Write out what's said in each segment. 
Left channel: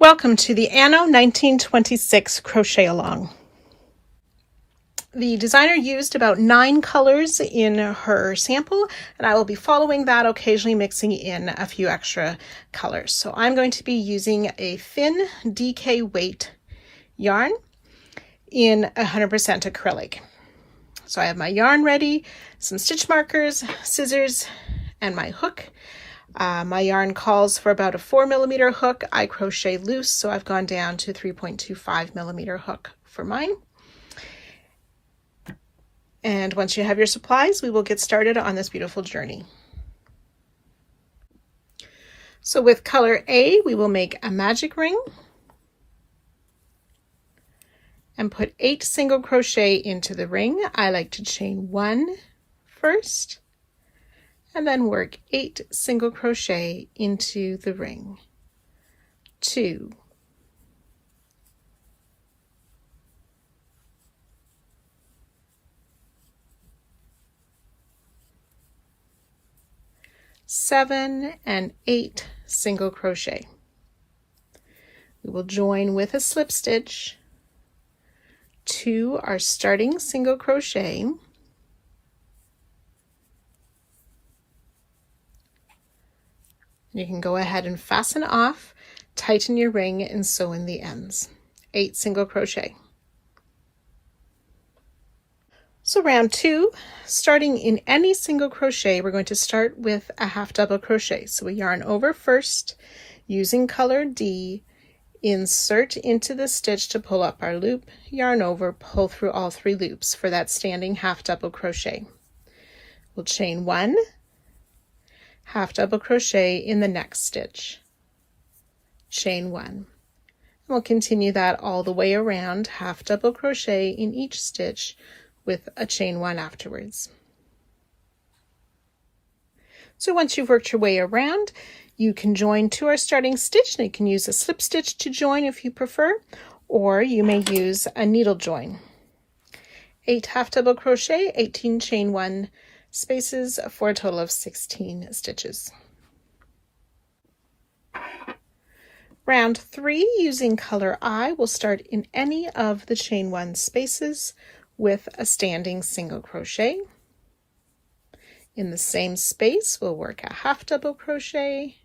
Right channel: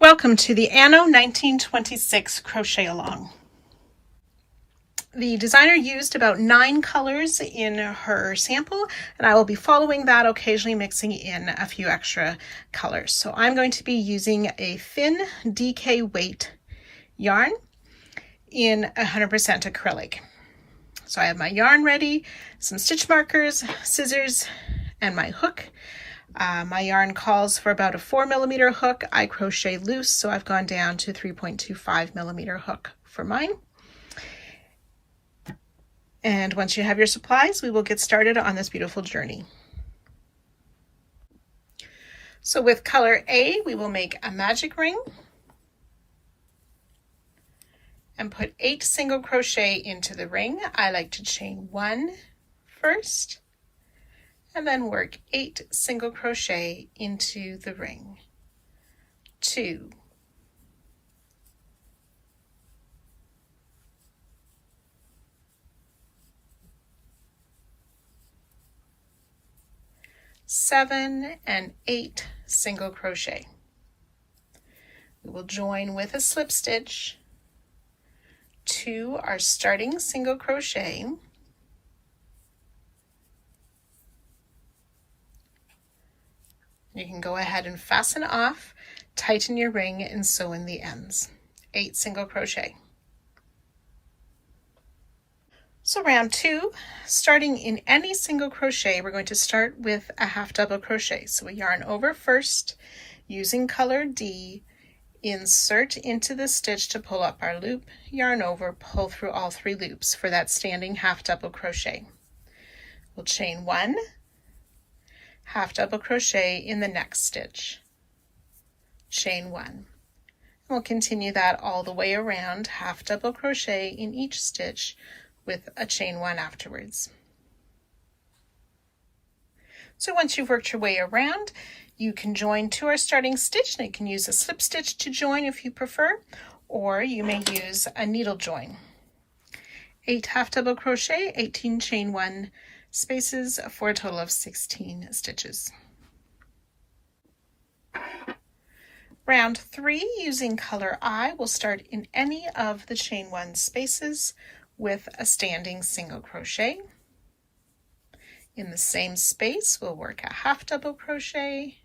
Welcome to the Anno 1926 Crochet Along. The designer used about 9 colors in her sample, and I will be following that, occasionally mixing in a few extra colors. So I'm going to be using a thin DK weight yarn in 100% acrylic. So I have my yarn ready, some stitch markers, scissors, and my hook. My yarn calls for about a 4mm hook. I crochet loose, so I've gone down to 3.25mm hook for mine. And once you have your supplies, we will get started on this beautiful journey. So with color A, we will make a magic ring and put 8 single crochet into the ring. I like to chain 1 first, and then work 8 single crochet into the ring. 2, 7 and 8 single crochet. We will join with a slip stitch to our starting single crochet. You can go ahead and fasten off, tighten your ring, and sew in the ends. 8 single crochet. So round 2, starting in any single crochet, we're going to start with a half double crochet. So we yarn over first, using color D, insert into the stitch to pull up our loop, yarn over, pull through all 3 loops for that standing half double crochet. We'll chain 1, half double crochet in the next stitch, chain 1. We'll continue that all the way around, half double crochet in each stitch with a chain 1 afterwards. So once you've worked your way around, you can join to our starting stitch, and you can use a slip stitch to join if you prefer, or you may use a needle join. 8 half double crochet, 18 chain 1 spaces for a total of 16 stitches. Round 3, using color I, will start in any of the chain 1 spaces with a standing single crochet. In the same space, we'll work a half double crochet,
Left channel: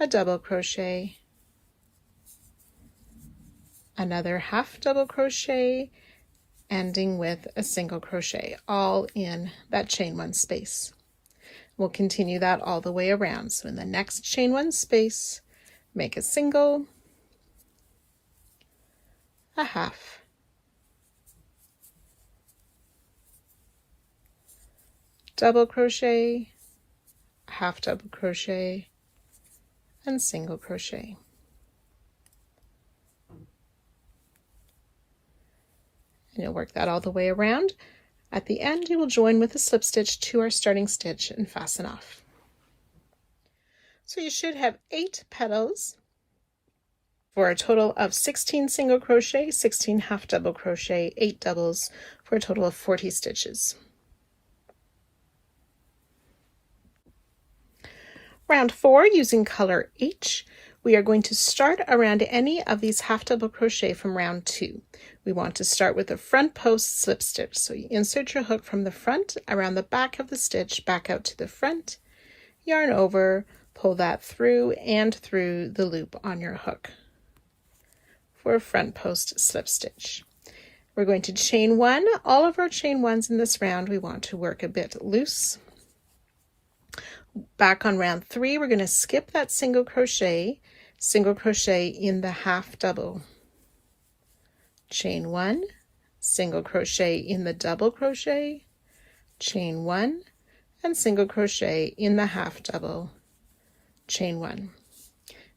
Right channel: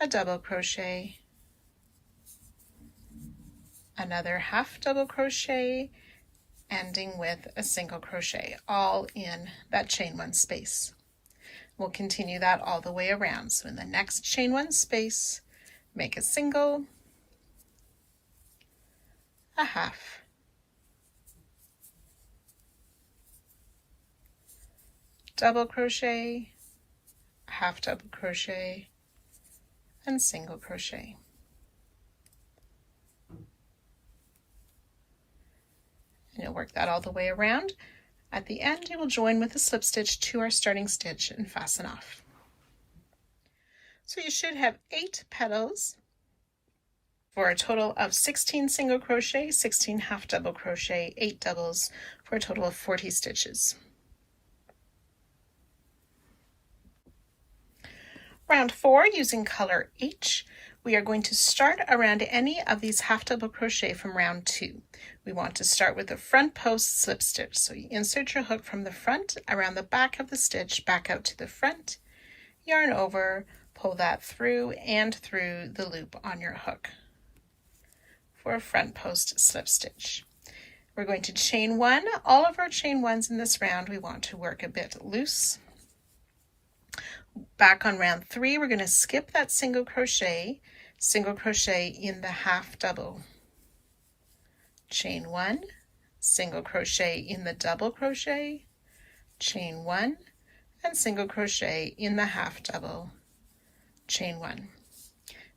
a double crochet, another half double crochet, ending with a single crochet, all in that chain 1 space. We'll continue that all the way around. So in the next chain 1 space, make a single, a half, double crochet, half double crochet, and single crochet. And you'll work that all the way around. At the end, you will join with a slip stitch to our starting stitch and fasten off. So you should have 8 petals for a total of 16 single crochet, 16 half double crochet, 8 doubles for a total of 40 stitches. Round 4, using color H, we are going to start around any of these half double crochet from round 2. We want to start with a front post slip stitch. So you insert your hook from the front around the back of the stitch, back out to the front, yarn over, pull that through and through the loop on your hook for a front post slip stitch. We're going to chain 1. All of our chain 1s in this round, we want to work a bit loose. Back on round 3, we're going to skip that single crochet in the half double, chain 1, single crochet in the double crochet, chain 1, and single crochet in the half double, chain 1.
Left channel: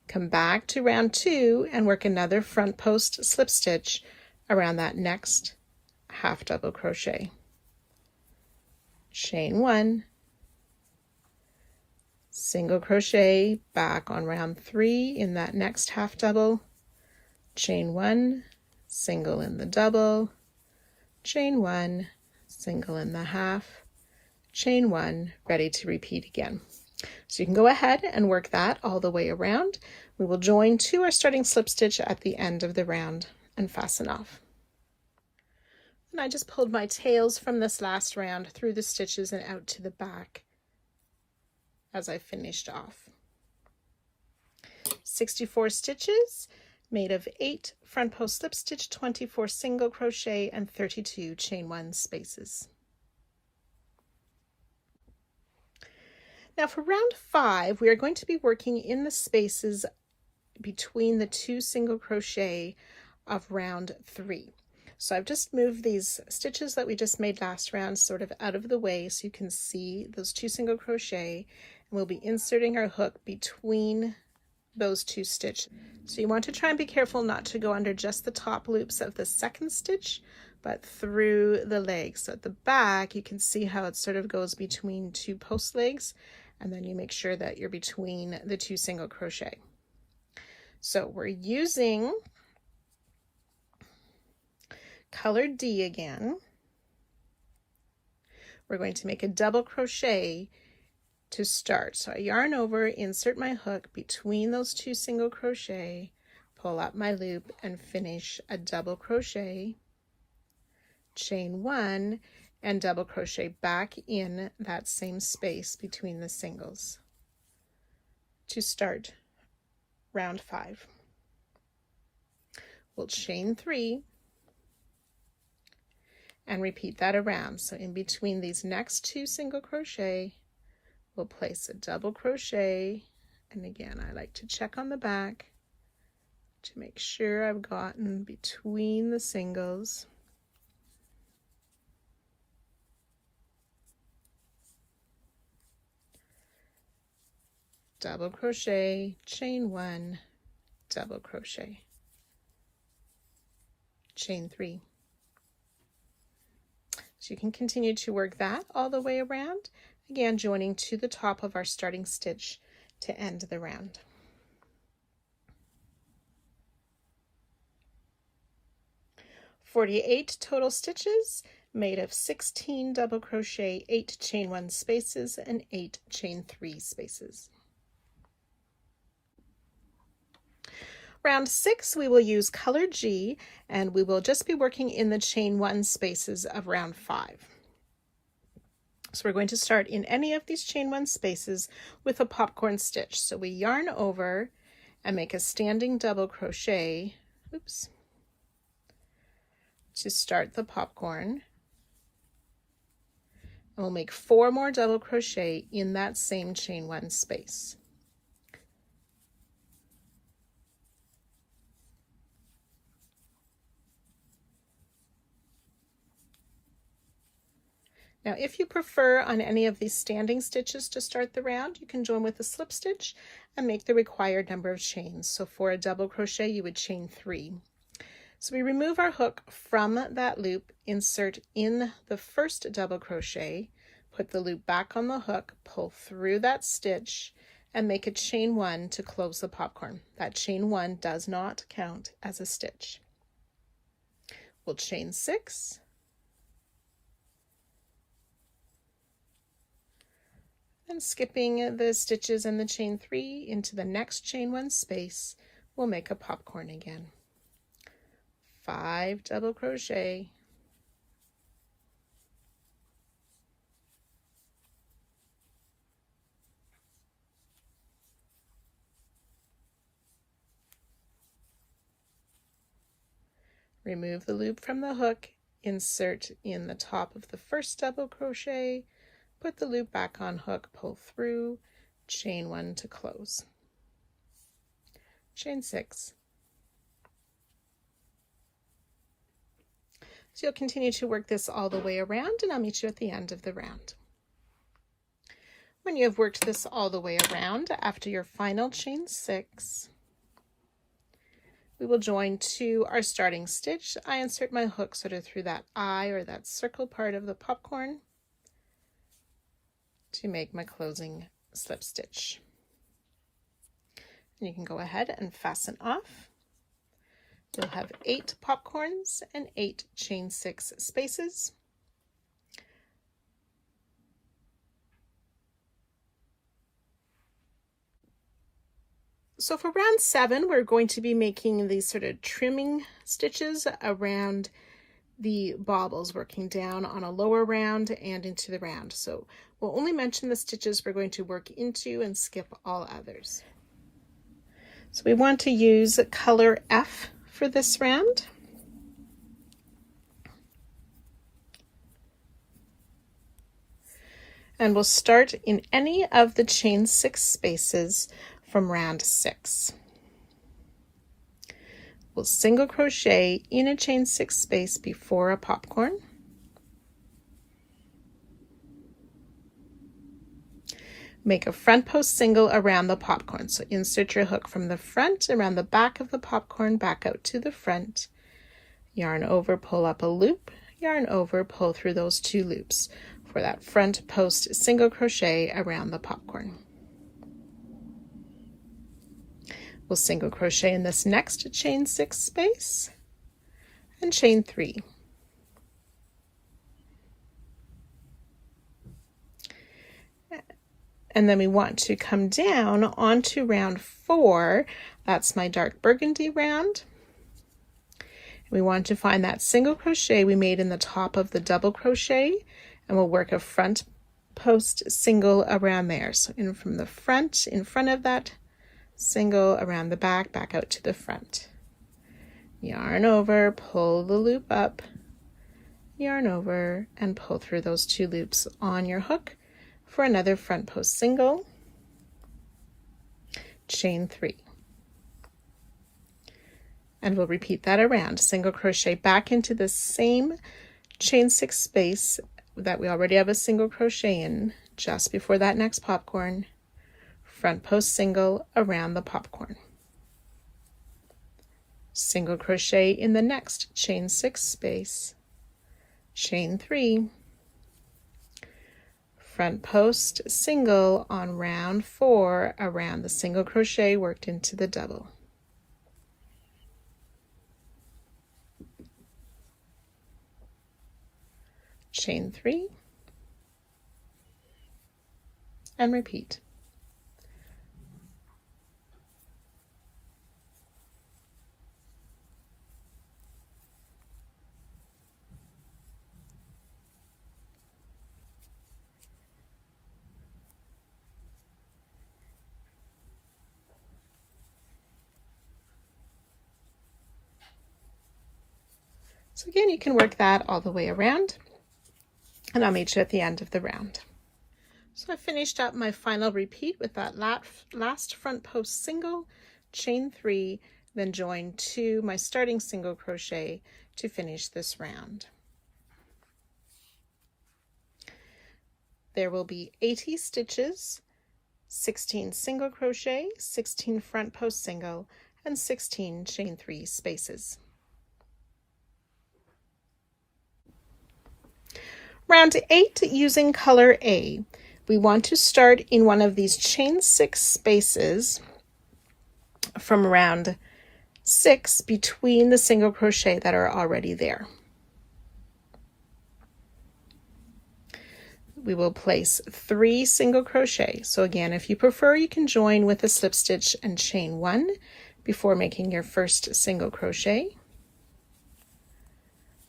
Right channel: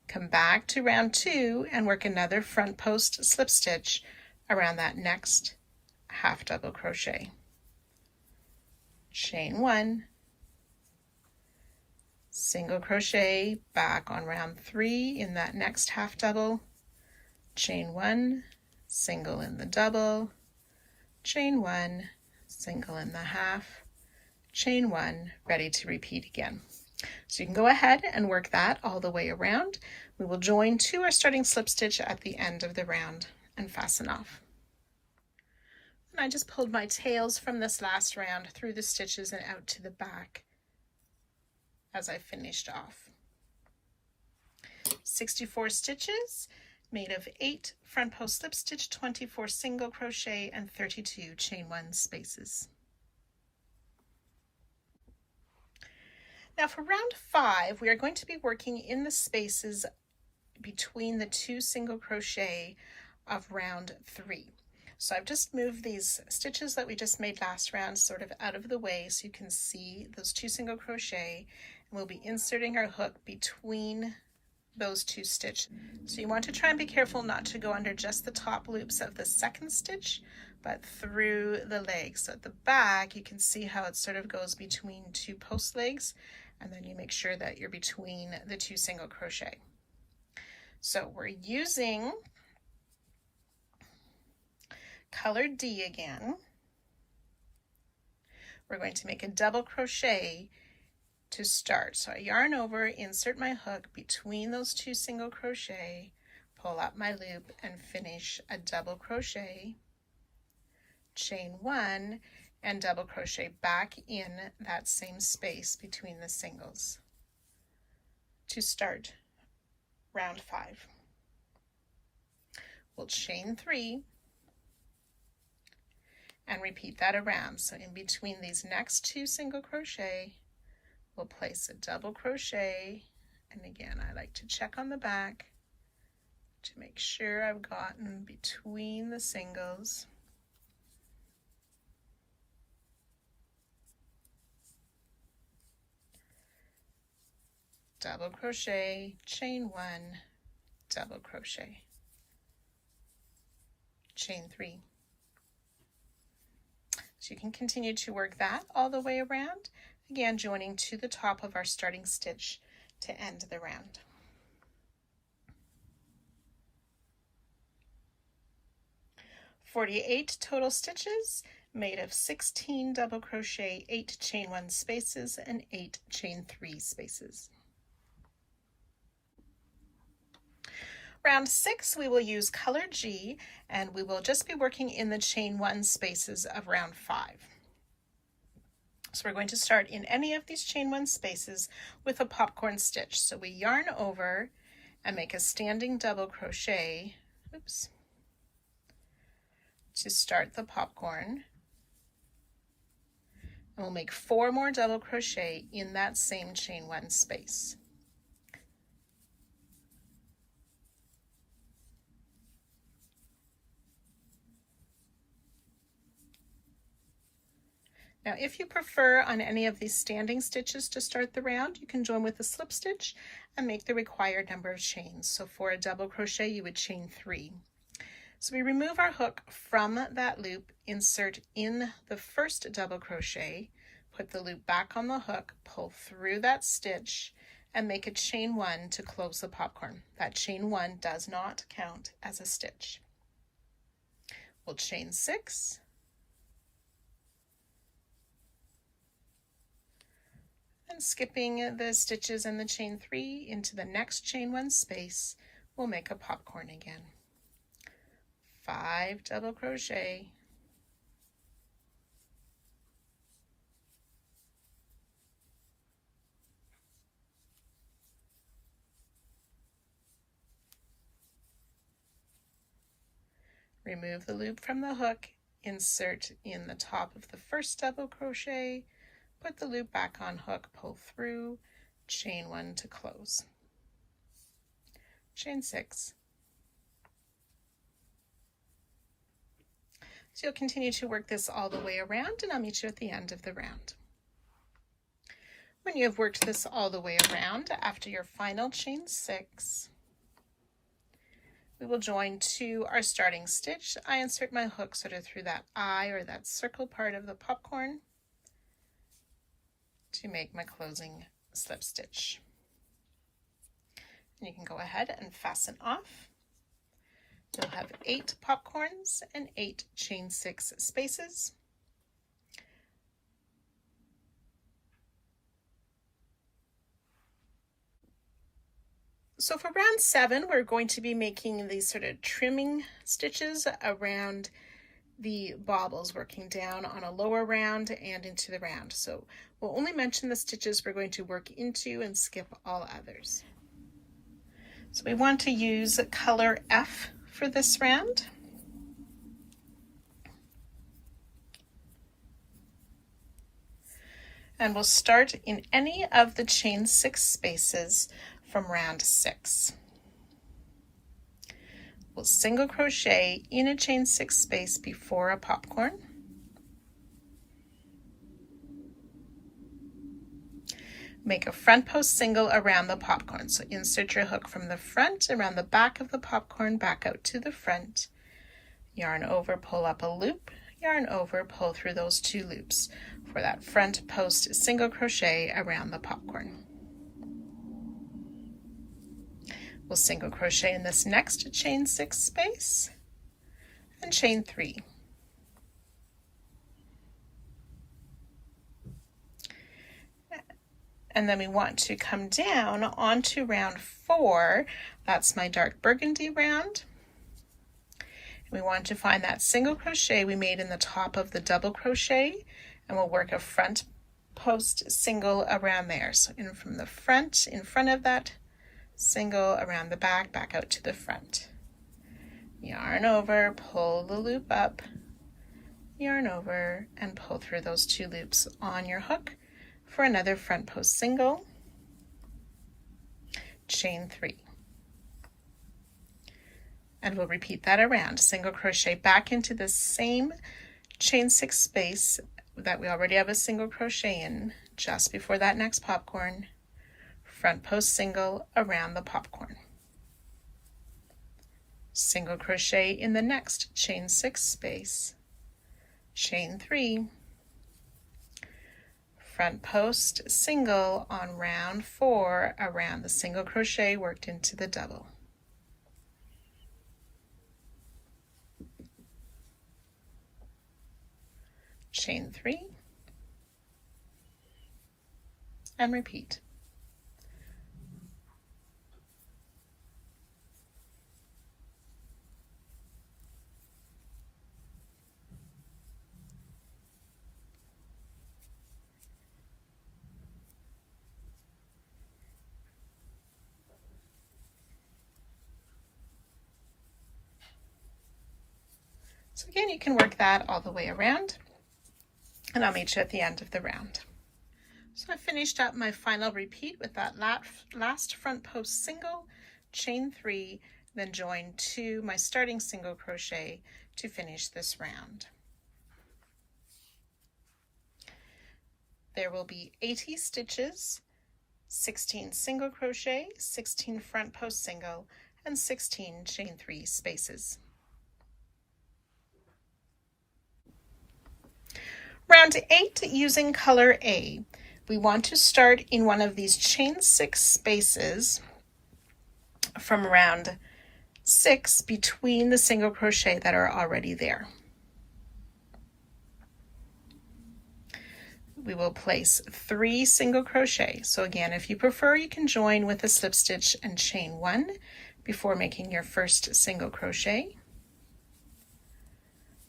Come back to round 2 and work another front post slip stitch around that next half double crochet, chain 1, single crochet back on round 3 in that next half double, chain 1, single in the double, chain 1, single in the half, chain 1, ready to repeat again. So you can go ahead and work that all the way around. We will join to our starting slip stitch at the end of the round and fasten off. And I just pulled my tails from this last round through the stitches and out to the back as I finished off. 64 stitches made of 8 front post slip stitch, 24 single crochet, and 32 chain 1 spaces. Now for round 5, we are going to be working in the spaces between the 2 single crochet of round 3. So I've just moved these stitches that we just made last round sort of out of the way so you can see those 2 single crochet. We'll be inserting our hook between those 2 stitches. So you want to try and be careful not to go under just the top loops of the second stitch, but through the legs. So at the back, you can see how it sort of goes between 2 post legs, and then you make sure that you're between the 2 single crochet. So we're using color D again. We're going to make a double crochet to start. So I yarn over, insert my hook between those 2 single crochet, pull up my loop, and finish a double crochet, chain 1, and double crochet back in that same space between the singles to start round 5. We'll chain 3 and repeat that around. So in between these next 2 single crochet, we'll place a double crochet, and again I like to check on the back to make sure I've gotten between the singles. Double crochet, chain 1, double crochet, chain 3. So you can continue to work that all the way around, again joining to the top of our starting stitch to end the round. "48 total stitches made of 16 double crochet, 8 chain 1 spaces, and 8 chain 3 spaces. Round 6, we will use color G, and we will just be working in the chain 1 spaces of round 5. So we're going to start in any of these chain 1 spaces with a popcorn stitch. So we yarn over and make a standing double crochet, oops, to start the popcorn. And we'll make 4 more double crochet in that same chain 1 space. Now, if you prefer on any of these standing stitches to start the round, you can join with a slip stitch and make the required number of chains. So for a double crochet, you would chain 3. So we remove our hook from that loop, insert in the first double crochet, put the loop back on the hook, pull through that stitch, and make a chain 1 to close the popcorn. That chain 1 does not count as a stitch. We'll chain 6. And skipping the stitches and the chain 3 into the next chain 1 space, we'll make a popcorn again. 5 double crochet, remove the loop from the hook, insert in the top of the first double crochet, put the loop back on hook, pull through, chain 1 to close, chain 6. So you'll continue to work this all the way around, and I'll meet you at the end of the round. When you have worked this all the way around, after your final chain 6, we will join to our starting stitch. I insert my hook sort of through that eye or that circle part of the popcorn to make my closing slip stitch. And you can go ahead and fasten off. You'll have 8 popcorns and 8 chain 6 spaces. So for round 7, we're going to be making these sort of trimming stitches around the baubles, working down on a lower round and into the round. So we'll only mention the stitches we're going to work into and skip all others. So we want to use color F for this round. And we'll start in any of the chain 6 spaces from round 6. We'll single crochet in a chain 6 space before a popcorn. Make a front post single around the popcorn. So insert your hook from the front around the back of the popcorn, back out to the front. Yarn over, pull up a loop, yarn over, pull through those 2 loops for that front post single crochet around the popcorn. We'll single crochet in this next chain 6 space and chain 3. And then we want to come down onto round 4. That's my dark burgundy round. We want to find that single crochet we made in the top of the double crochet, and we'll work a front post single around there. So in from the front, in front of that single, around the back, back out to the front. Yarn over, pull the loop up, yarn over, and pull through those 2 loops on your hook for another front post single, chain 3. And we'll repeat that around. Single crochet back into the same chain 6 space that we already have a single crochet in just before that next popcorn. Front post single around the popcorn. Single crochet in the next chain 6 space, chain 3, front post single on round 4 around the single crochet worked into the double. Chain 3 and repeat. So again, you can work that all the way around, and I'll meet you at the end of the round. So I finished up my final repeat with that last front post single, chain 3, then join 2 my starting single crochet to finish this round. There will be 80 stitches, 16 single crochet, 16 front post single, and 16 chain 3 spaces. Round 8, using color A. We want to start in one of these chain 6 spaces from round 6 between the single crochet that are already there. We will place 3 single crochet. So again, if you prefer, you can join with a slip stitch and chain 1 before making your first single crochet.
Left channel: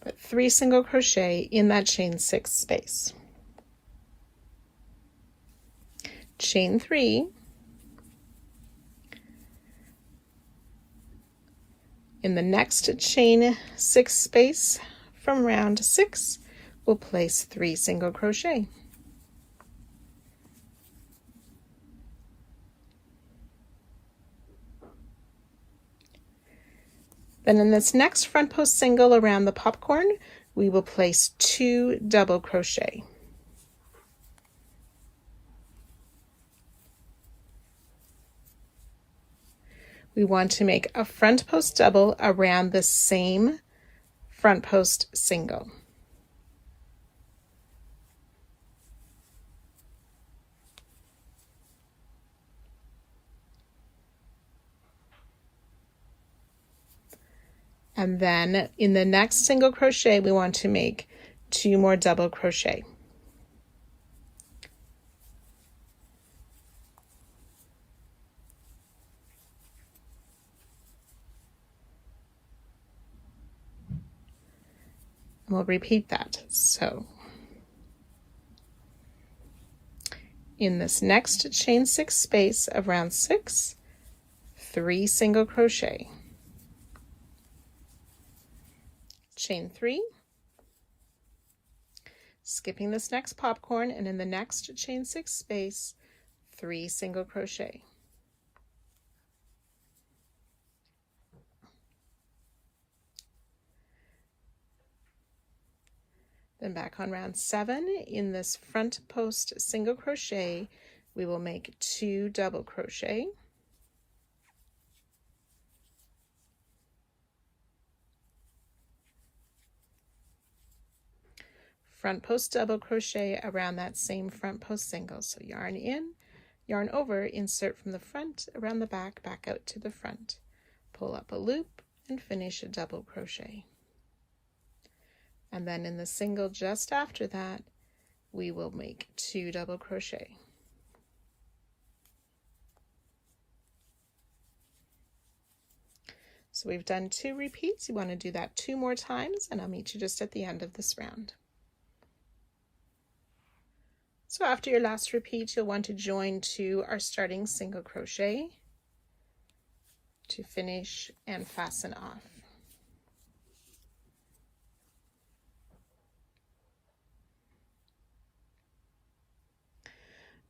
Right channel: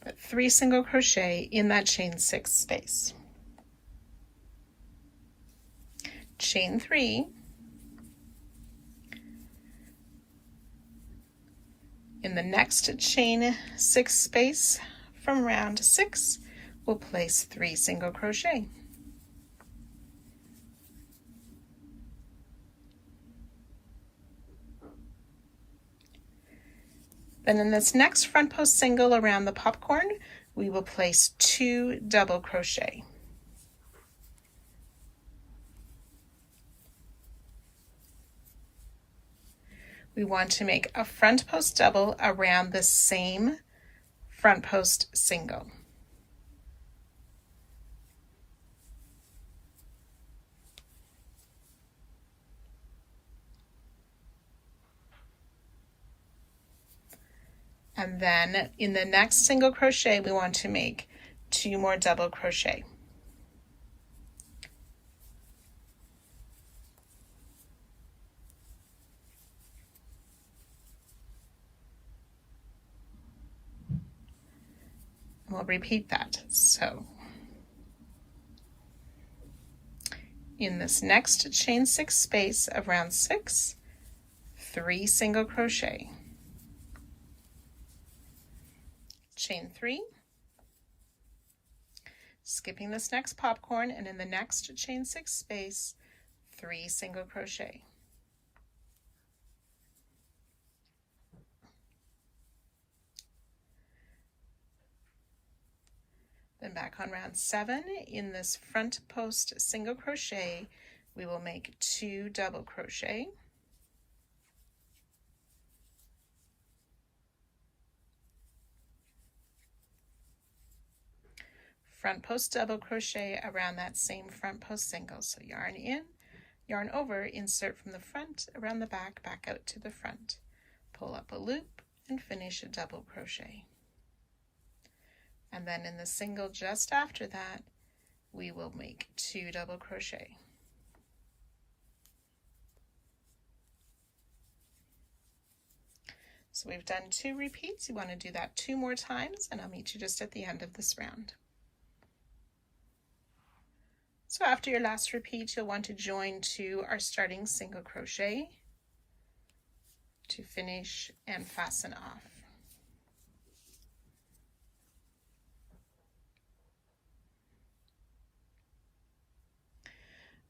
But 3 single crochet in that chain 6 space. Chain 3, in the next chain 6 space from round 6, we'll place 3 single crochet. Then in this next front post single around the popcorn, we will place 2 double crochet. We want to make a front post double around the same front post single. And then in the next single crochet, we want to make 2 more double crochet. We'll repeat that. So in this next chain 6 space of round 6, 3 single crochet, chain 3, skipping this next popcorn, and in the next chain 6 space, 3 single crochet. Then back on round 7, in this front post single crochet, we will make 2 double crochet, front post double crochet around that same front post single. So yarn in, yarn over, insert from the front, around the back, back out to the front, pull up a loop, and finish a double crochet. And then in the single just after that, we will make 2 double crochet. So we've done 2 repeats. You want to do that 2 more times, and I'll meet you just at the end of this round. So after your last repeat, you'll want to join to our starting single crochet to finish and fasten off.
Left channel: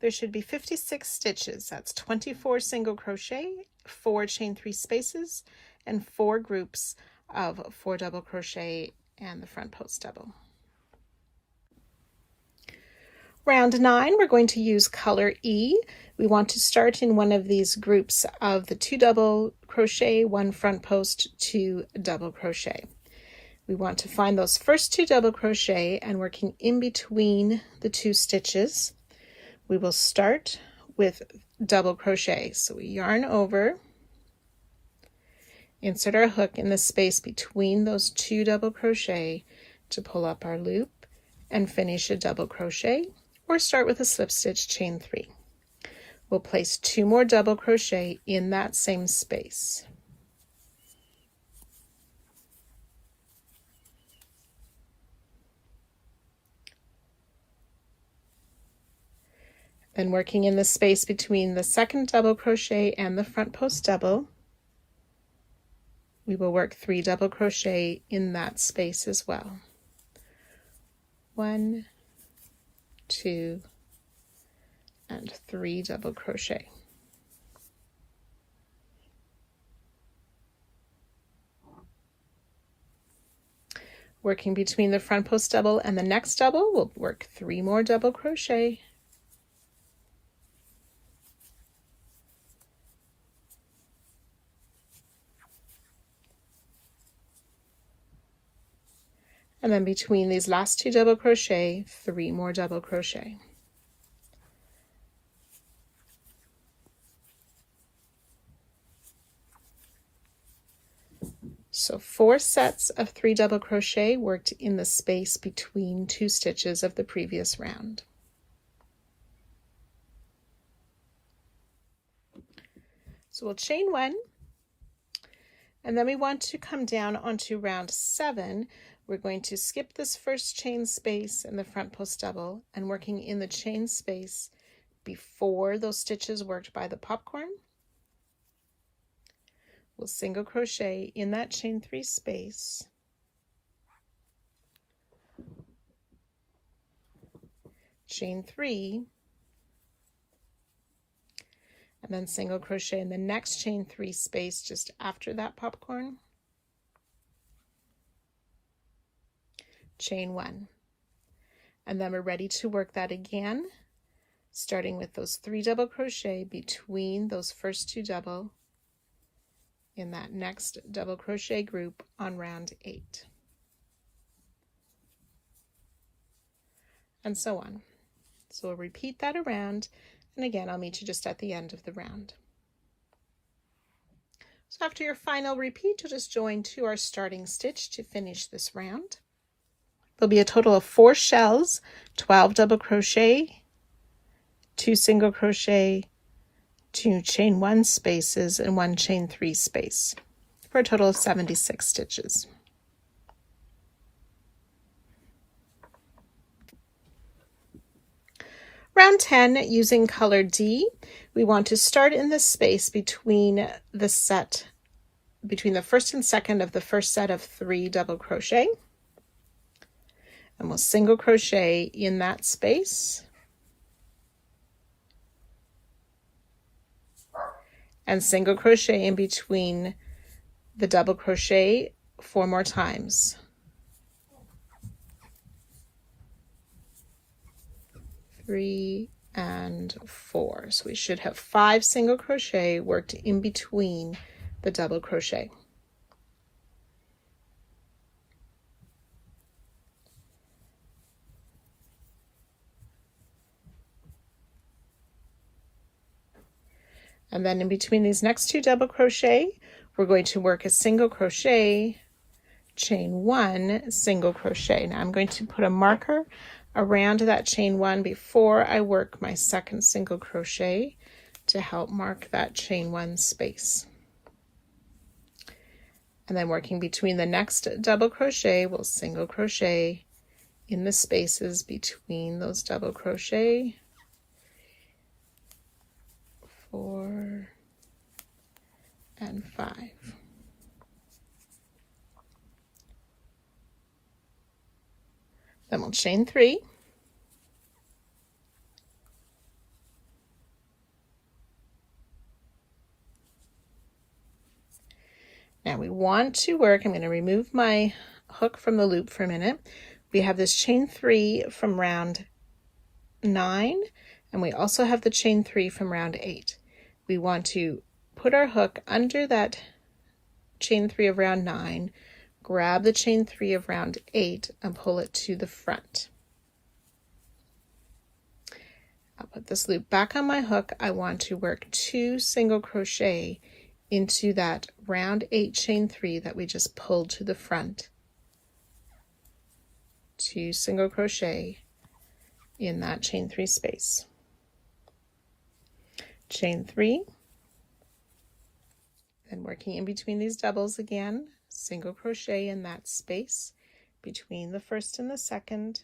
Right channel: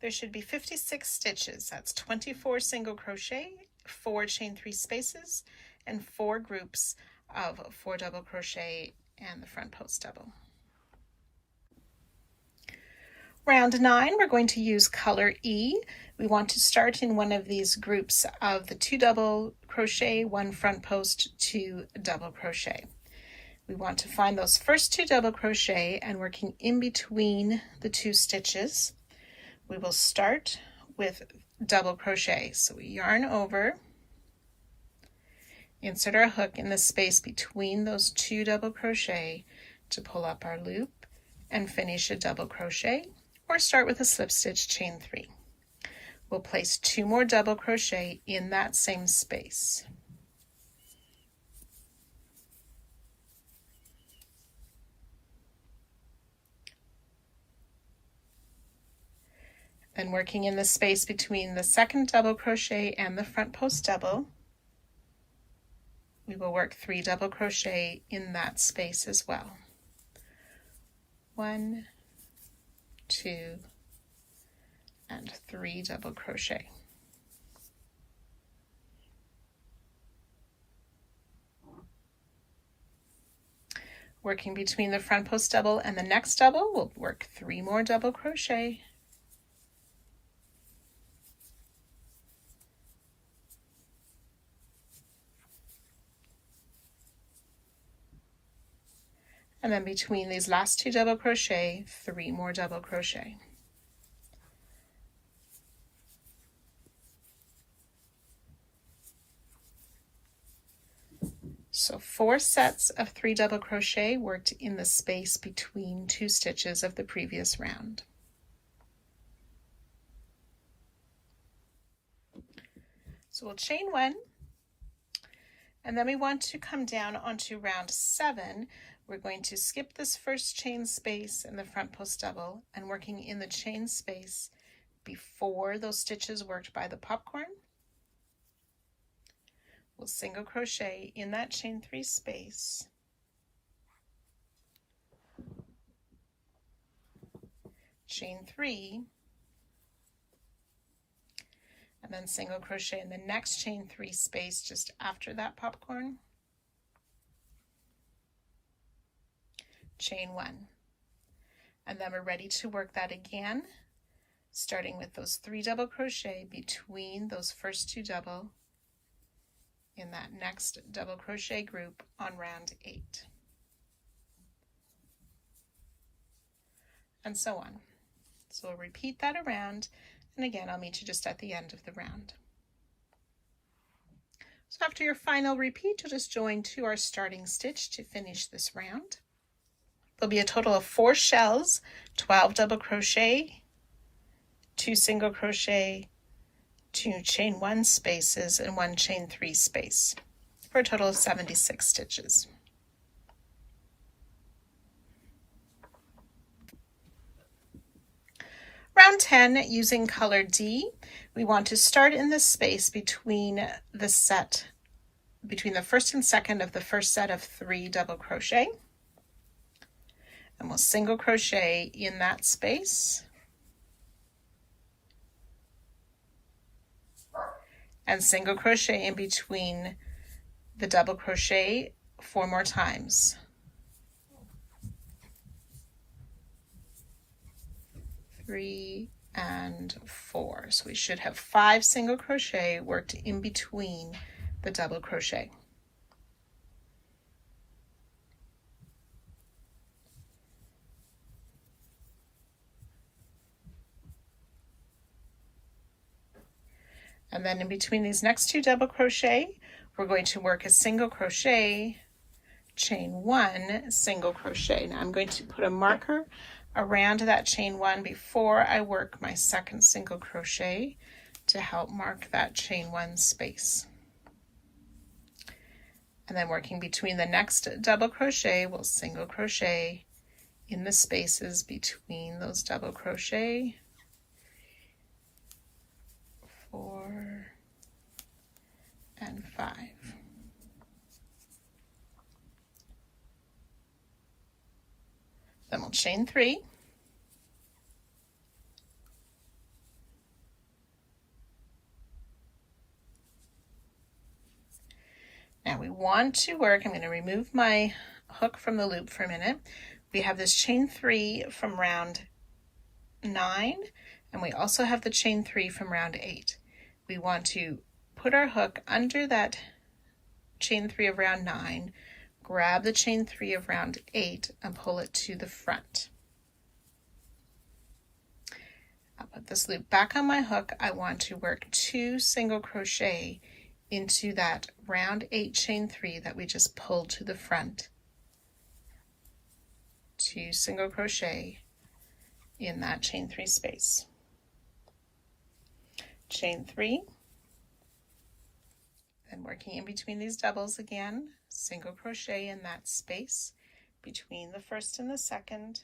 There should be 56 stitches. That's 24 single crochet, 4 chain 3 spaces, and 4 groups of 4 double crochet and the front post double. Round 9, we're going to use color E. We want to start in one of these groups of the 2 double crochet, 1 front post, 2 double crochet. We want to find those first 2 double crochet, and working in between the 2 stitches, we will start with double crochet. So we yarn over, insert our hook in the space between those 2 double crochet to pull up our loop and finish a double crochet, or start with a slip stitch, chain 3. We'll place 2 more double crochet in that same space. Then working in the space between the second double crochet and the front post double, we will work 3 double crochet in that space as well. 1, 2, and 3 double crochet. Working between the front post double and the next double, we'll work 3 more double crochet. And then between these last 2 double crochet, 3 more double crochet. So 4 sets of 3 double crochet worked in the space between 2 stitches of the previous round. So we'll chain 1, and then we want to come down onto round 7. We're going to skip this first chain space in the front post double, and working in the chain space before those stitches worked by the popcorn, we'll single crochet in that chain 3 space, chain 3, and then single crochet in the next chain 3 space just after that popcorn, chain 1, and then we're ready to work that again, starting with those 3 double crochet between those first 2 double in that next double crochet group on round 8, and so on. So we'll repeat that around, and again I'll meet you just at the end of the round. So after your final repeat, you'll just join to our starting stitch to finish this round. There'll be a total of 4 shells, 12 double crochet, 2 single crochet, 2 chain 1 spaces, and 1 chain 3 space, for a total of 76 stitches. Round 10, using color D, we want to start in the space between the first and second of the first set of 3 double crochet. And we'll single crochet in that space. And single crochet in between the double crochet 4 more times. 3 and 4. So we should have 5 single crochet worked in between the double crochet. And then in between these next 2 double crochet, we're going to work a single crochet, chain 1, single crochet. Now I'm going to put a marker around that chain 1 before I work my second single crochet to help mark that chain 1 space. And then working between the next double crochet, we'll single crochet in the spaces between those double crochet. 4 and 5. Then we'll chain 3. Now we want to work, I'm going to remove my hook from the loop for a minute. We have this chain 3 from round 9, and we also have the chain 3 from round 8. We want to put our hook under that chain 3 of round 9, grab the chain 3 of round 8 and pull it to the front. I'll put this loop back on my hook. I want to work 2 single crochet into that round 8 chain 3 that we just pulled to the front. 2 single crochet in that chain 3 space. Chain 3, then working in between these doubles again, single crochet in that space between the first and the second,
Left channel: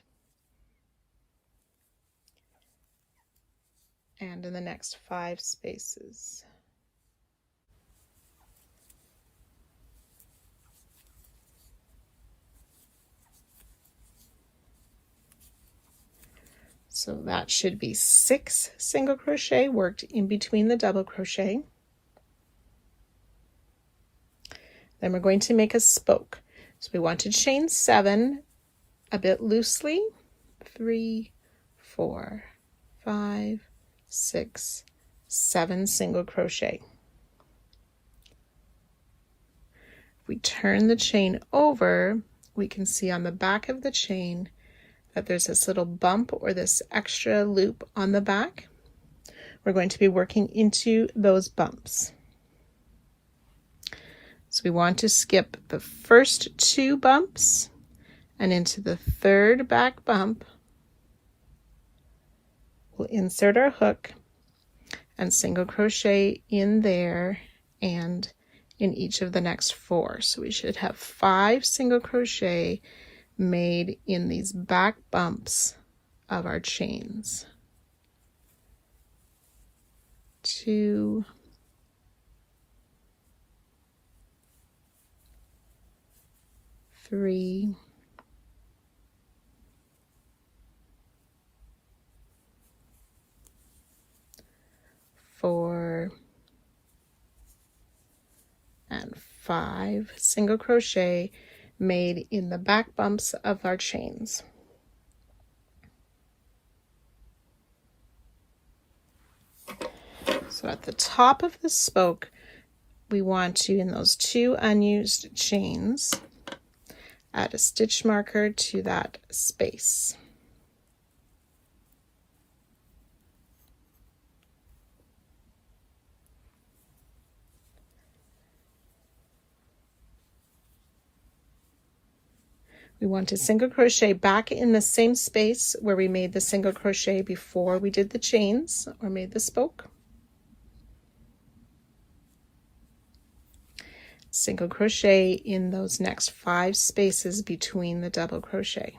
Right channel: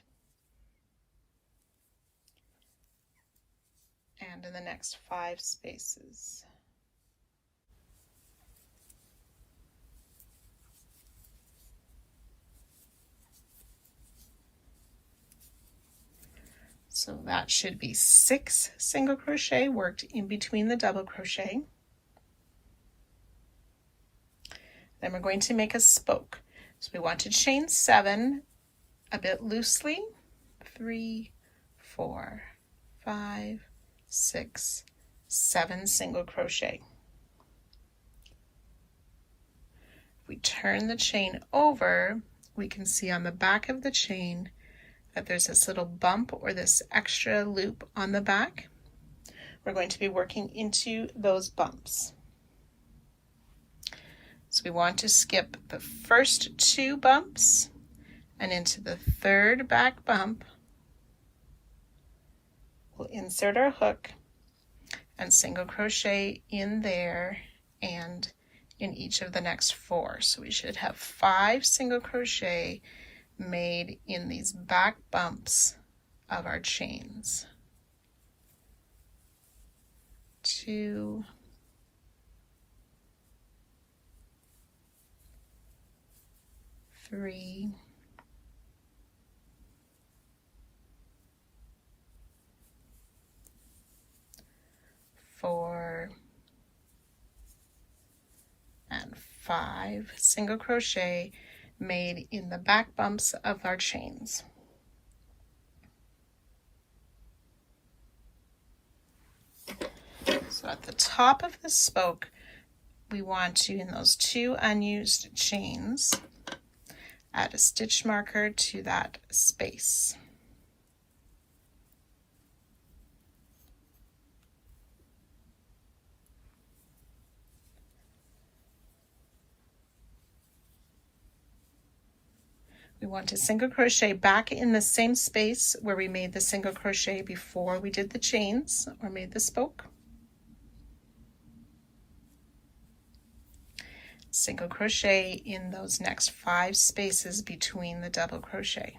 and in the next 5 spaces. So that should be 6 single crochet worked in between the double crochet. Then we're going to make a spoke. So we want to chain 7 a bit loosely. 3, 4, 5, 6, 7 single crochet. If we turn the chain over, we can see on the back of the chain that there's this little bump or this extra loop on the back. We're going to be working into those bumps. So we want to skip the first 2 bumps and into the 3rd back bump. We'll insert our hook and single crochet in there and in each of the next 4. So we should have 5 single crochet made in these back bumps of our chains. 2, 3, 4, and 5 single crochet made in the back bumps of our chains. So at the top of the spoke, we want to, in those 2 unused chains, add a stitch marker to that space. We want to single crochet back in the same space where we made the single crochet before we did the chains or made the spoke. Single crochet in those next 5 spaces between the double crochet.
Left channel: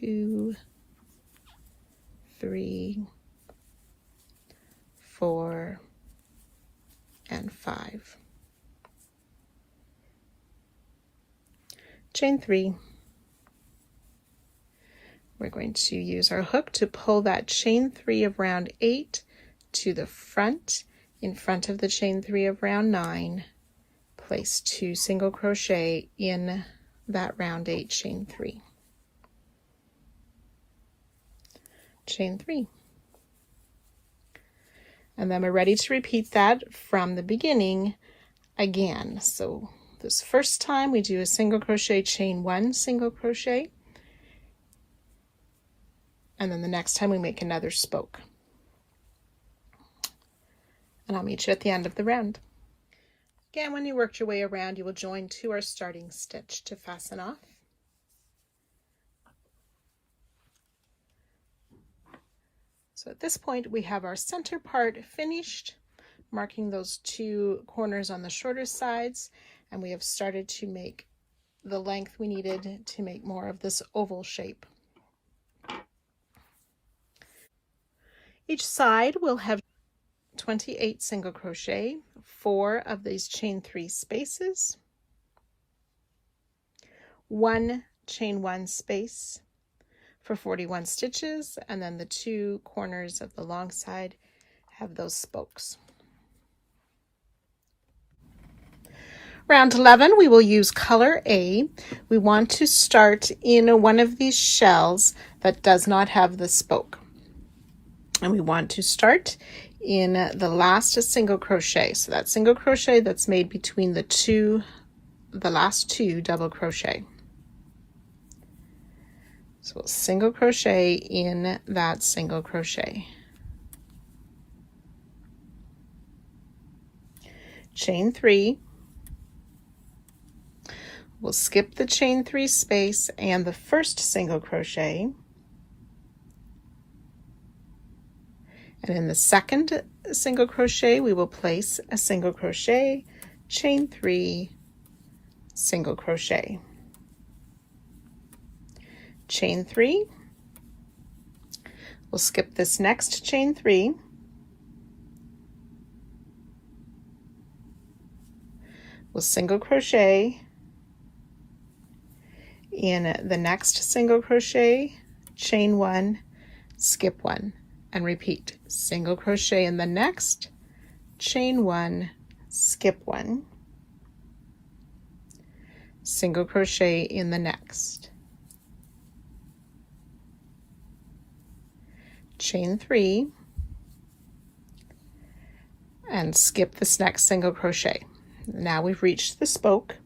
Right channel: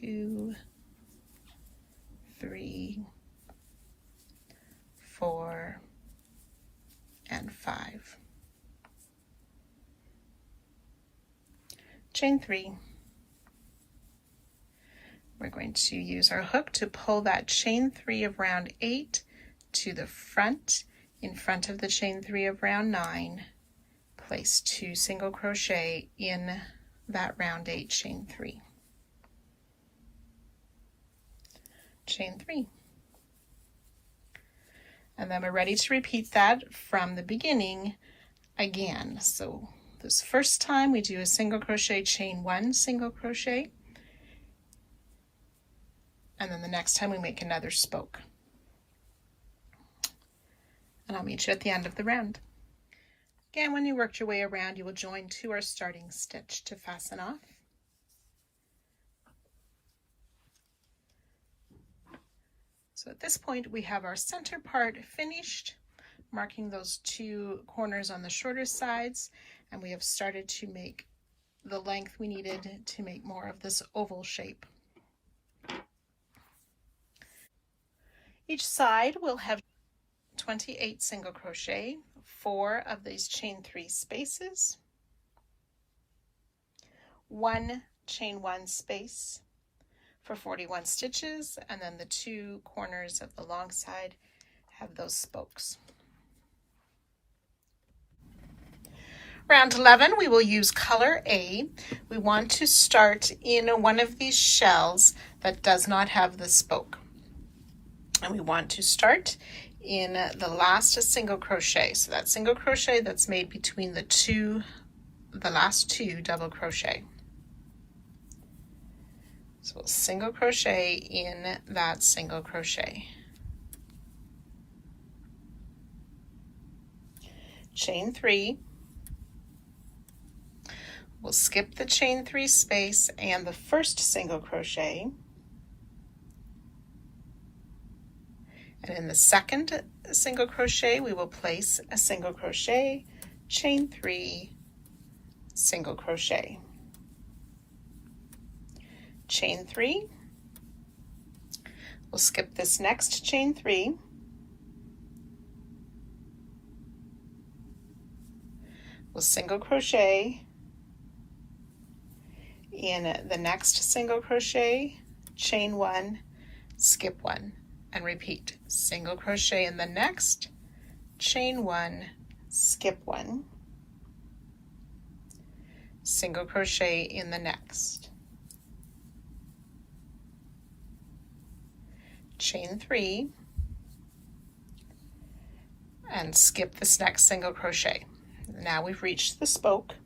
2, 3, 4, and 5. Chain 3. We're going to use our hook to pull that chain 3 of round 8 to the front, in front of the chain 3 of round 9. Place 2 single crochet in that round 8 chain 3. Chain 3. And then we're ready to repeat that from the beginning again. So this first time we do a single crochet, chain 1 single crochet, and then the next time we make another spoke. And I'll meet you at the end of the round. Again, when you worked your way around, you will join to our starting stitch to fasten off. So at this point we have our center part finished, marking those 2 corners on the shorter sides, and we have started to make the length we needed to make more of this oval shape. Each side will have 28 single crochet, 4 of these chain 3 spaces, 1 chain 1 space for 41 stitches, and then the 2 corners of the long side have those spokes. Round 11, we will use color A. We want to start in one of these shells that does not have the spoke. And we want to start in the last single crochet. So that single crochet that's made between the last 2 double crochet. So single crochet in that single crochet. Chain 3. We'll skip the chain 3 space and the first single crochet. And in the second single crochet, we will place a single crochet, chain 3, single crochet. Chain 3. We'll skip this next chain 3. We'll single crochet in the next single crochet, chain 1, skip 1, and repeat. Single crochet in the next, chain 1, skip 1, single crochet in the next, chain 3, and skip this next single crochet. Now we've reached the spoke.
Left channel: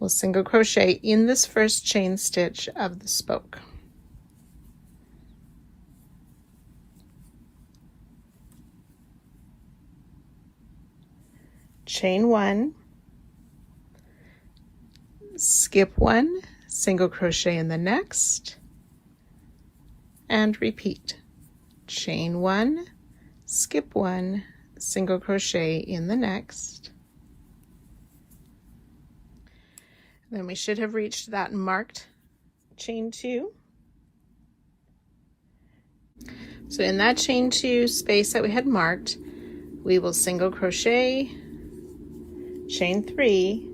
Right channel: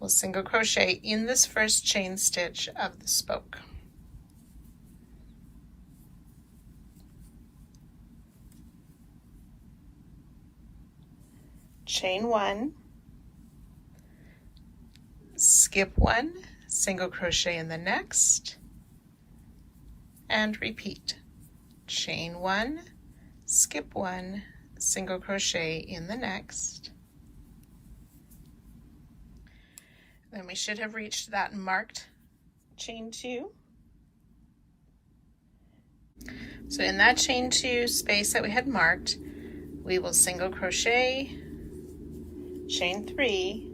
We'll single crochet in this first chain stitch of the spoke. Chain 1, skip 1, single crochet in the next, and repeat. Chain 1, skip 1, single crochet in the next. Then we should have reached that marked chain 2. So in that chain 2 space that we had marked, we will single crochet, chain 3,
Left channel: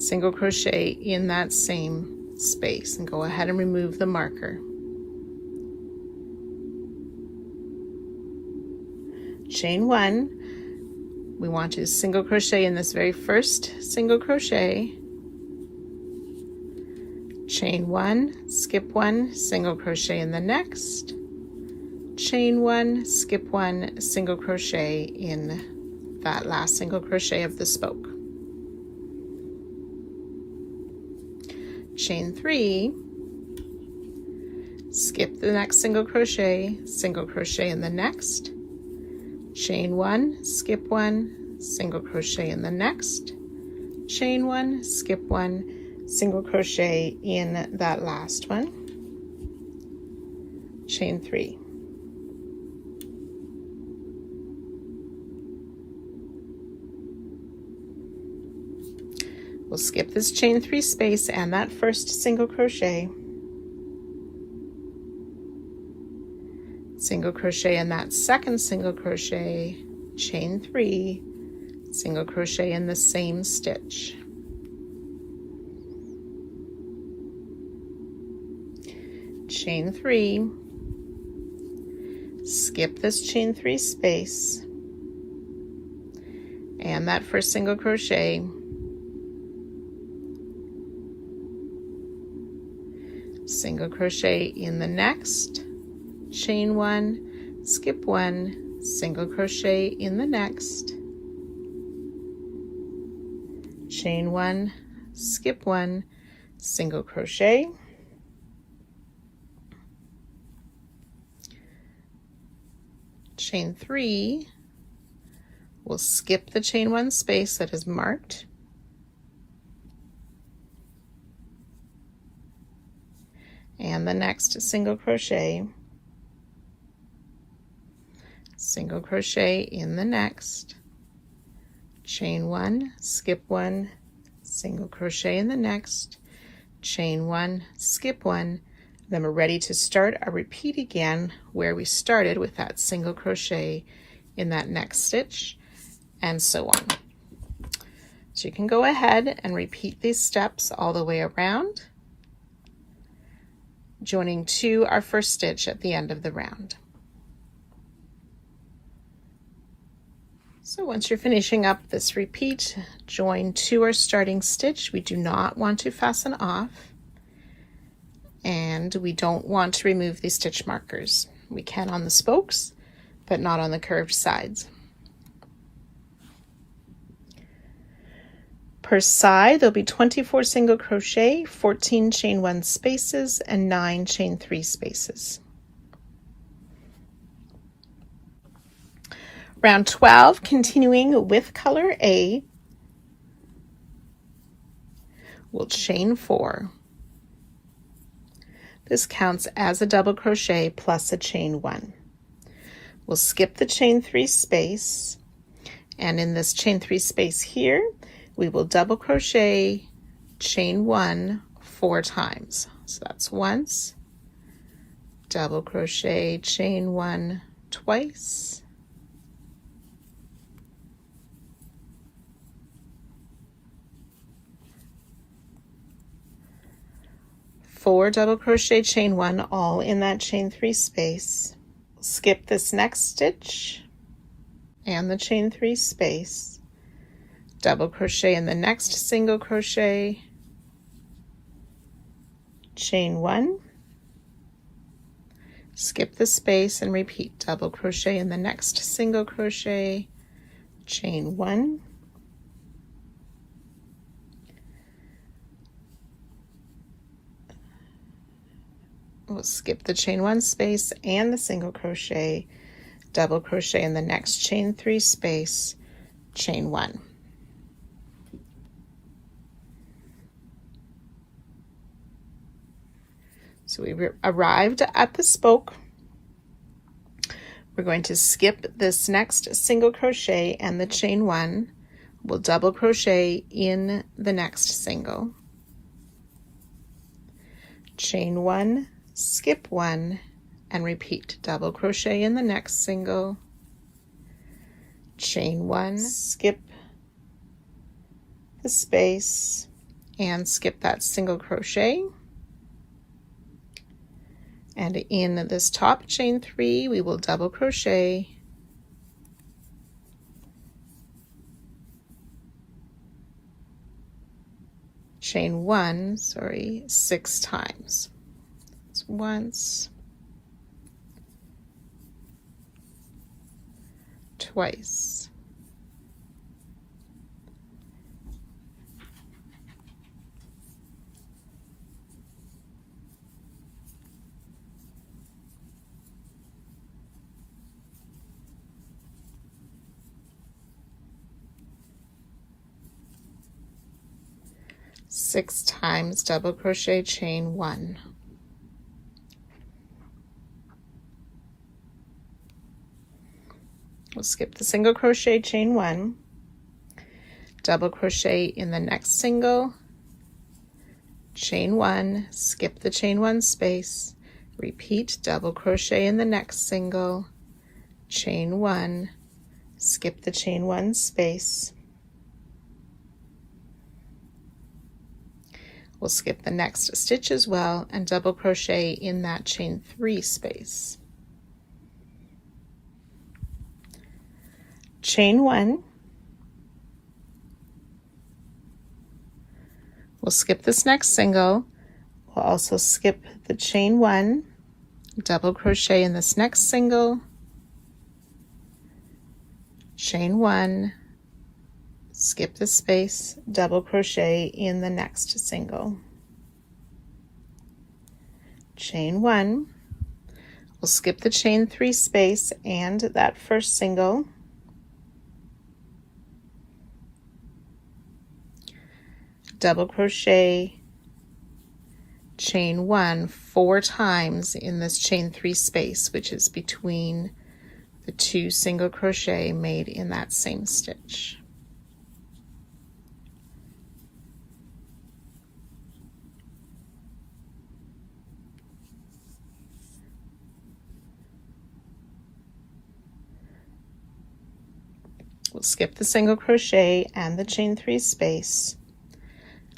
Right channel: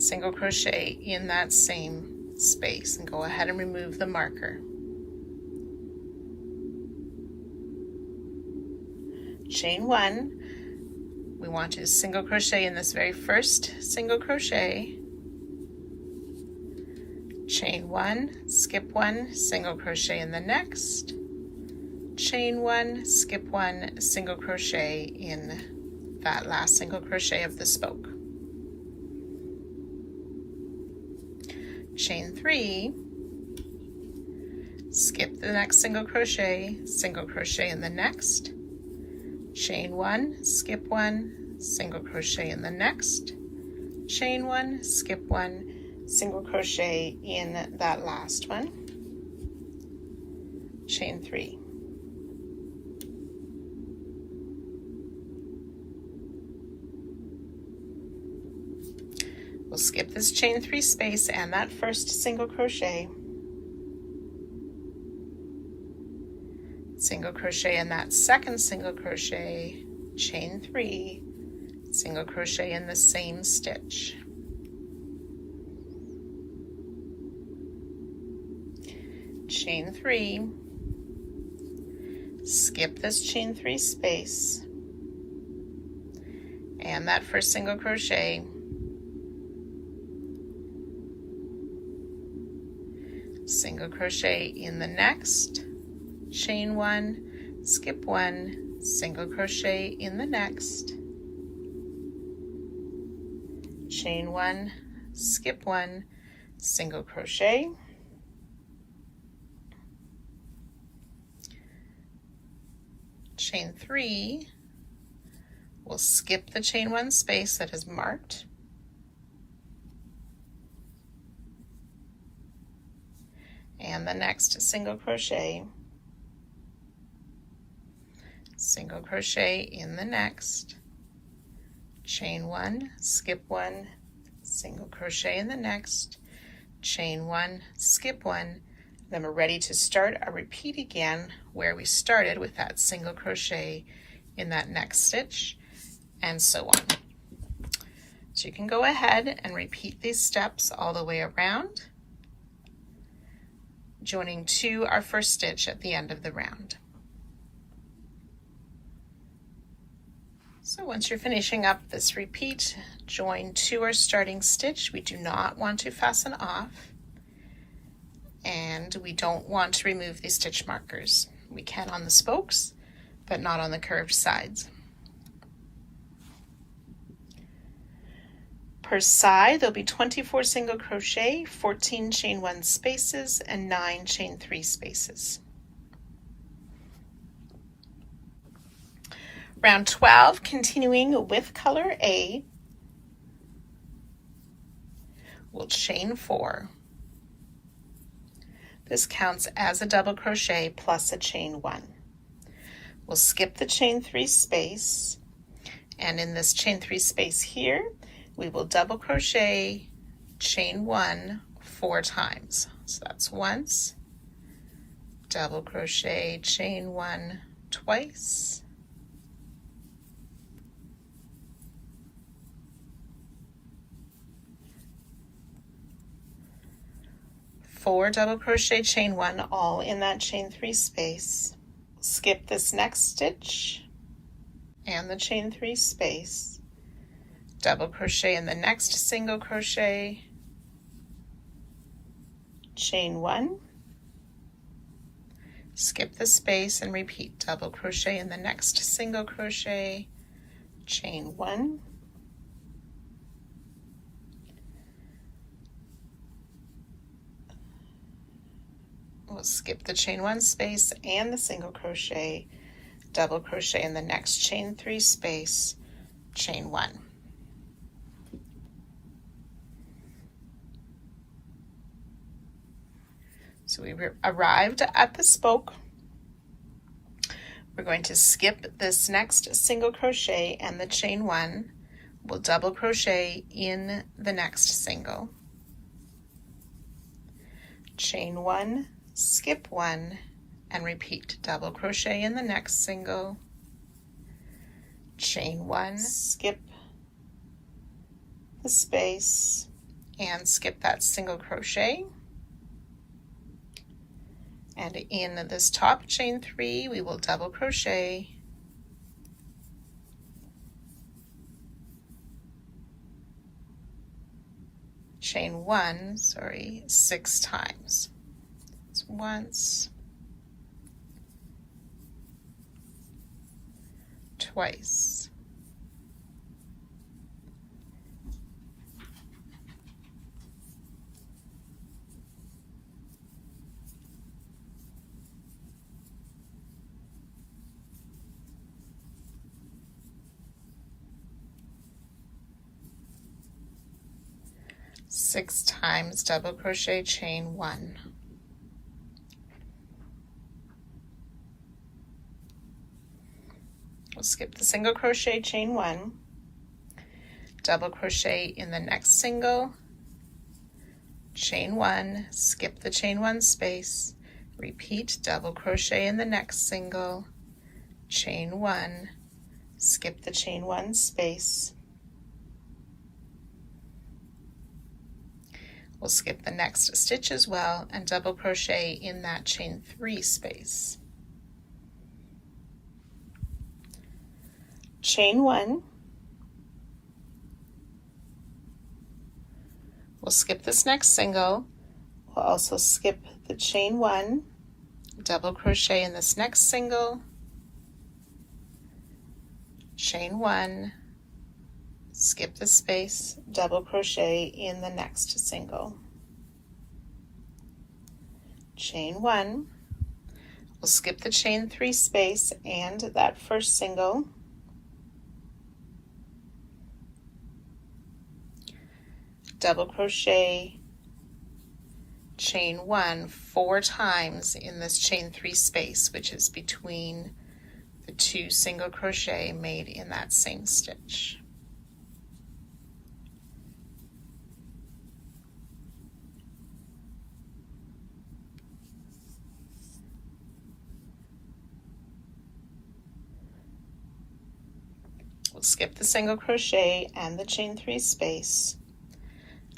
single crochet in that same space, and go ahead and remove the marker. Chain 1, we want to single crochet in this very first single crochet, chain 1, skip 1, single crochet in the next, chain 1, skip 1, single crochet in that last single crochet of the spoke. Chain 3, skip the next single crochet in the next, chain 1, skip 1, single crochet in the next, chain 1, skip 1, single crochet in that last one, chain 3. We'll skip this chain 3 space and that first single crochet, single crochet in that second single crochet, chain 3, single crochet in the same stitch. Chain 3, skip this chain 3 space and that first single crochet, single crochet in the next, chain 1, skip 1, single crochet in the next, chain 1, skip 1, single crochet, chain 3, we'll skip the chain 1 space that is marked, and the next single crochet, single crochet in the next, chain 1, skip 1, single crochet in the next, chain 1, skip 1, then we're ready to start a repeat again where we started with that single crochet in that next stitch, and so on. So you can go ahead and repeat these steps all the way around, joining to our first stitch at the end of the round. So once you're finishing up this repeat, join to our starting stitch. We do not want to fasten off, and we don't want to remove these stitch markers. We can on the spokes, but not on the curved sides. Per side, there'll be 24 single crochet, 14 chain 1 spaces, and 9 chain 3 spaces. Round 12, continuing with color A, we'll chain 4. This counts as a double crochet plus a chain 1. We'll skip the chain 3 space, and in this chain 3 space here, we will double crochet, chain 1 4 times. So that's once, double crochet, chain 1 twice, four double crochet, chain 1, all in that chain 3 space. Skip this next stitch and the chain 3 space, double crochet in the next single crochet, chain 1, skip the space and repeat, double crochet in the next single crochet, chain 1, we'll skip the chain 1 space and the single crochet, double crochet in the next chain 3 space, chain 1. So we arrived at the spoke. We're going to skip this next single crochet and the chain 1. We'll double crochet in the next single, chain 1, skip 1, and repeat, double crochet in the next single, chain 1, skip the space and skip that single crochet, and in this top chain 3 we will double crochet, chain 1, 6 times. It's once, twice, six times double crochet, chain 1. We'll skip the single crochet, chain 1, double crochet in the next single, chain 1, skip the chain 1 space, repeat, double crochet in the next single, chain 1, skip the chain 1 space. We'll skip the next stitch as well and double crochet in that chain 3 space. Chain 1. We'll skip this next single. We'll also skip the chain 1, double crochet in this next single, chain 1, skip the space, double crochet in the next single. Chain 1. We'll skip the chain 3 space and that first single. Double crochet, chain 1 4 times in this chain 3 space, which is between the 2 single crochet made in that same stitch. We'll skip the single crochet and the chain 3 space,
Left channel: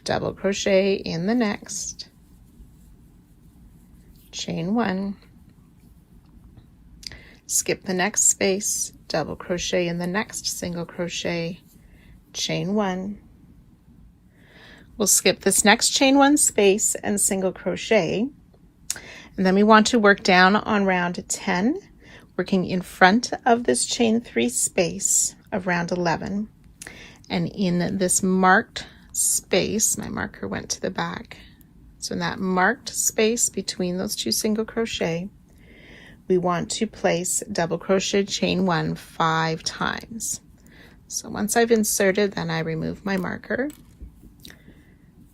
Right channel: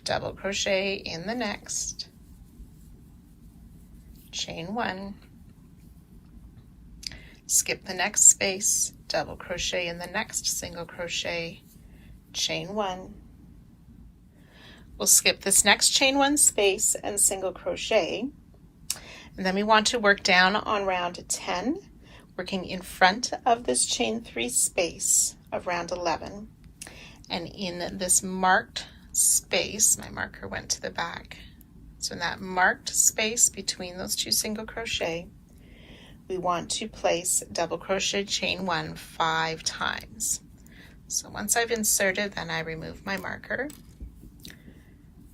double crochet in the next, chain 1, skip the next space, double crochet in the next single crochet, chain 1. We'll skip this next chain 1 space and single crochet, and then we want to work down on round 10, working in front of this chain 3 space of round 11, and in this marked space, my marker went to the back, so in that marked space between those 2 single crochet, we want to place double crochet chain 1 5 times. So once I've inserted, then I remove my marker,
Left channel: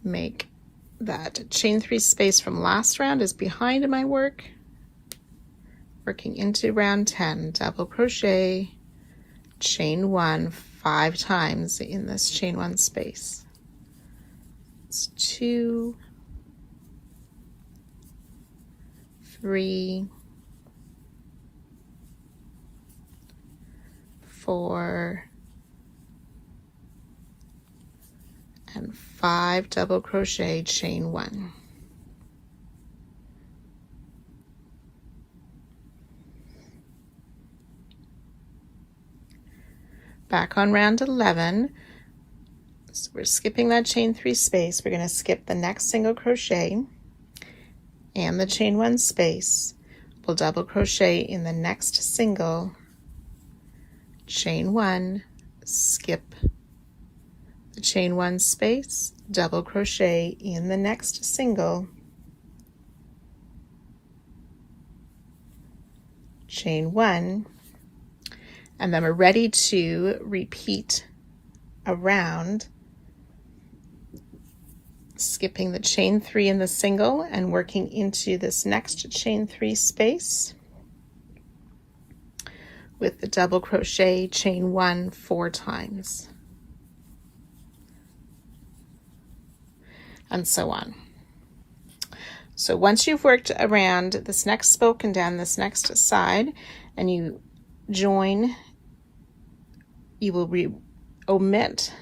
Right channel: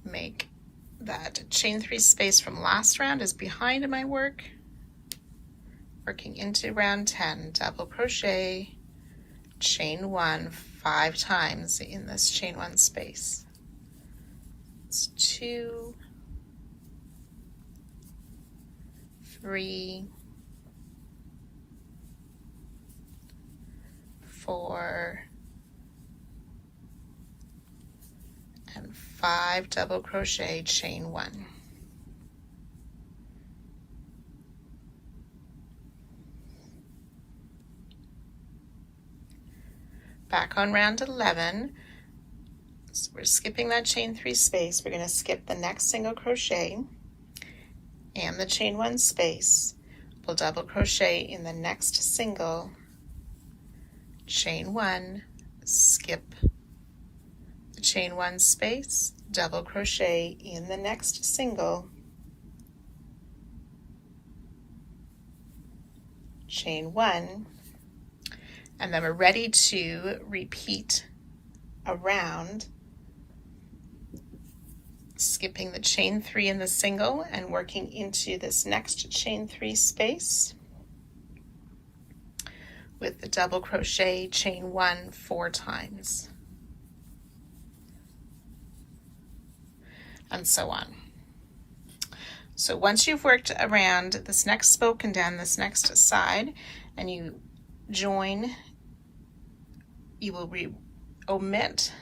make that chain 3 space from last round is behind my work, working into round 10, double crochet, chain 1 5 times in this chain 1 space. It's 2, 3, 4, and 5 double crochet, chain 1. Back on round 11, so we're skipping that chain 3 space. We're going to skip the next single crochet and the chain 1 space. We'll double crochet in the next single, chain 1, skip the chain 1 space, double crochet in the next single, chain 1, and then we're ready to repeat around, skipping the chain 3 in the single and working into this next chain 3 space with the double crochet, chain 1 4 times, and so on. So once you've worked around this next spoke and down this next side and you join, you will omit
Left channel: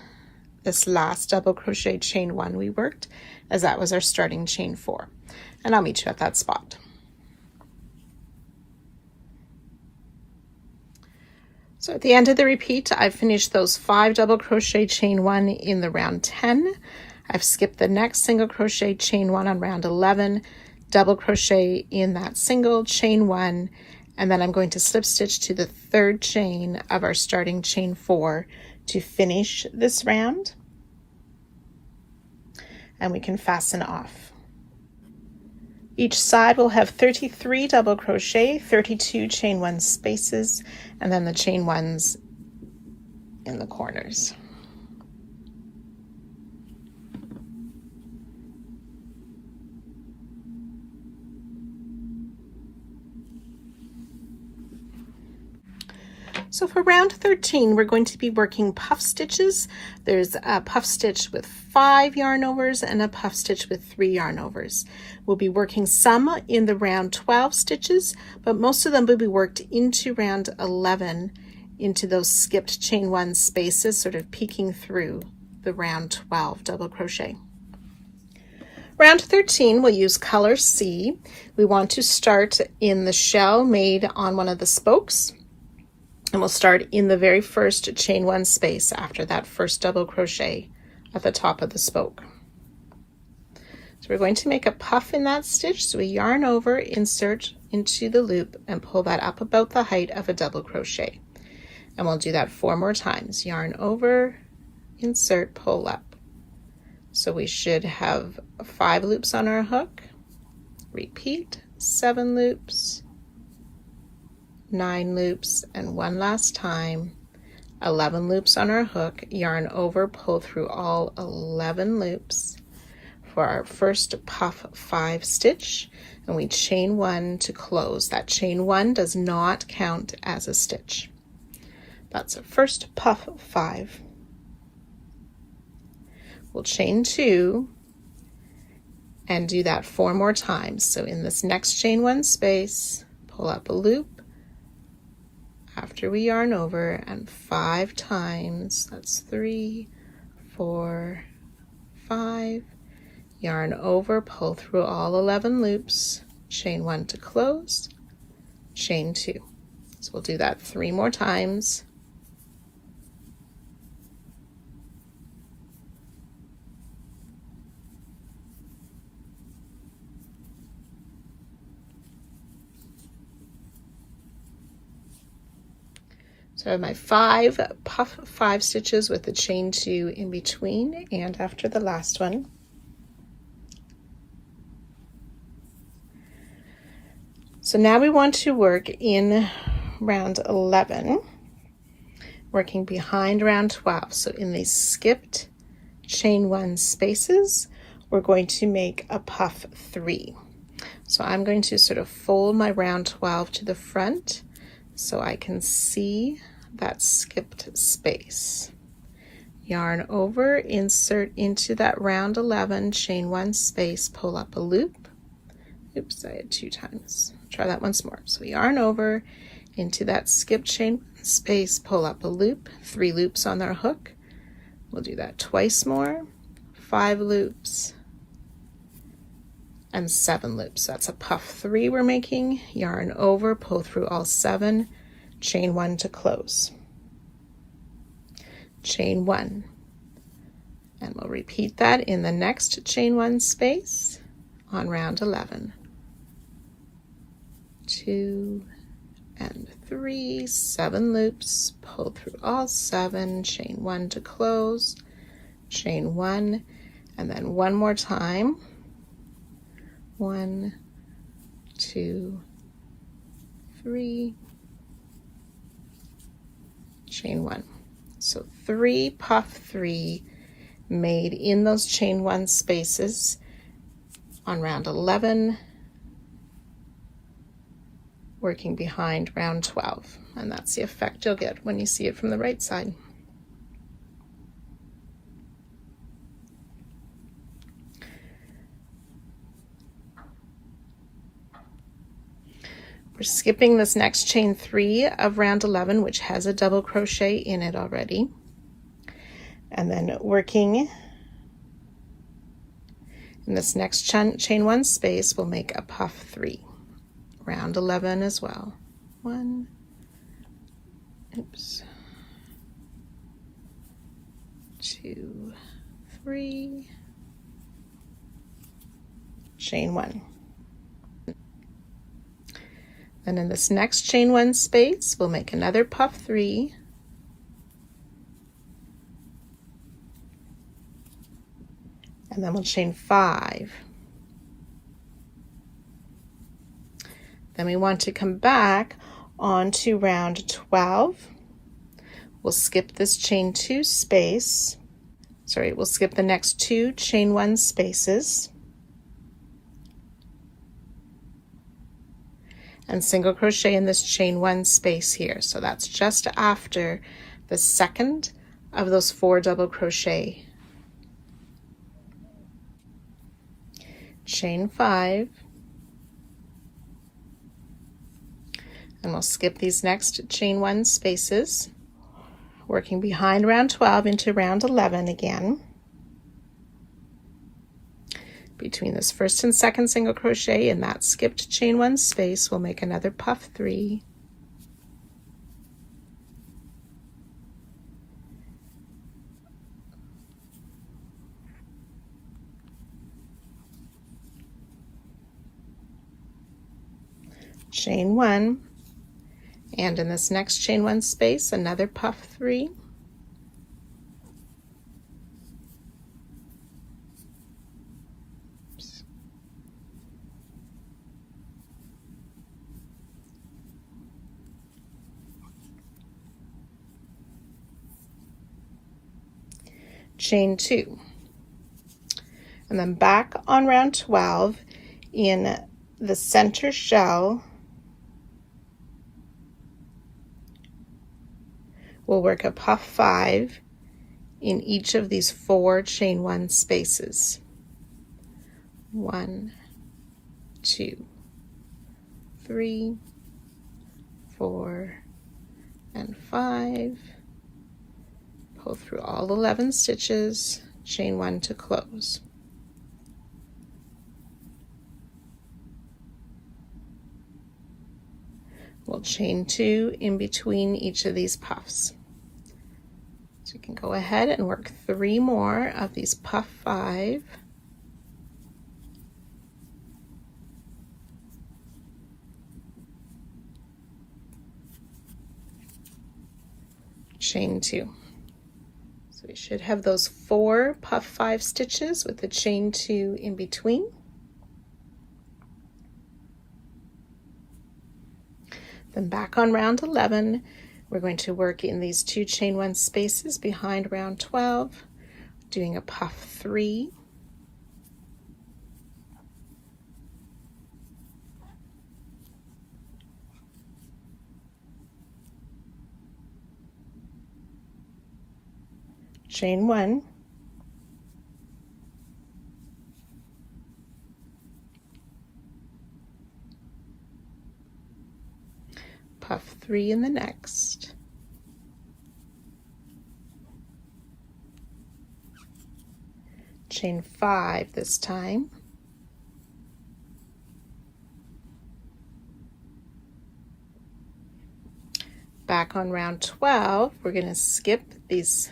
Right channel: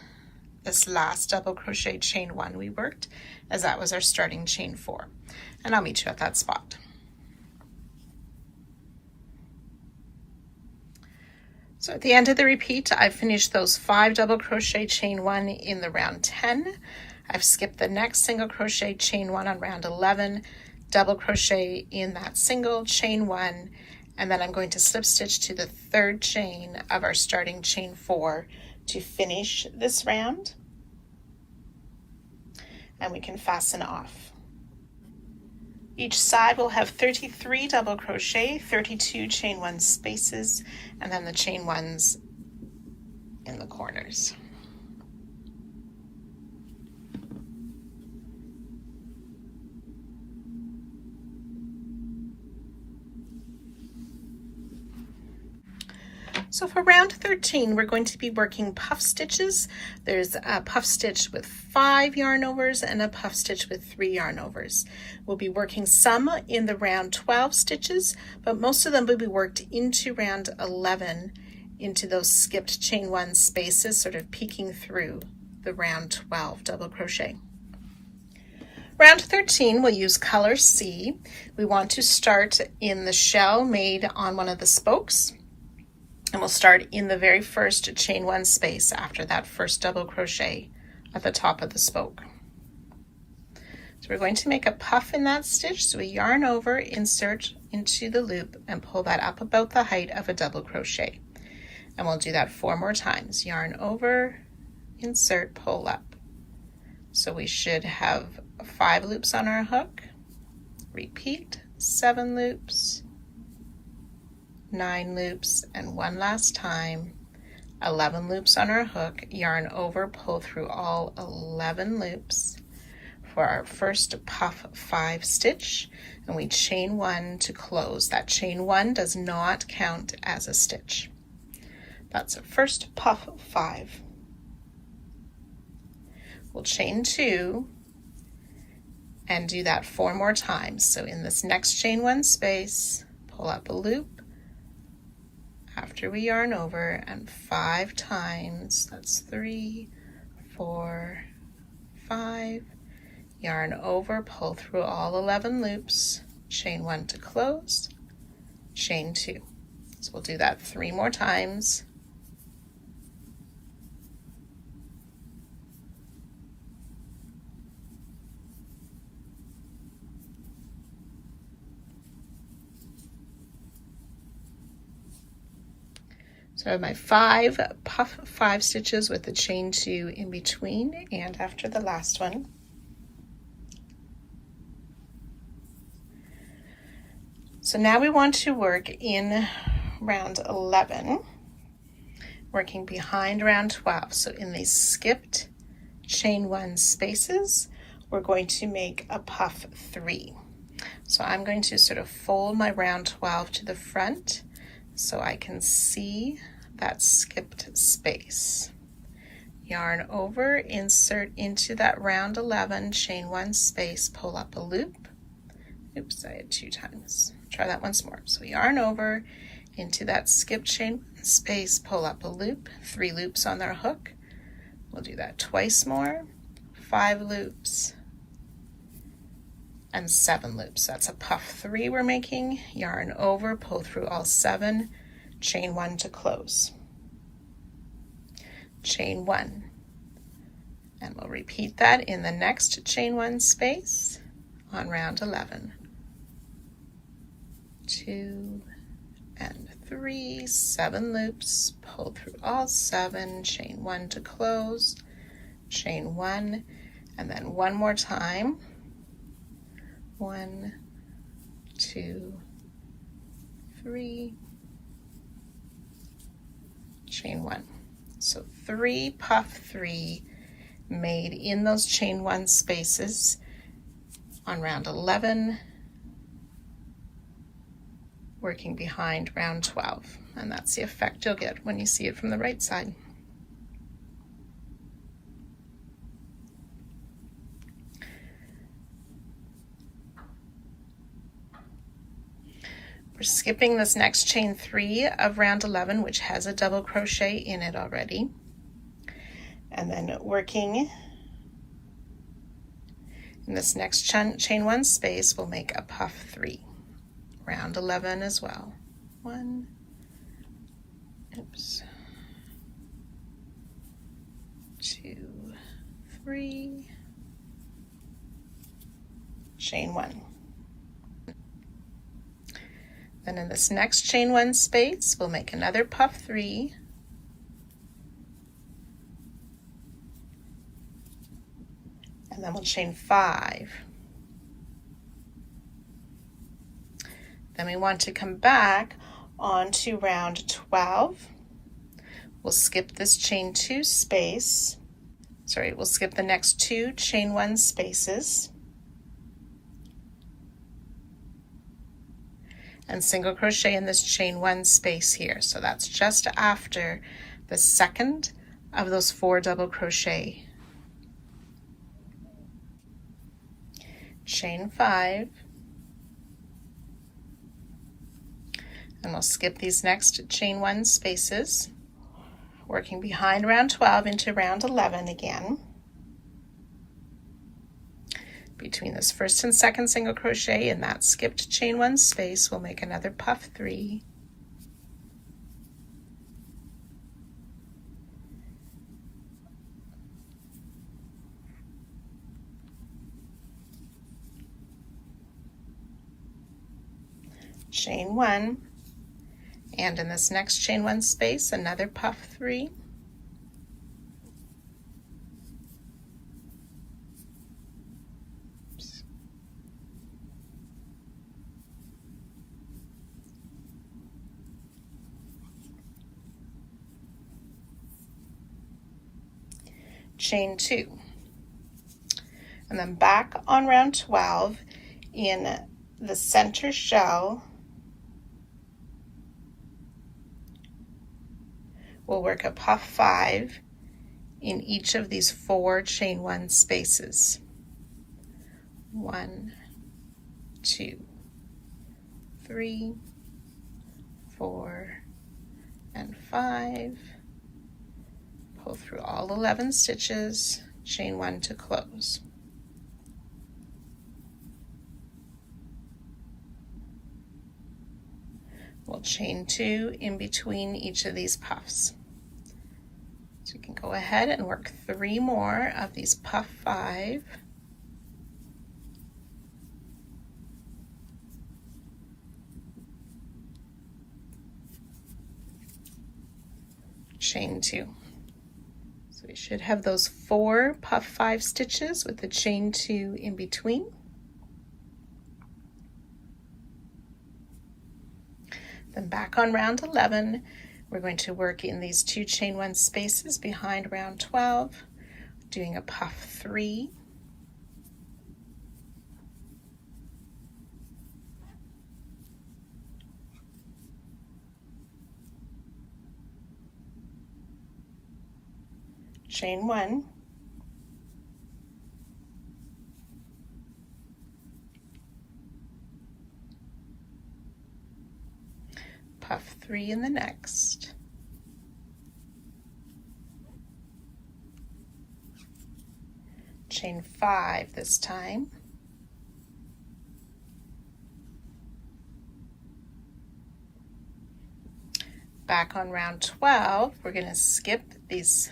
this last double crochet chain 1 we worked, as that was our starting chain 4, and I'll meet you at that spot. So at the end of the repeat, I've finished those 5 double crochet chain 1 in the round 10. I've skipped the next single crochet chain 1 on round 11, double crochet in that single, chain 1, and then I'm going to slip stitch to the 3rd chain of our starting chain 4 to finish this round, and we can fasten off. Each side will have 33 double crochet, 32 chain 1 spaces, and then the chain 1s in the corners. So for round 13, we're going to be working puff stitches. There's a puff stitch with 5 yarn overs and a puff stitch with 3 yarn overs. We'll be working some in the round 12 stitches, but most of them will be worked into round 11, into those skipped chain 1 spaces, sort of peeking through the round 12 double crochet. Round 13, we'll use color C. We want to start in the shell made on one of the spokes. And we'll start in the very first chain 1 space after that first double crochet at the top of the spoke. So we're going to make a puff in that stitch. So we yarn over, insert into the loop, and pull that up about the height of a double crochet. And we'll do that 4 more times. Yarn over, insert, pull up. So we should have 5 loops on our hook. Repeat, 7 loops, 9 loops, and one last time, 11 loops on our hook, yarn over, pull through all 11 loops for our first puff 5 stitch, and we chain 1 to close. That chain 1 does not count as a stitch. That's a first puff 5. We'll chain 2 and do that 4 more times. So in this next chain 1 space, pull up a loop after we yarn over, and 5 times, that's 3, 4, 5, yarn over, pull through all 11 loops, chain 1 to close, chain 2. So we'll do that 3 more times. So I have my 5 puff 5 stitches with the chain 2 in between and after the last one. So now we want to work in round 11, working behind round 12. So in these skipped chain 1 spaces, we're going to make a puff 3. So I'm going to sort of fold my round 12 to the front so I can see that skipped space. Yarn over, insert into that round 11, chain 1 space, pull up a loop. Oops, I had 2 times. Try that once more. So yarn over into that skipped chain space, pull up a loop, 3 loops on our hook. We'll do that twice more, 5 loops, and 7 loops. That's a puff 3 we're making. Yarn over, pull through all 7, chain 1 to close. Chain 1. And we'll repeat that in the next chain 1 space on round 11. 2 and 3, 7 loops, pull through all 7, chain 1 to close, chain 1, and then one more time. 1, 2, 3, chain 1. So 3 puff 3 made in those chain 1 spaces on round 11, working behind round 12. And that's the effect you'll get when you see it from the right side. We're skipping this next chain 3 of round 11, which has a double crochet in it already, and then working in this next chain 1 space, we'll make a puff 3, round 11 as well. 1, oops, 2, 3, chain 1. And in this next chain 1 space, we'll make another puff 3, and then we'll chain 5. Then we want to come back onto round 12. We'll skip this chain 2 space. Sorry, we'll skip the next 2 chain 1 spaces. and single crochet in this chain 1 space here. So that's just after the second of those 4 double crochet. Chain 5, and we'll skip these next chain 1 spaces, working behind round 12 into round 11 again. Between this first and second single crochet in that skipped chain 1 space, we'll make another puff 3, chain 1, and in this next chain 1 space, another puff 3, chain 2, and then back on round 12 in the center shell, we'll work a puff 5 in each of these 4 chain 1 spaces. 1, 2, 3, 4, and 5. Pull through all 11 stitches, chain 1 to close. We'll chain 2 in between each of these puffs. So you can go ahead and work 3 more of these puff 5. Chain 2. So we should have those 4 puff 5 stitches with the chain 2 in between. Then back on round 11, we're going to work in these 2 chain 1 spaces behind round 12, doing a puff 3, chain 1, puff 3 in the next, chain 5 this time, back on round 12, we're going to skip these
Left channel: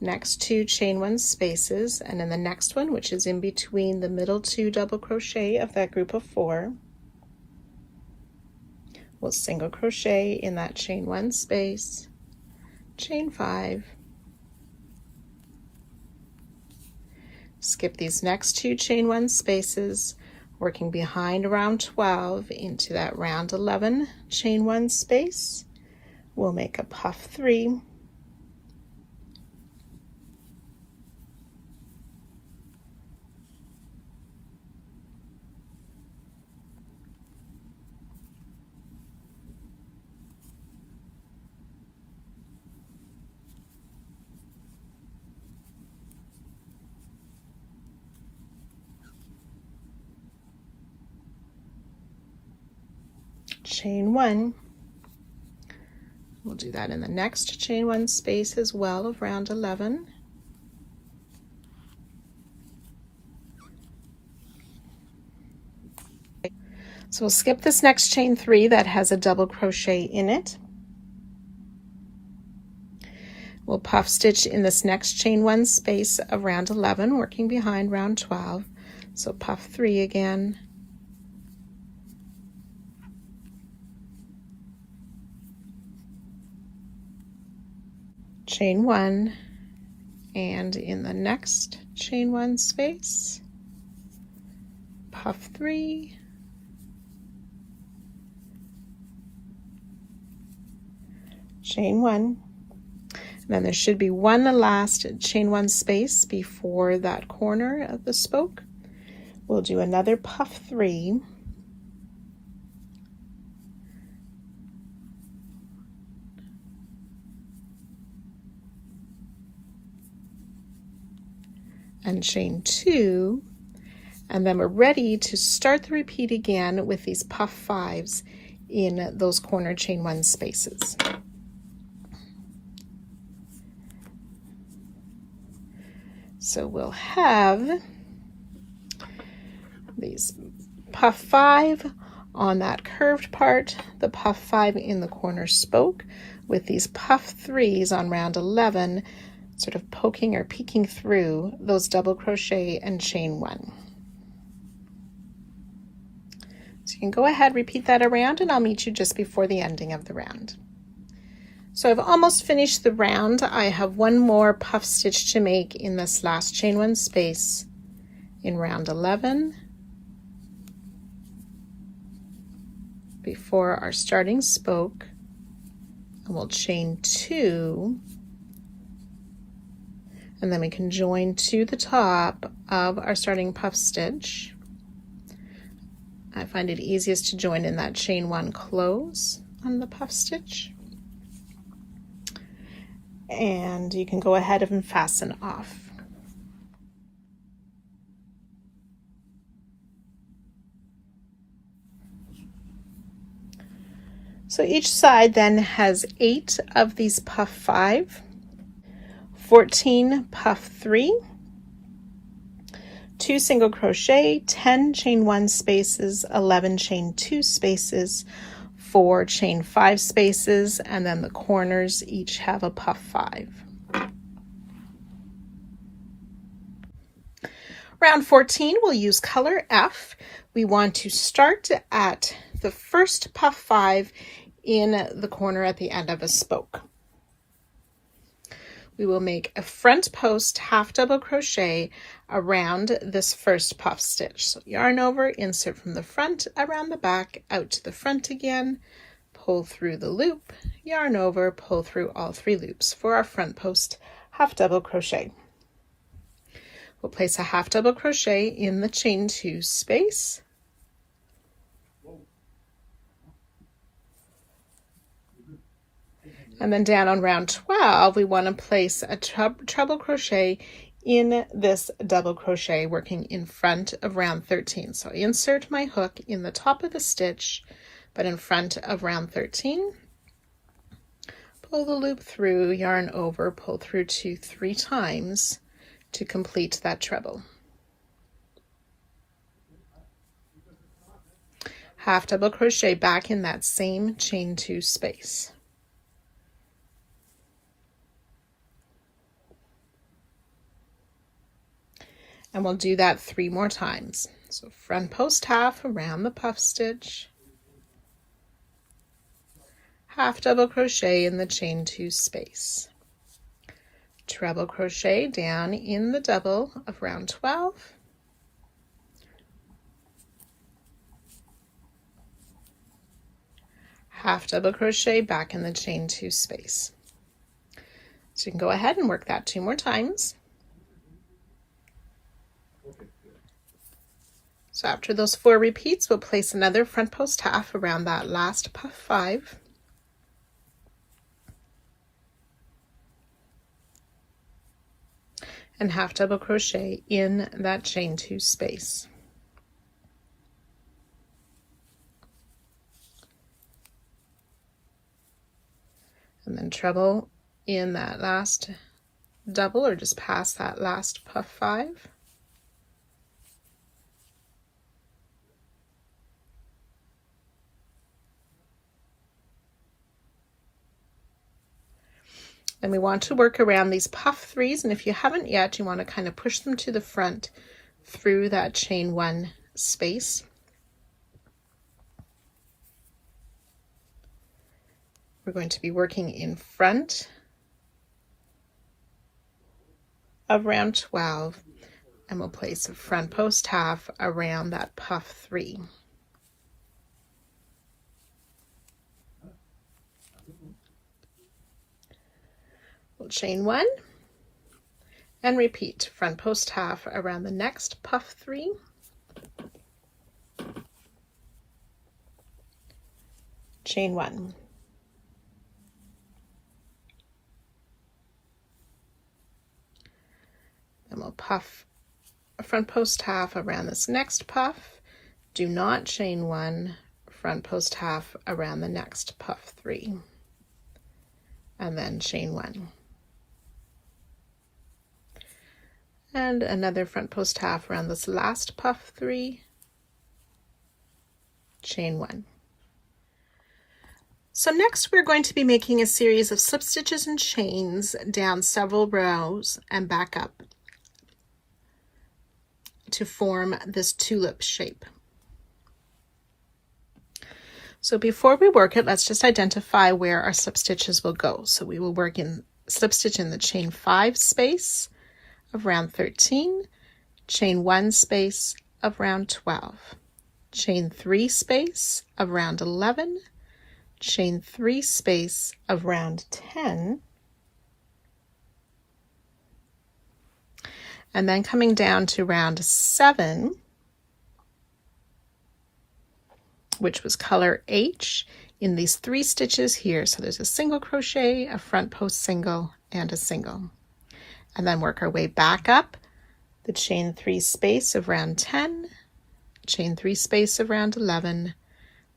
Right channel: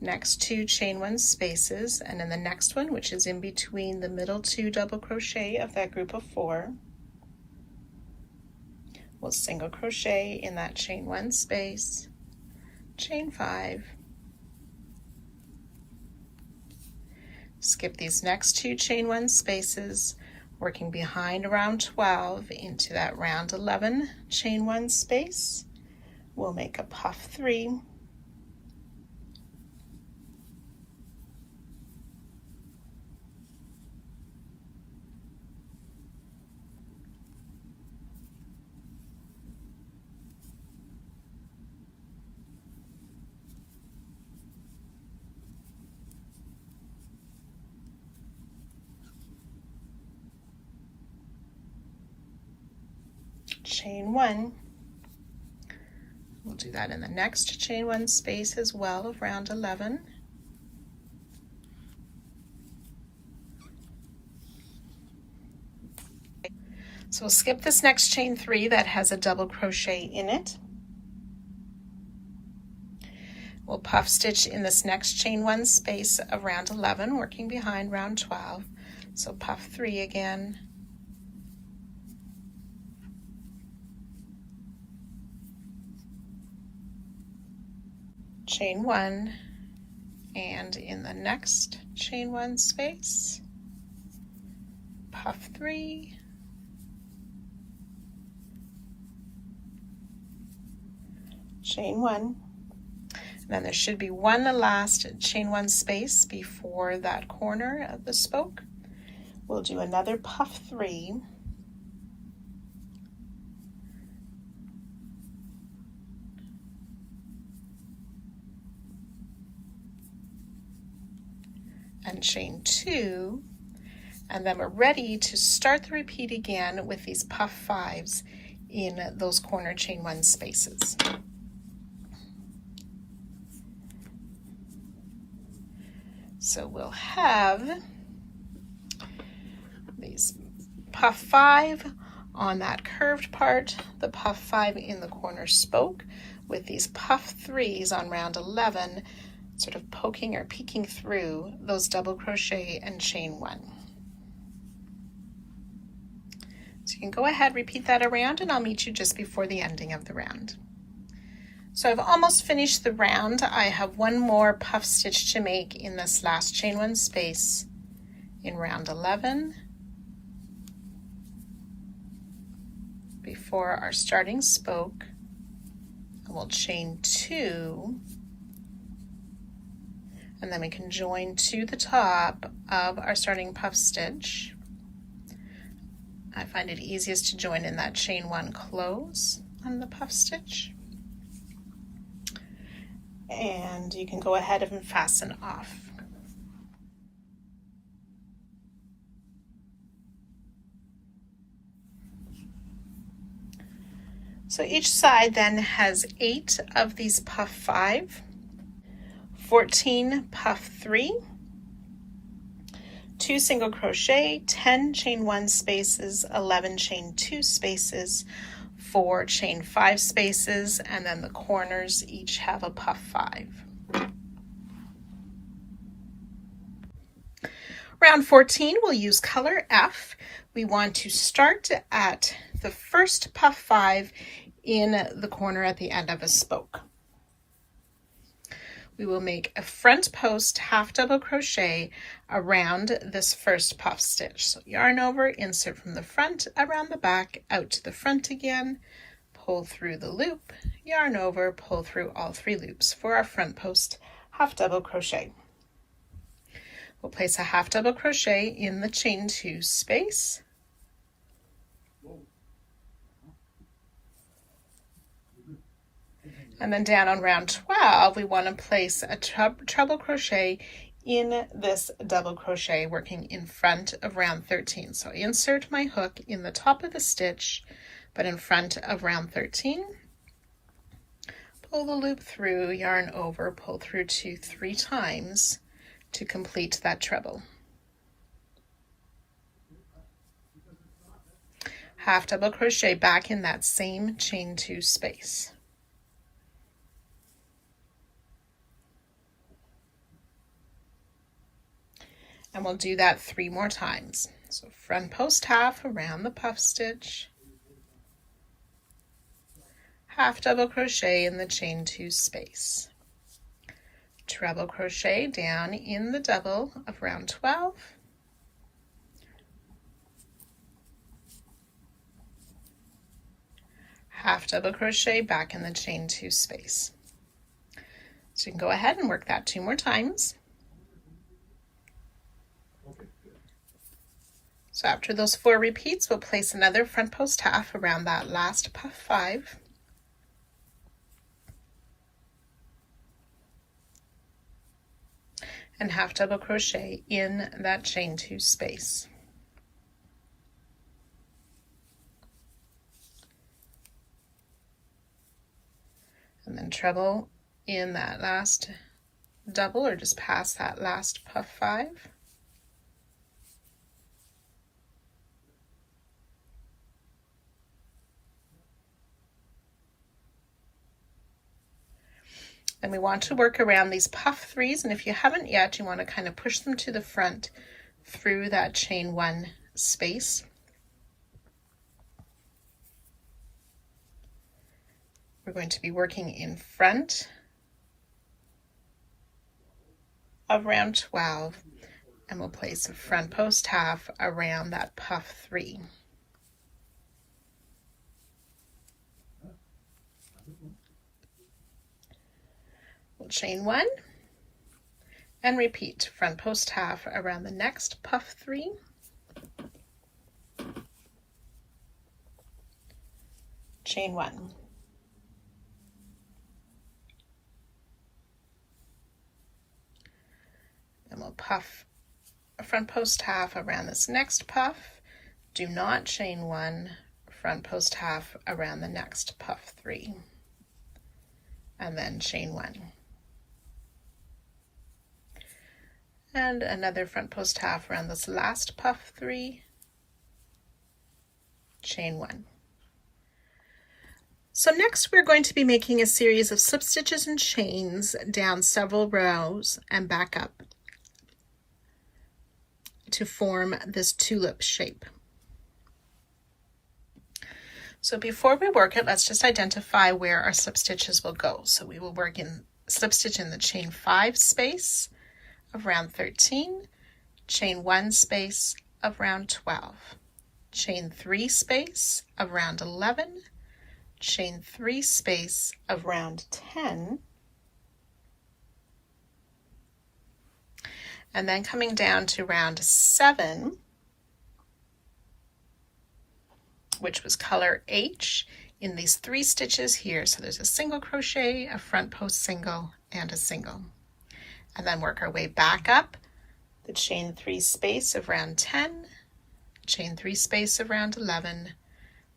next 2 chain 1 spaces, and in the next one, which is in between the middle 2 double crochet of that group of 4, we'll single crochet in that chain 1 space, chain 5, skip these next 2 chain 1 spaces, working behind round 12 into that round 11 chain 1 space. We'll make a puff 3, chain 1. We'll do that in the next chain 1 space as well of round 11. So we'll skip this next chain 3 that has a double crochet in it. We'll puff stitch in this next chain 1 space of round 11, working behind round 12. So puff 3 again, chain 1, and in the next chain 1 space, puff 3, chain 1. Then there should be one last chain 1 space before that corner of the spoke. We'll do another puff 3, and chain 2, and then we're ready to start the repeat again with these puff 5s in those corner chain 1 spaces. So we'll have these puff 5 on that curved part, the puff 5 in the corner spoke, with these puff 3s on round 11 sort of poking or peeking through those double crochet and chain 1. So you can go ahead, repeat that around, and I'll meet you just before the ending of the round. So I've almost finished the round. I have one more puff stitch to make in this last chain 1 space in round 11 before our starting spoke, and we'll chain 2, and then we can join to the top of our starting puff stitch. I find it easiest to join in that chain 1 close on the puff stitch. And you can go ahead and fasten off. So each side then has 8 of these puff 5, 14 puff 3, 2 single crochet, 10 chain 1 spaces, 11 chain 2 spaces, 4 chain 5 spaces, and then the corners each have a puff 5. Round 14, we'll use color F. We want to start at the first puff 5 in the corner at the end of a spoke. We will make a front post half double crochet around this first puff stitch. So yarn over, insert from the front, around the back, out to the front again, pull through the loop, yarn over, pull through all 3 loops for our front post half double crochet. We'll place a half double crochet in the chain 2 space. And then down on round 12, we want to place a treble crochet in this double crochet working in front of round 13. So I insert my hook in the top of the stitch, but in front of round 13. Pull the loop through, yarn over, pull through 2, 3 times to complete that treble. Half double crochet back in that same chain 2 space. And we'll do that 3 more times. So front post half around the puff stitch, half double crochet in the chain 2 space, treble crochet down in the double of round 12, half double crochet back in the chain 2 space. So you can go ahead and work that 2 more times. So after those 4 repeats, we'll place another front post half around that last puff 5. And half double crochet in that chain 2 space. And then treble in that last double, or just past that last puff 5. And we want to work around these puff 3s, and if you haven't yet, you want to kind of push them to the front through that chain 1 space. We're going to be working in front of round 12, and we'll place a front post half around that puff 3. We'll chain 1 and repeat front post half around the next puff 3, chain 1, and we'll puff front post half around this next puff, do not chain 1, front post half around the next puff 3, and then chain 1. And another front post half around this last puff 3, chain 1. So next we're going to be making a series of slip stitches and chains down several rows and back up to form this tulip shape. So before we work it, let's just identify where our slip stitches will go. So we will work in slip stitch in the chain 5 space of round 13, chain 1 space of round 12, chain 3 space of round 11, chain 3 space of round 10, and then coming down to round 7, which was color H, in these 3 stitches here. So there's a single crochet, a front post single, and a single. And then work our way back up the chain 3 space of round 10, chain 3 space of round 11,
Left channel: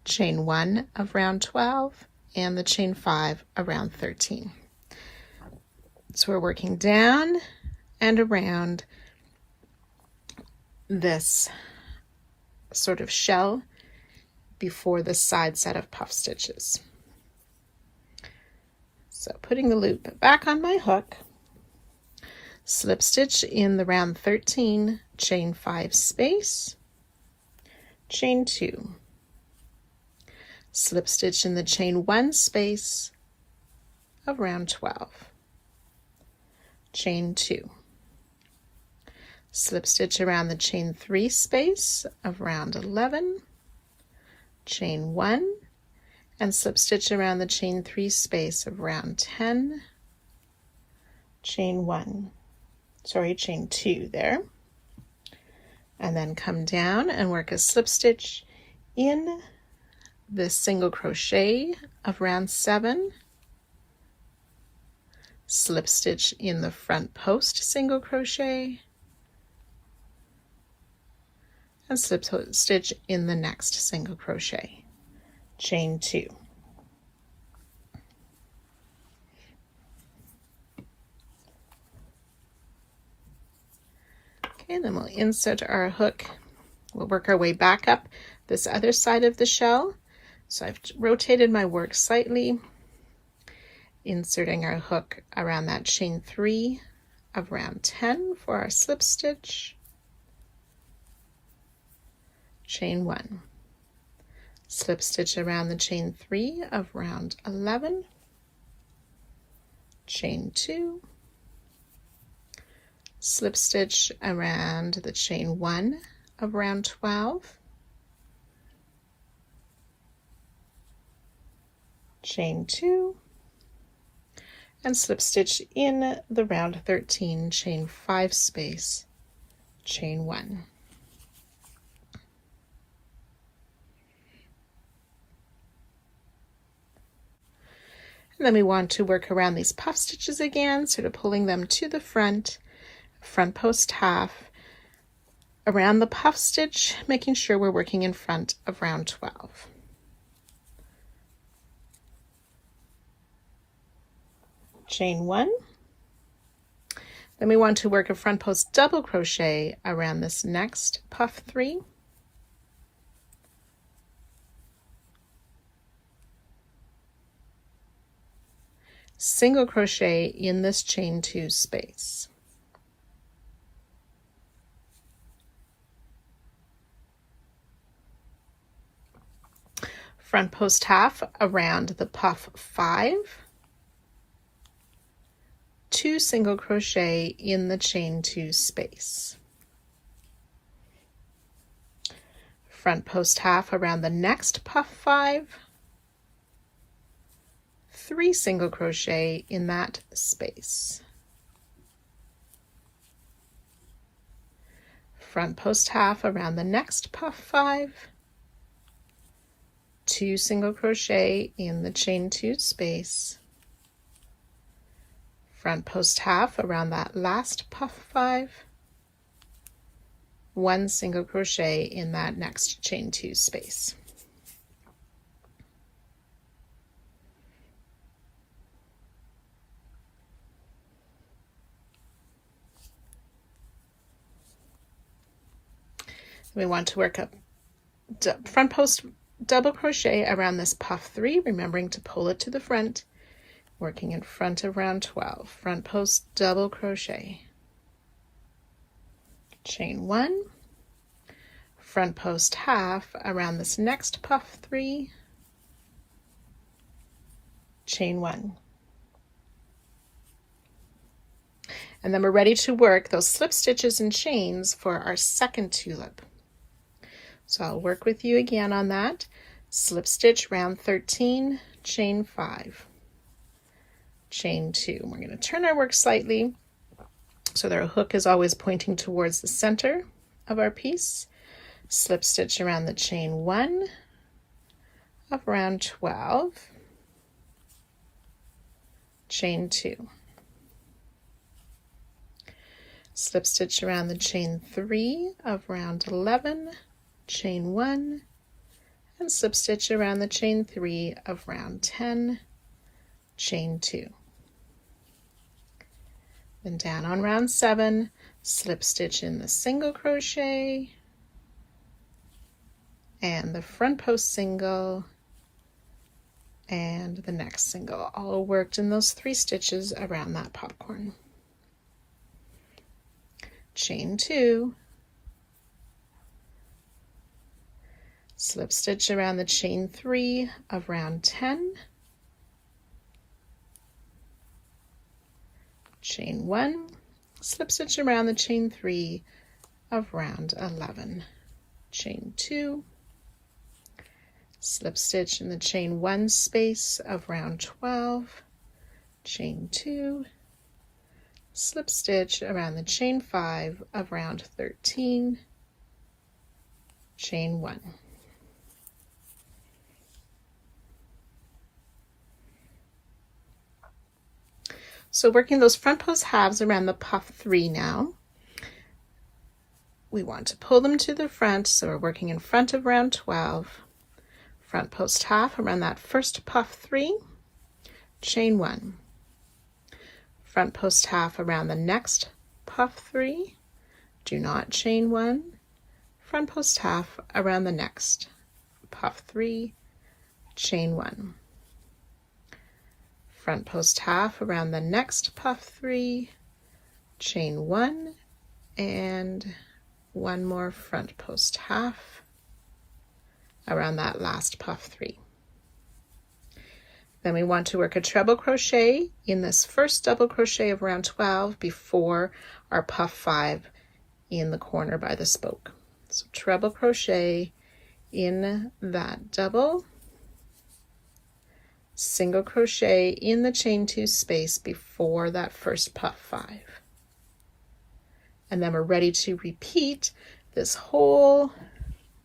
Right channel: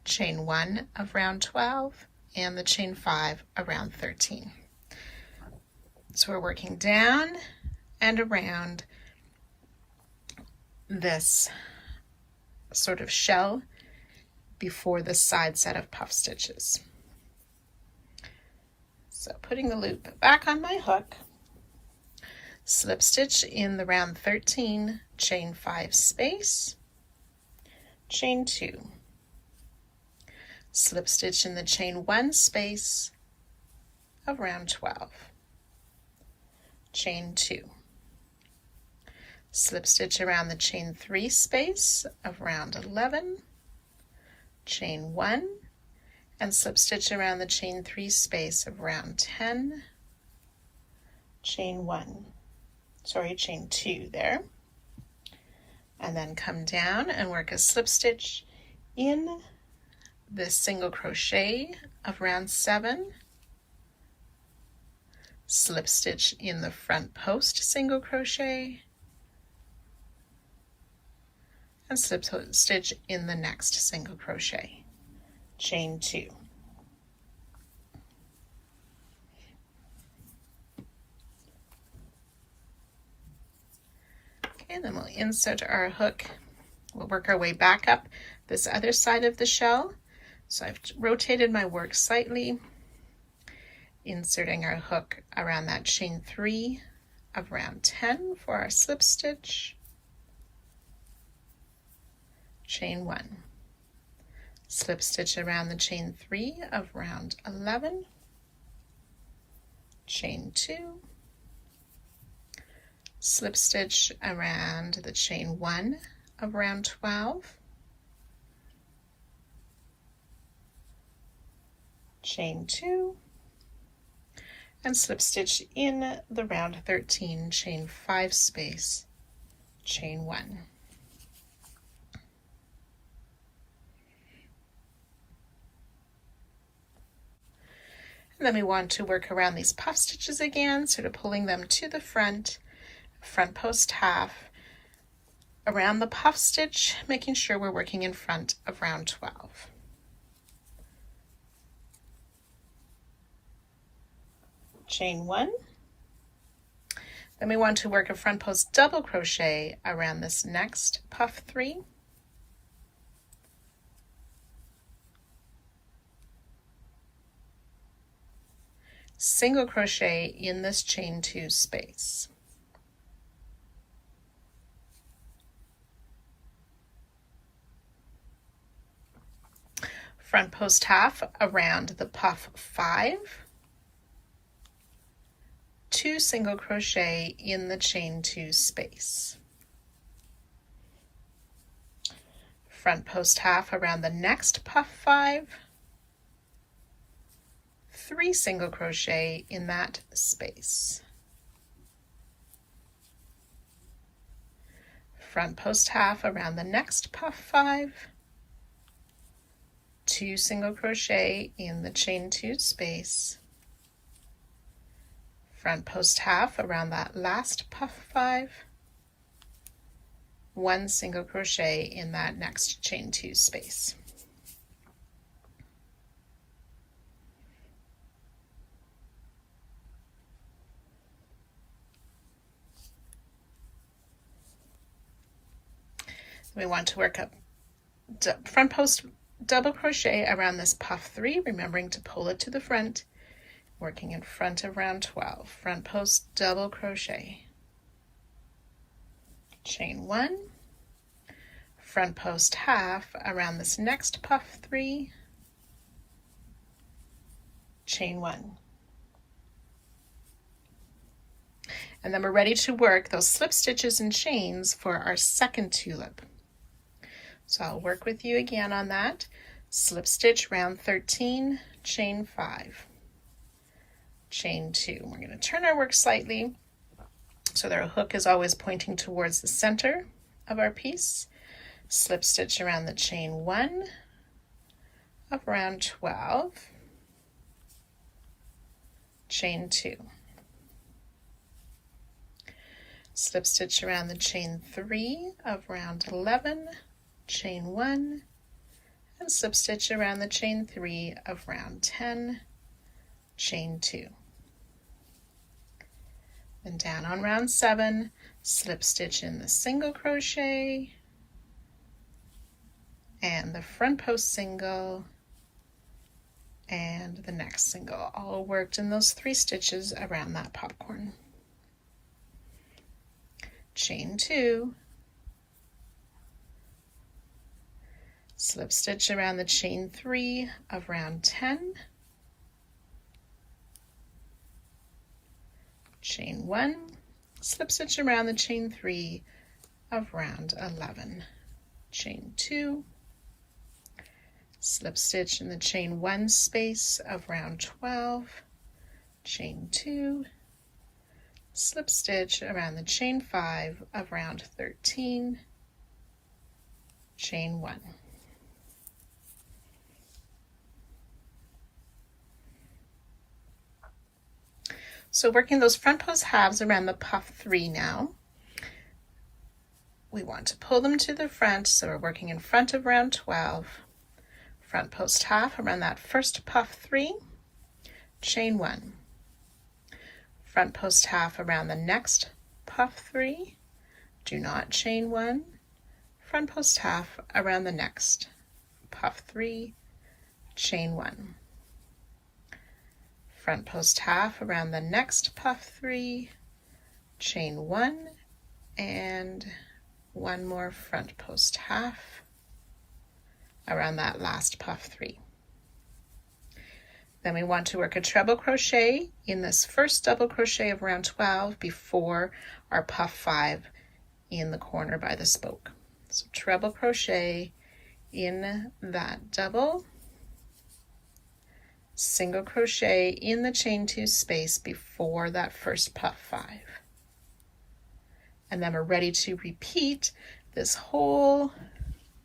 chain 1 of round 12, and the chain 5 of round 13. So we're working down and around this sort of shell before the side set of puff stitches. So putting the loop back on my hook, slip stitch in the round 13, chain 5 space, chain 2, slip stitch in the chain 1 space of round 12, chain 2, slip stitch around the chain 3 space of round 11, chain 1, and slip stitch around the chain 3 space of round 10, chain 2 there, and then come down and work a slip stitch in this single crochet of round 7, slip stitch in the front post single crochet, and slip stitch in the next single crochet, chain 2. Okay, then we'll insert our hook. We'll work our way back up this other side of the shell. So I've rotated my work slightly, inserting our hook around that chain 3 of round 10 for our slip stitch, chain 1, slip stitch around the chain 3 of round 11, chain 2, slip stitch around the chain 1 of round 12, chain 2, and slip stitch in the round 13, chain 5 space, chain 1. And then we want to work around these puff stitches again, sort of pulling them to the front post half, around the puff stitch, making sure we're working in front of round 12. Chain 1. Then we want to work a front post double crochet around this next puff 3. Single crochet in this chain 2 space. Front post half around the puff 5, 2 single crochet in the chain 2 space. Front post half around the next puff 5, 3 single crochet in that space. Front post half around the next puff 5, 2 single crochet in the chain 2 space. Front post half around that last puff 5, 1 single crochet in that next chain 2 space. We want to work up front post double crochet around this puff 3, remembering to pull it to the front, working in front of round 12. Front post double crochet, chain 1, front post half around this next puff 3, chain 1. And then we're ready to work those slip stitches and chains for our second tulip. So I'll work with you again on that. Slip stitch round 13, chain 5, chain 2. We're going to turn our work slightly so that our hook is always pointing towards the center of our piece. Slip stitch around the chain 1 of round 12, chain 2. Slip stitch around the chain 3 of round 11, chain 1, and slip stitch around the chain 3 of round 10, chain 2. Then down on round 7, slip stitch in the single crochet and the front post single and the next single, all worked in those 3 stitches around that popcorn. Chain 2, slip stitch around the chain 3 of round 10, chain 1, slip stitch around the chain 3 of round 11, chain 2, slip stitch in the chain 1 space of round 12, chain 2, slip stitch around the chain 5 of round 13, chain 1. So working those front post halves around the puff 3 now. We want to pull them to the front, so we're working in front of round 12. Front post half around that first puff 3, chain 1. Front post half around the next puff 3, do not chain 1. Front post half around the next puff 3, chain 1. Front post half around the next puff 3, chain 1, and one more front post half around that last puff 3. Then we want to work a treble crochet in this first double crochet of round 12 before our puff 5 in the corner by the spoke. So treble crochet in that double, single crochet in the chain 2 space before that first puff 5. And then we're ready to repeat this whole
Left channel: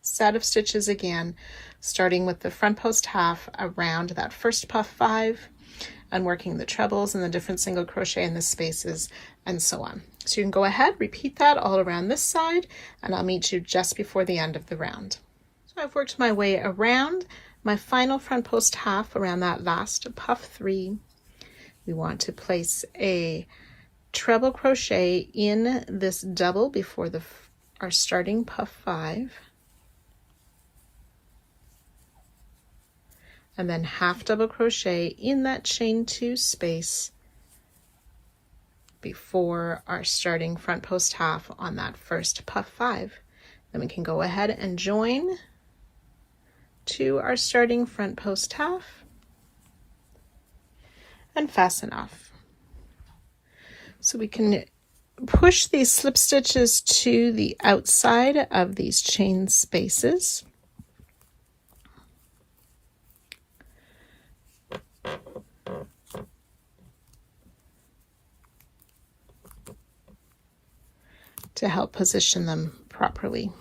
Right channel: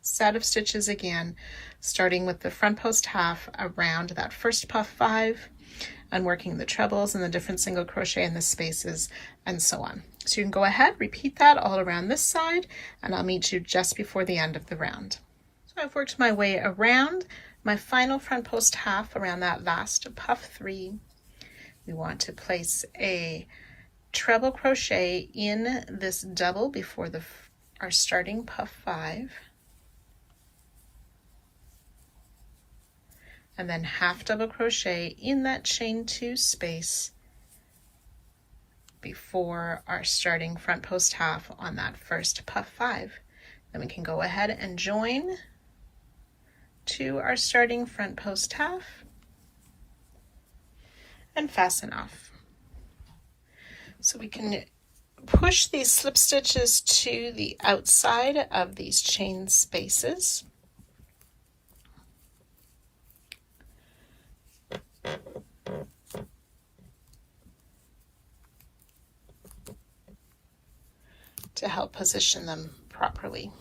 set of stitches again, starting with the front post half around that first puff 5 and working the trebles and the different single crochet in the spaces and so on. So you can go ahead, repeat that all around this side, and I'll meet you just before the end of the round. So I've worked my way around my final front post half around that last puff 3. We want to place a treble crochet in this double before our starting puff 5, and then half double crochet in that chain 2 space before our starting front post half on that first puff 5. Then we can go ahead and join to our starting front post half and fasten off. So we can push these slip stitches to the outside of these chain spaces. To help position them properly.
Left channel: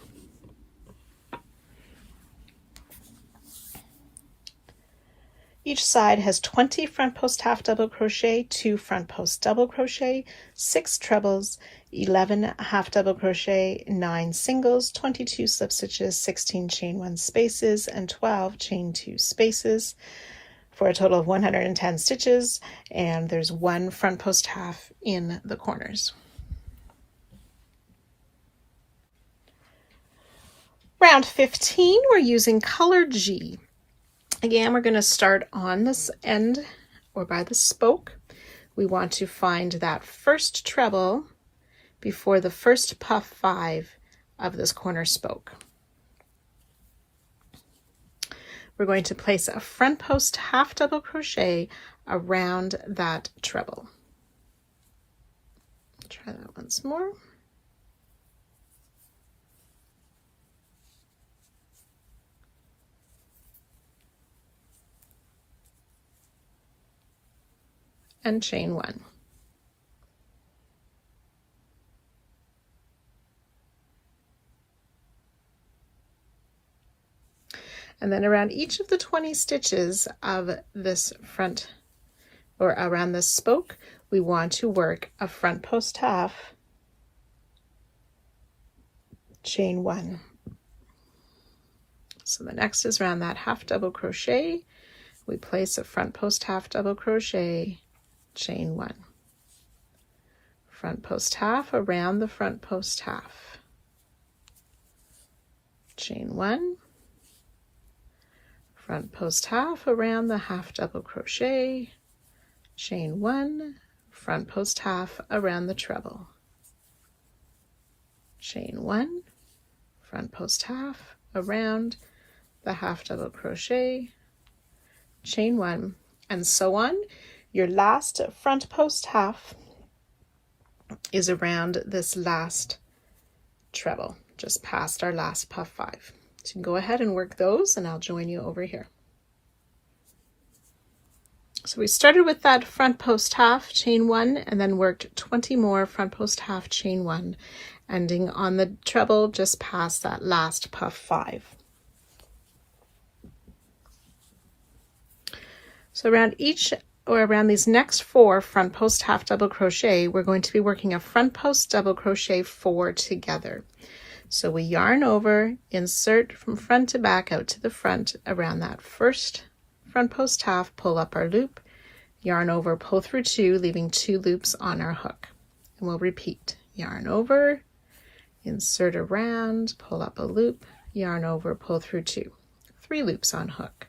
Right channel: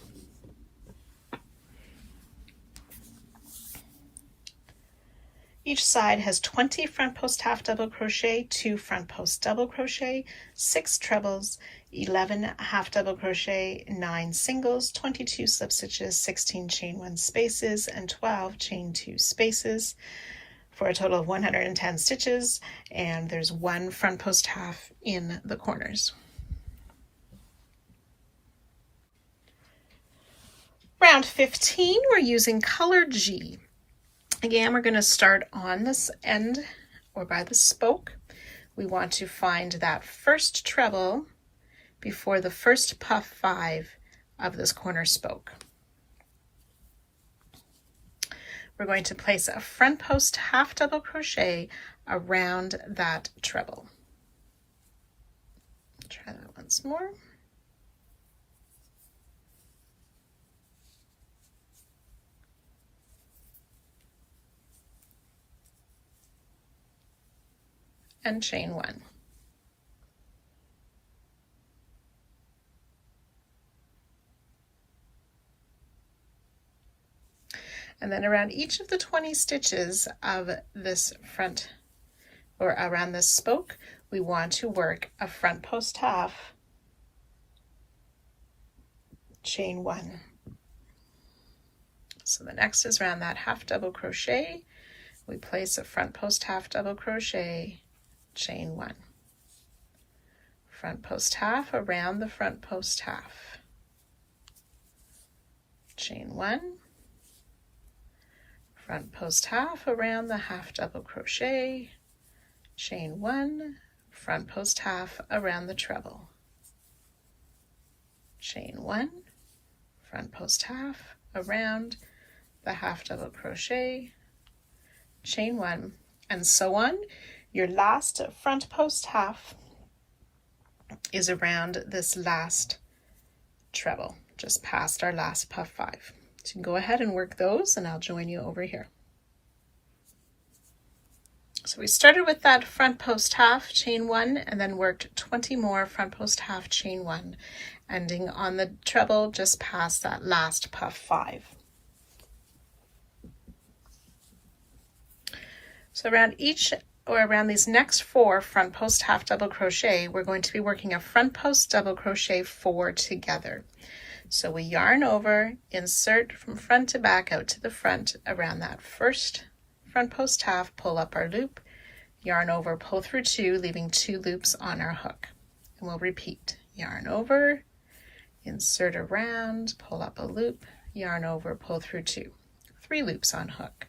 Each side has 20 front post half double crochet, 2 front post double crochet, 6 trebles, 11 half double crochet, 9 singles, 22 slip stitches, 16 chain 1 spaces, and 12 chain 2 spaces for a total of 110 stitches, and there's 1 front post half in the corners. Round 15, we're using color G. Again, we're going to start on this end or by the spoke. We want to find that first treble before the first puff 5 of this corner spoke. We're going to place a front post half double crochet around that treble. Try that once more. And chain 1. And then around each of the 20 stitches of this front, or around this spoke, we want to work a front post half, chain 1. So the next is around that half double crochet, we place a front post half double crochet, chain 1. Front post half around the front post half, chain 1. Front post half around the half double crochet, chain 1, front post half around the treble, chain 1, front post half around the half double crochet, chain 1, and so on. Your last front post half is around this last treble, just past our last puff 5. So you can go ahead and work those, and I'll join you over here. So we started with that front post half, chain 1, and then worked 20 more front post half, chain 1, ending on the treble just past that last puff 5. So around each, or around these next 4 front post half double crochet, we're going to be working a front post double crochet 4 together. So we yarn over, insert from front to back out to the front around that first front post half, pull up our loop, yarn over, pull through 2, leaving 2 loops on our hook. And we'll repeat, yarn over, insert around, pull up a loop, yarn over, pull through 2, 3 loops on hook,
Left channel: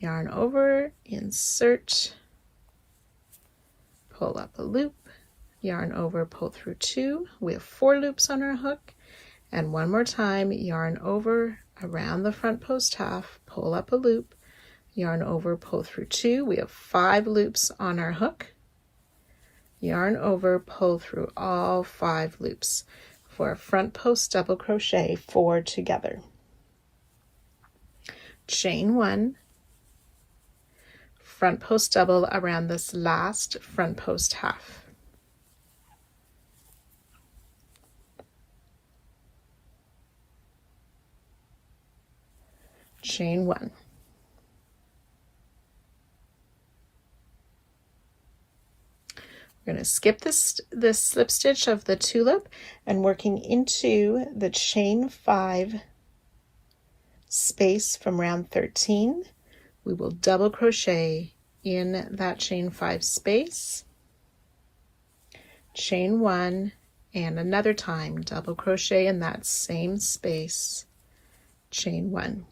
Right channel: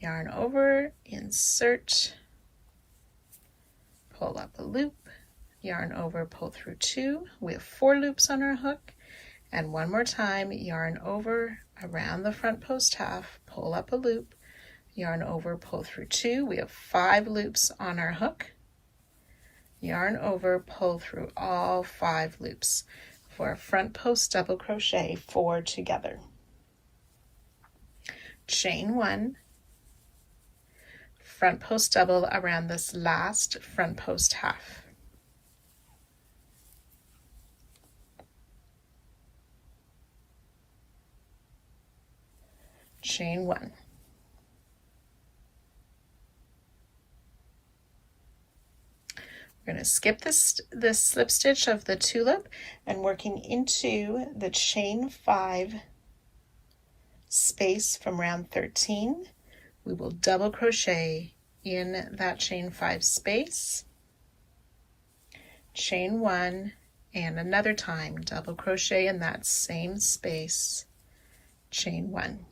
yarn over, insert, pull up a loop, yarn over, pull through 2, we have 4 loops on our hook, and one more time, yarn over, around the front post half, pull up a loop, yarn over, pull through 2, we have 5 loops on our hook, yarn over, pull through all 5 loops for a front post double crochet 4 together. Chain 1, front post double around this last front post half. Chain 1. We're going to skip this slip stitch of the tulip and working into the chain 5 space from round 13, we will double crochet in that chain 5 space, chain 1, and another time double crochet in that same space, chain 1.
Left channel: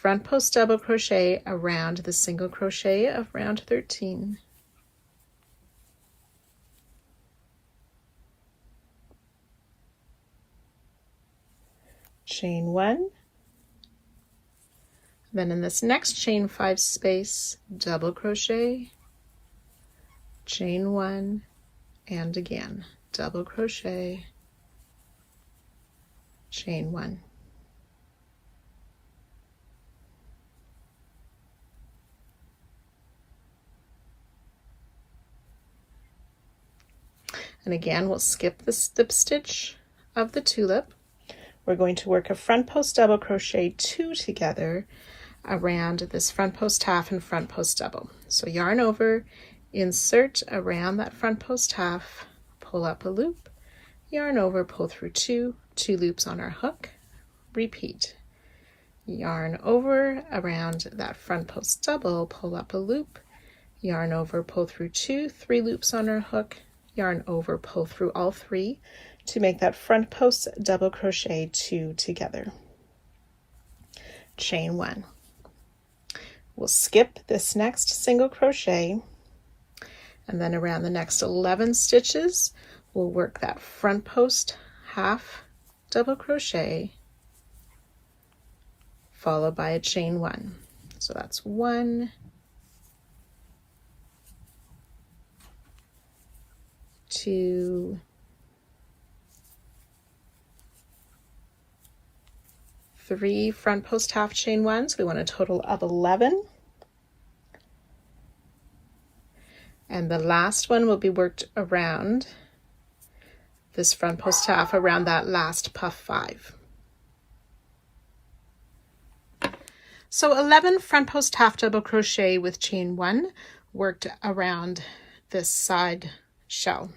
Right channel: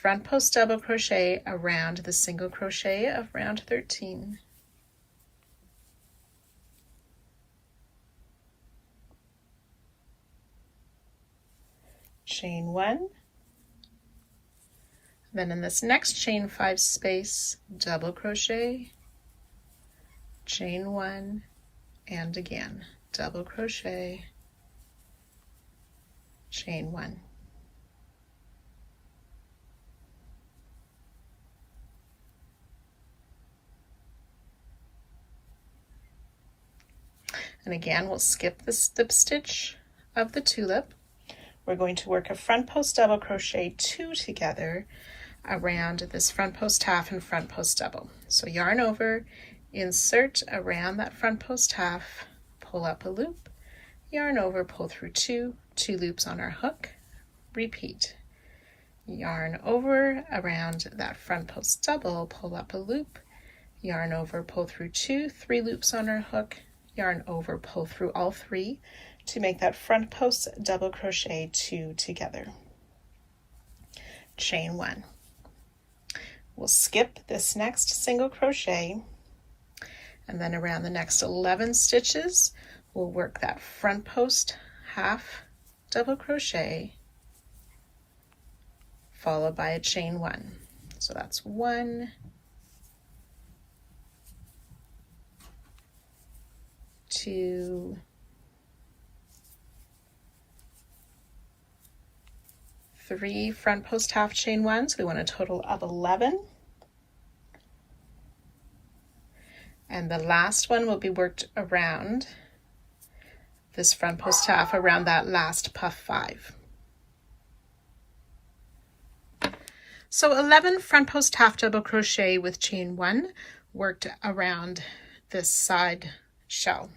Front post double crochet around the single crochet of round 13. Chain 1. Then in this next chain 5 space, double crochet, chain 1, and again, double crochet, chain 1. And again, we'll skip the slip stitch of the tulip. We're going to work a front post double crochet 2 together around this front post half and front post double. So yarn over, insert around that front post half, pull up a loop, yarn over, pull through two loops on our hook, repeat, yarn over around that front post double, pull up a loop, yarn over, pull through three loops on our hook, yarn over, pull through all three to make that front post double crochet two together. Chain one. We'll skip this next single crochet, and then around the next 11 stitches we'll work that front post half double crochet followed by a chain one. So that's 1, 2, 3 front post half chain one, so we want a total of 11. And the last one will be worked around this front post half around that last puff 5. So 11 front post half double crochet with chain one worked around this side shell.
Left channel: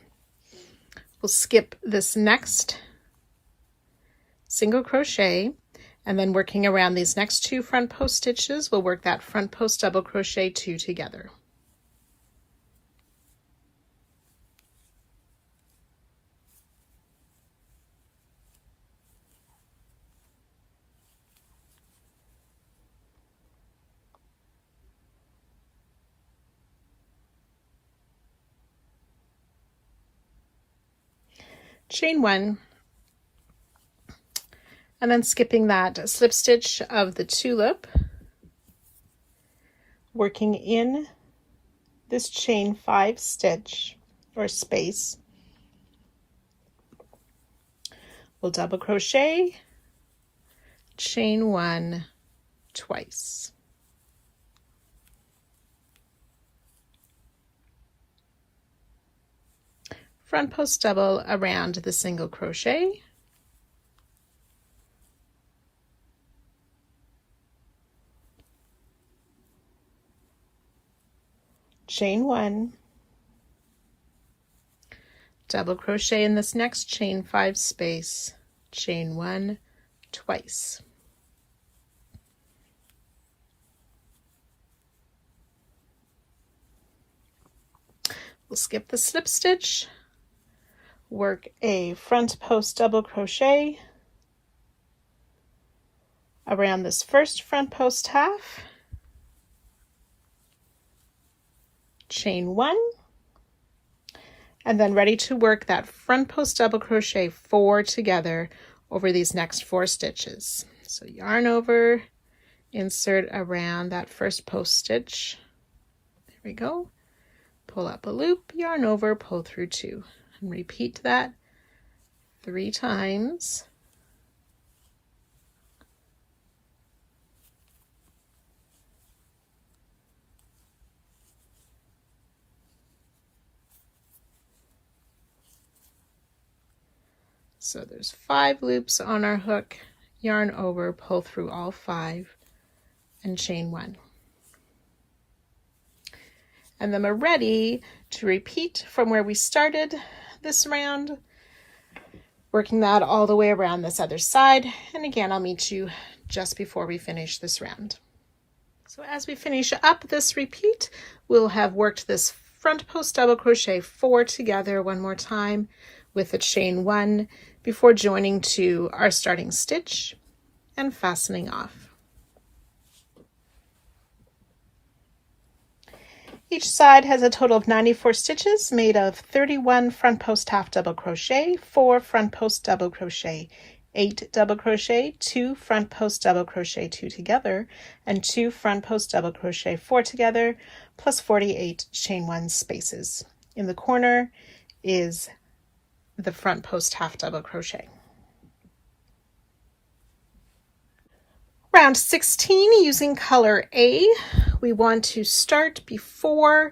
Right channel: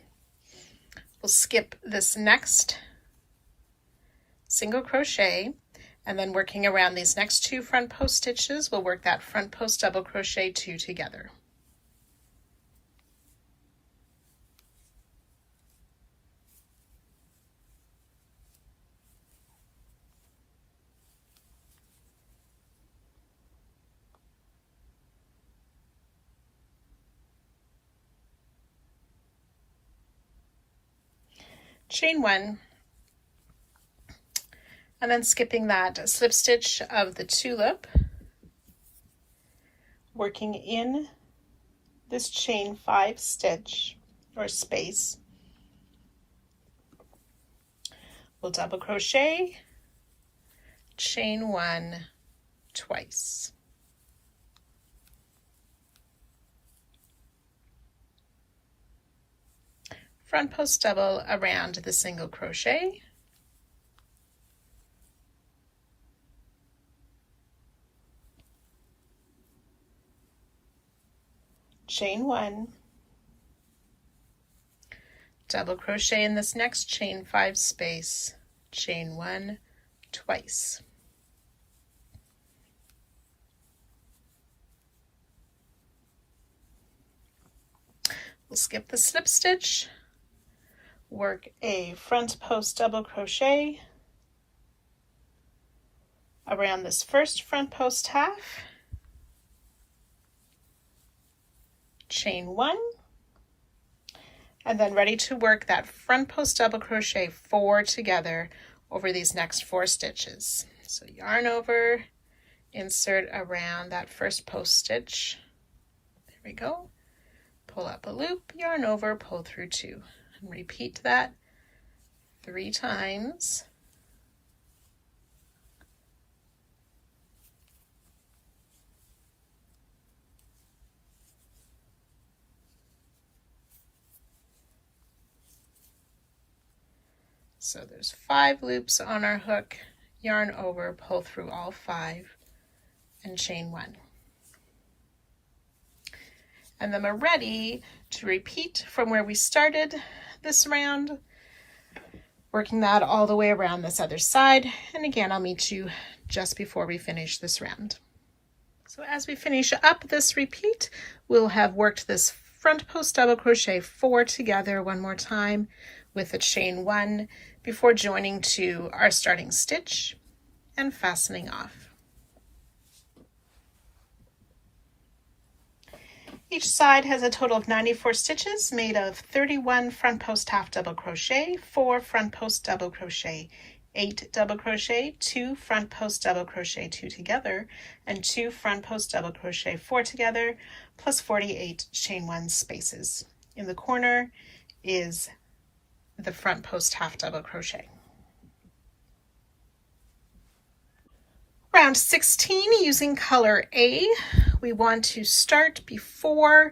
We'll skip this next single crochet, and then working around these next 2 front post stitches, we'll work that front post double crochet 2 together. Chain one, and then skipping that slip stitch of the tulip, working in this chain 5 stitch or space, we'll double crochet, chain one twice. Front post double around the single crochet, chain one, double crochet in this next chain 5 space, chain one twice. We'll skip the slip stitch, work a front post double crochet around this first front post half, chain one, and then ready to work that front post double crochet 4 together over these next 4 stitches. So yarn over, insert around that first post stitch, there we go, pull up a loop, yarn over, pull through 2. And repeat that 3 times. So there's 5 loops on our hook, yarn over, pull through all 5, and chain 1. And then we're ready to repeat from where we started this round, working that all the way around this other side. And again, I'll meet you just before we finish this round. So as we finish up this repeat, we'll have worked this front post double crochet 4 together one more time with a chain 1 before joining to our starting stitch and fastening off. Each side has a total of 94 stitches made of 31 front post half double crochet, 4 front post double crochet, 8 double crochet, 2 front post double crochet 2 together, and 2 front post double crochet 4 together, plus 48 chain 1 spaces. In the corner is the front post half double crochet. Round 16, using color A, we want to start before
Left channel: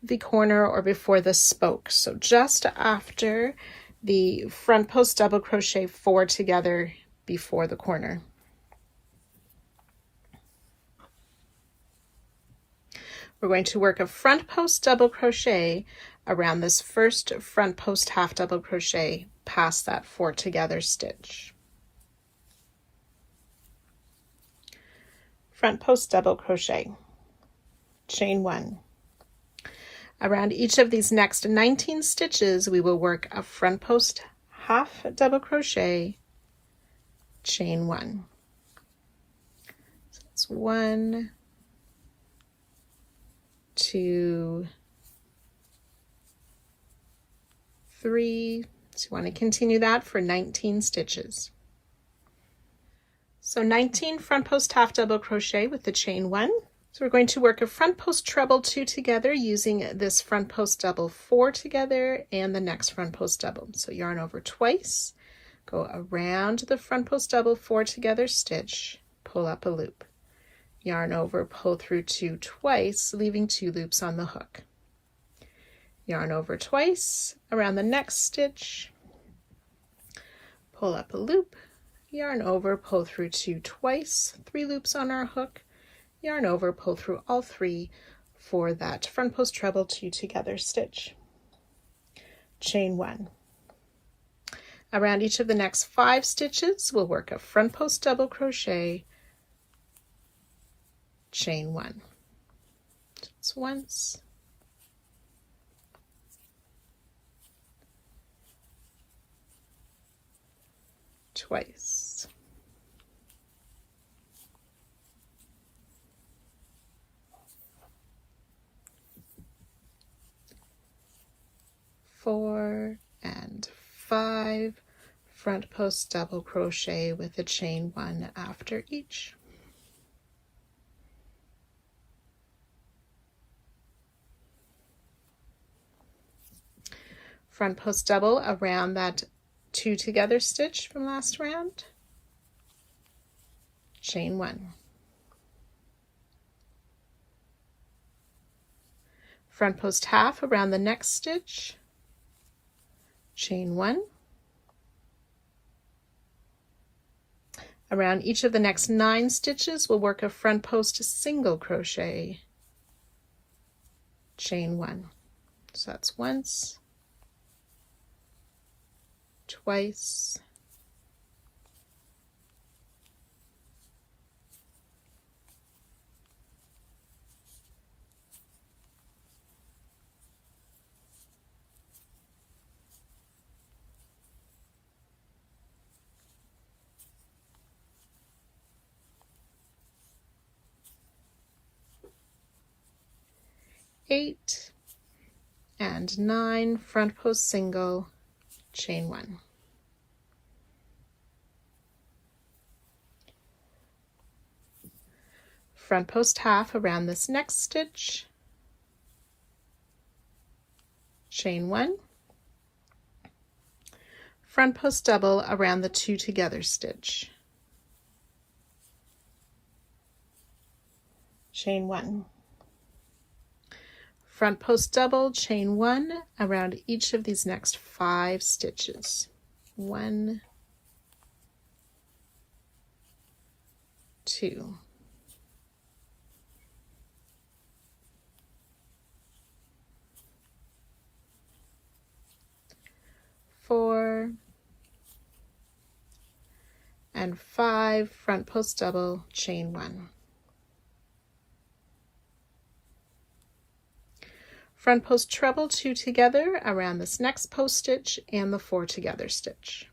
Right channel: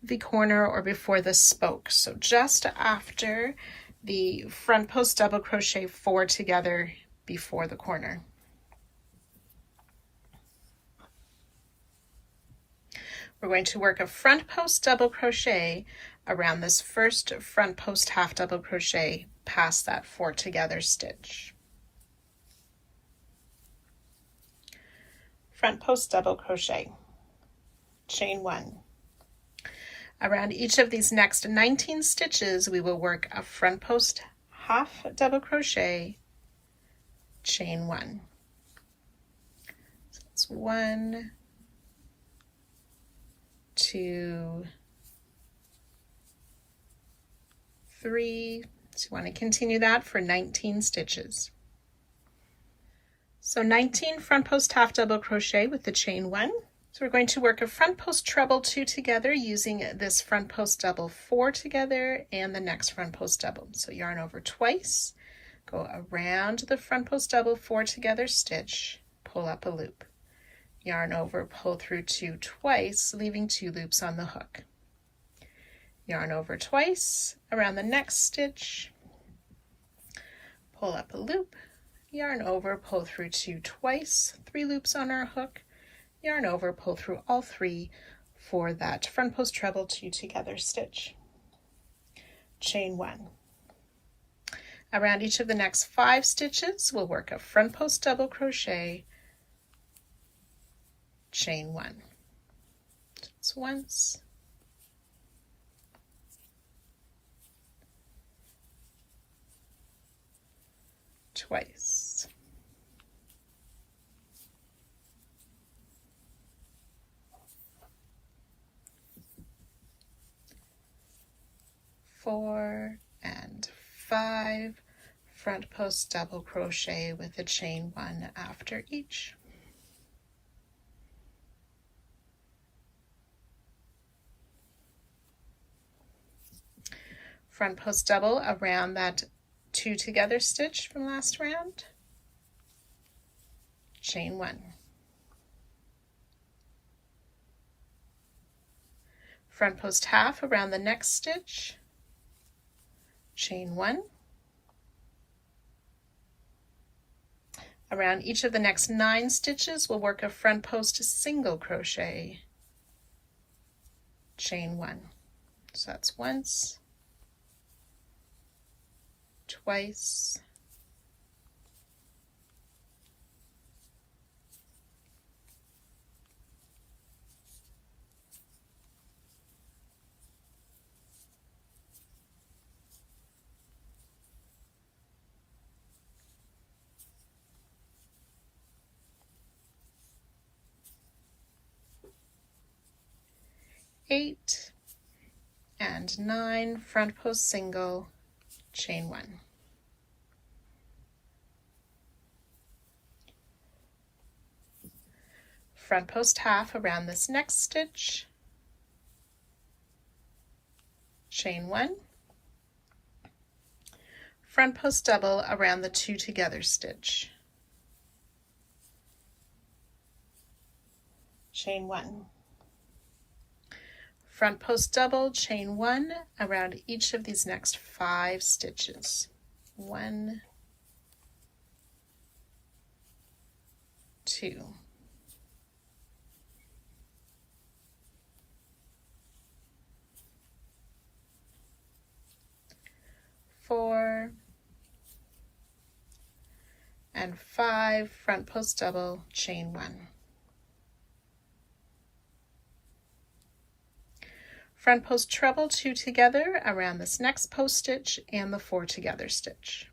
the corner or before the spoke. So just after the front post double crochet 4 together before the corner. We're going to work a front post double crochet around this first front post half double crochet past that 4 together stitch. Front post double crochet, chain 1. Around each of these next 19 stitches, we will work a front post half double crochet, chain 1. So it's 1, 2, 3. So you want to continue that for 19 stitches. So 19 front post half double crochet with the chain 1. So we're going to work a front post treble 2 together using this front post double 4 together and the next front post double. So yarn over twice, go around the front post double 4 together stitch, pull up a loop. Yarn over, pull through 2 twice, leaving 2 loops on the hook. Yarn over twice, around the next stitch, pull up a loop, yarn over, pull through 2 twice, 3 loops on our hook, yarn over, pull through all 3 for that front post treble 2 together stitch. Chain 1. Around each of the next 5 stitches, we'll work a front post double crochet, chain 1. Just once, twice, four and 5 front post double crochet with a chain 1 after each. Front post double around that 2 together stitch from last round, chain 1. Front post half around the next stitch, chain 1. Around each of the next 9 stitches, we'll work a front post single crochet, chain 1. So that's once, twice, eight and 9 front post single, chain 1. Front post half around this next stitch, chain 1. Front post double around the 2 together stitch, chain 1. Front post double, chain 1 around each of these next 5 stitches. 1, 2, 4 and 5 front post double, chain 1. Front post treble 2 together around this next post stitch and the 4 together stitch.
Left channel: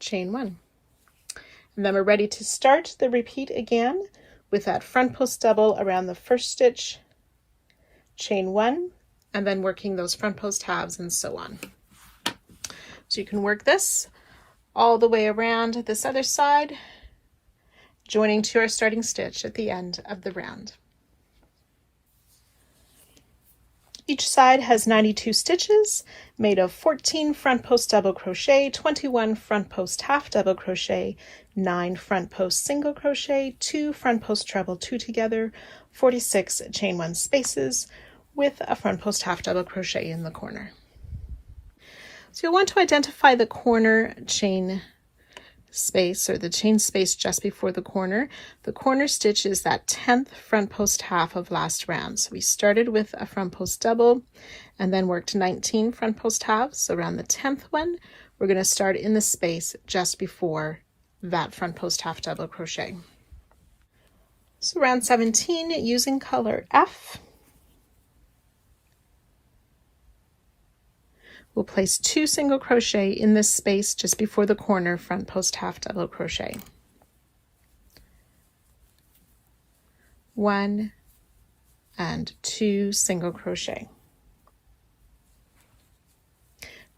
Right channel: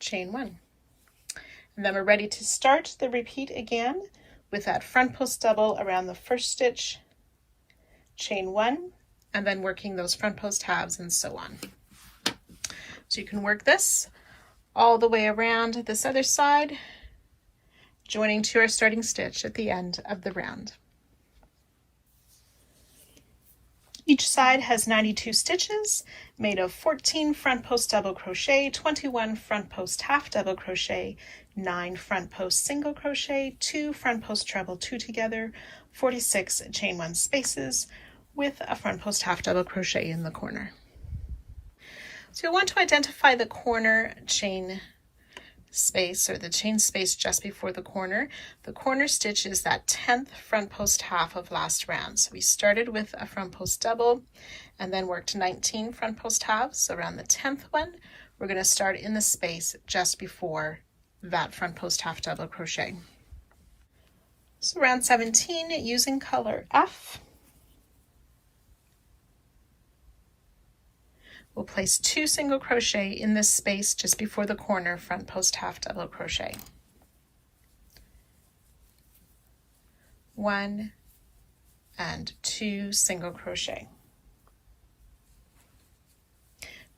Chain 1. And then we're ready to start the repeat again with that front post double around the first stitch, chain 1, and then working those front post halves and so on. So you can work this all the way around this other side, joining to our starting stitch at the end of the round. Each side has 92 stitches made of 14 front post double crochet, 21 front post half double crochet, 9 front post single crochet, 2 front post treble 2 together, 46 chain 1 spaces with a front post half double crochet in the corner. So you'll want to identify the corner chain space, or the chain space just before the corner. The corner stitch is that 10th front post half of last round. So we started with a front post double and then worked 19 front post halves. So around the 10th one, we're going to start in the space just before that front post half double crochet. So round 17, using color F, we'll place 2 single crochet in this space just before the corner front post half double crochet. 1 and 2 single crochet.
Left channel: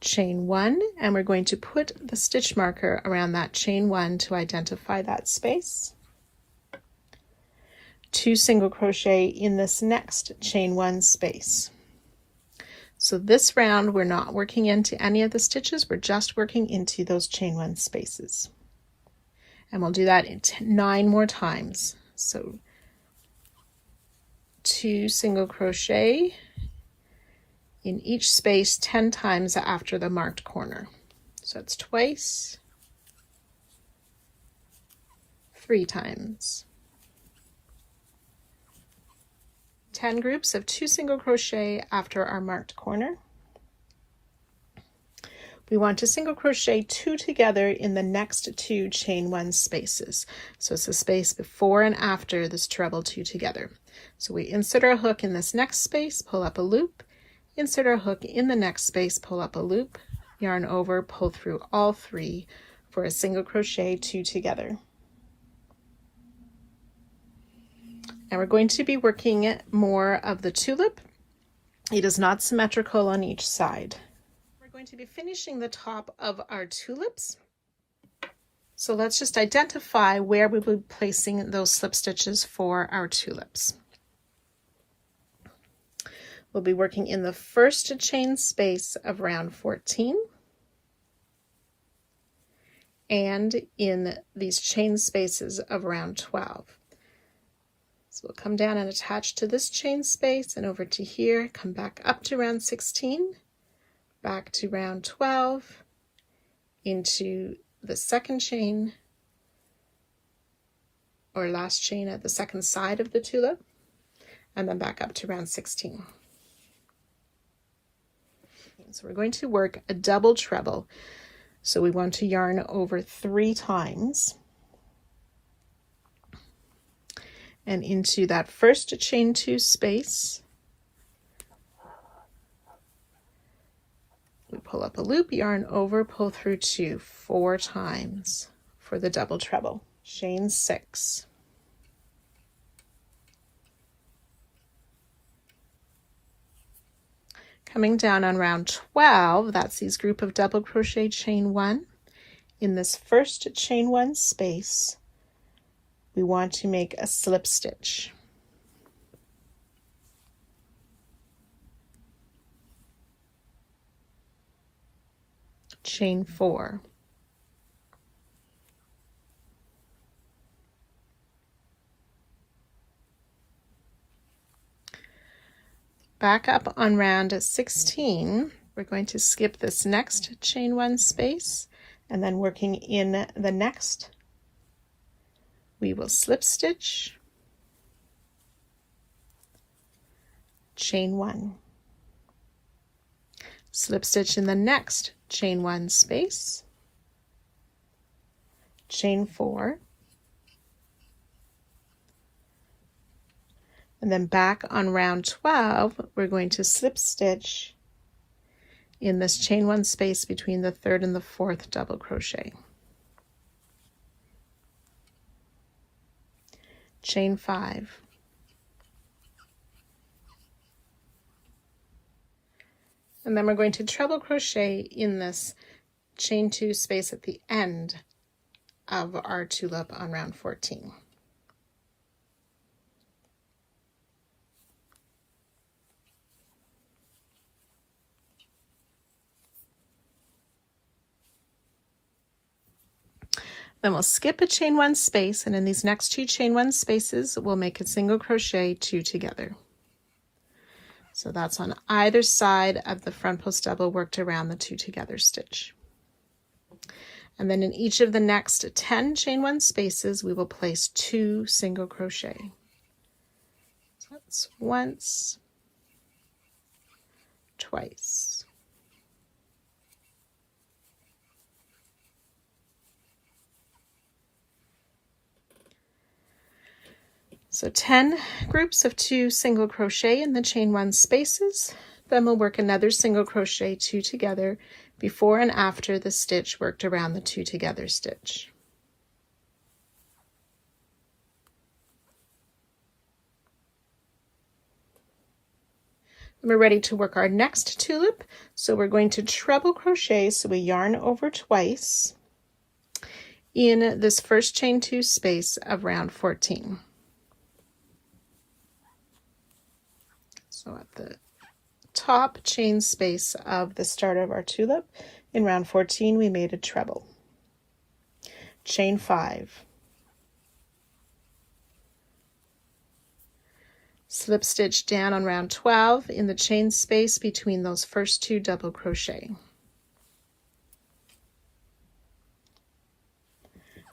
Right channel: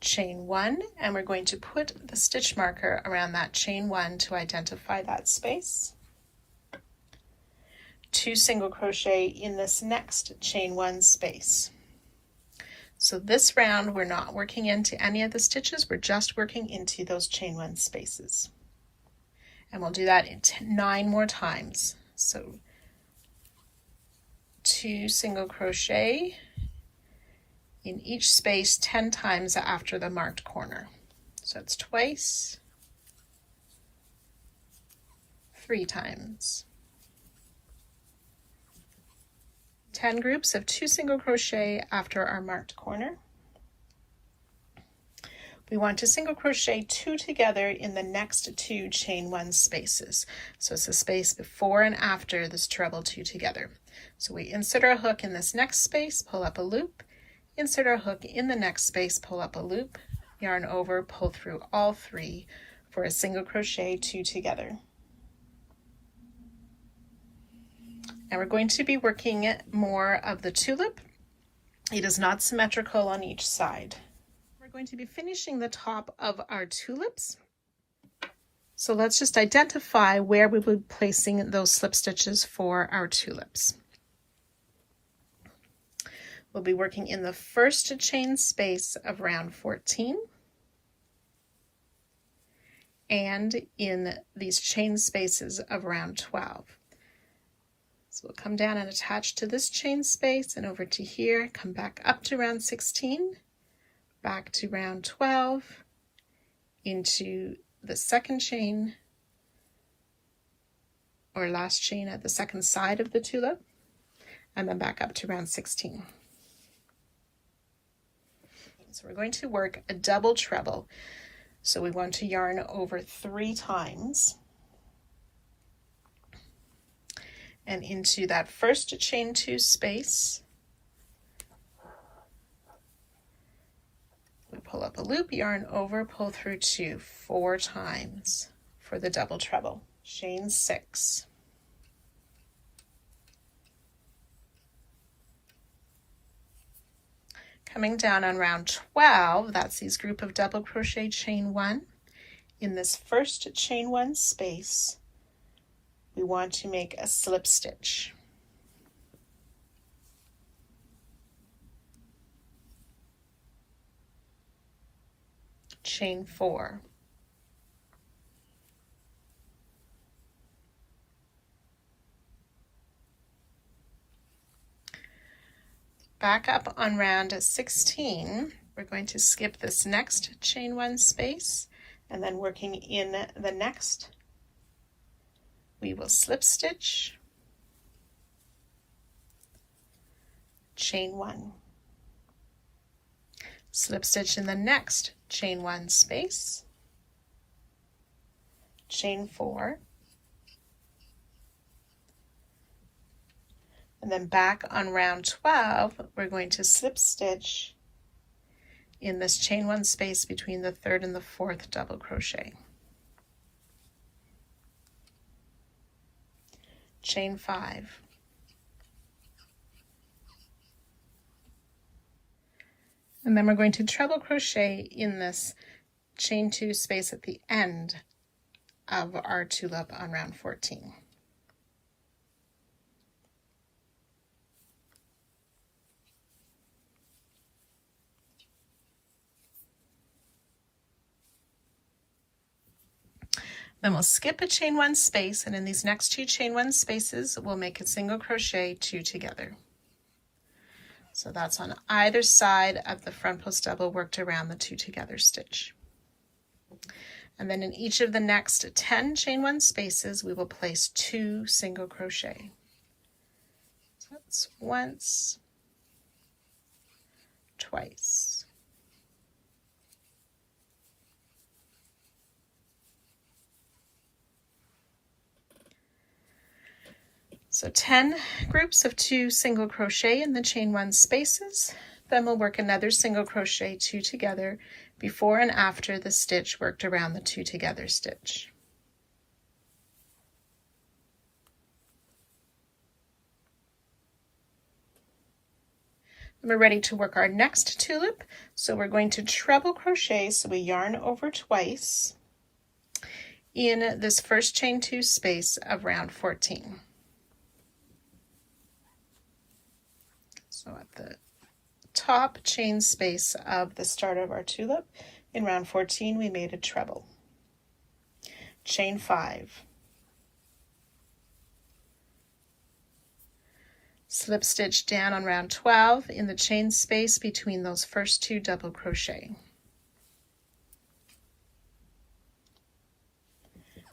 Chain 1, and we're going to put the stitch marker around that chain 1 to identify that space. 2 single crochet in this next chain 1 space. So this round, we're not working into any of the stitches, we're just working into those chain 1 spaces. And we'll do that 9 more times. So 2 single crochet in each space 10 times after the marked corner. So that's twice, 3 times. 10 groups of 2 single crochet after our marked corner. We want to single crochet 2 together in the next 2 chain 1 spaces. So it's the space before and after this treble 2 together. So we insert our hook in this next space, pull up a loop, insert our hook in the next space, pull up a loop, yarn over, pull through all 3 for a single crochet 2 together. And we're going to be working more of the tulip. It is not symmetrical on each side. We're going to be finishing the top of our tulips. So let's just identify where we will be placing those slip stitches for our tulips. We'll be working in the first chain space of round 14 and in these chain spaces of round 12. So we'll come down and attach to this chain space and over to here, come back up to round 16, back to round 12, into the second chain or last chain at the second side of the tulip, and then back up to round 16. So we're going to work a double treble. So we want to yarn over 3 times. And into that first chain 2 space, we pull up a loop, yarn over, pull through 2 4 times for the double treble. Chain 6. Coming down on round 12, that's these group of double crochet chain 1. In this first chain 1 space, we want to make a slip stitch. Chain 4. Back up on round 16, we're going to skip this next chain 1 space, and then working in the next, we will slip stitch, chain 1, slip stitch in the next chain 1 space, chain 4, and then back on round 12, we're going to slip stitch in this chain 1 space between the 3rd and the 4th double crochet. Chain 5. And then we're going to treble crochet in this chain 2 space at the end of our tulip on round 14. Then we'll skip a chain one space, and in these next two chain one spaces, we'll make a single crochet two together. So that's on either side of the front post double worked around the two together stitch. And then in each of the next 10 chain one spaces, we will place two single crochet. So that's once, twice. So 10 groups of two single crochet in the chain one spaces. Then we'll work another single crochet two together before and after the stitch worked around the two together stitch. We're ready to work our next tulip. So we're going to treble crochet, so we yarn over twice in this first chain two space of round 14. So at the top chain space of the start of our tulip, in round 14, we made a treble. Chain 5. Slip stitch down on round 12 in the chain space between those first two double crochet.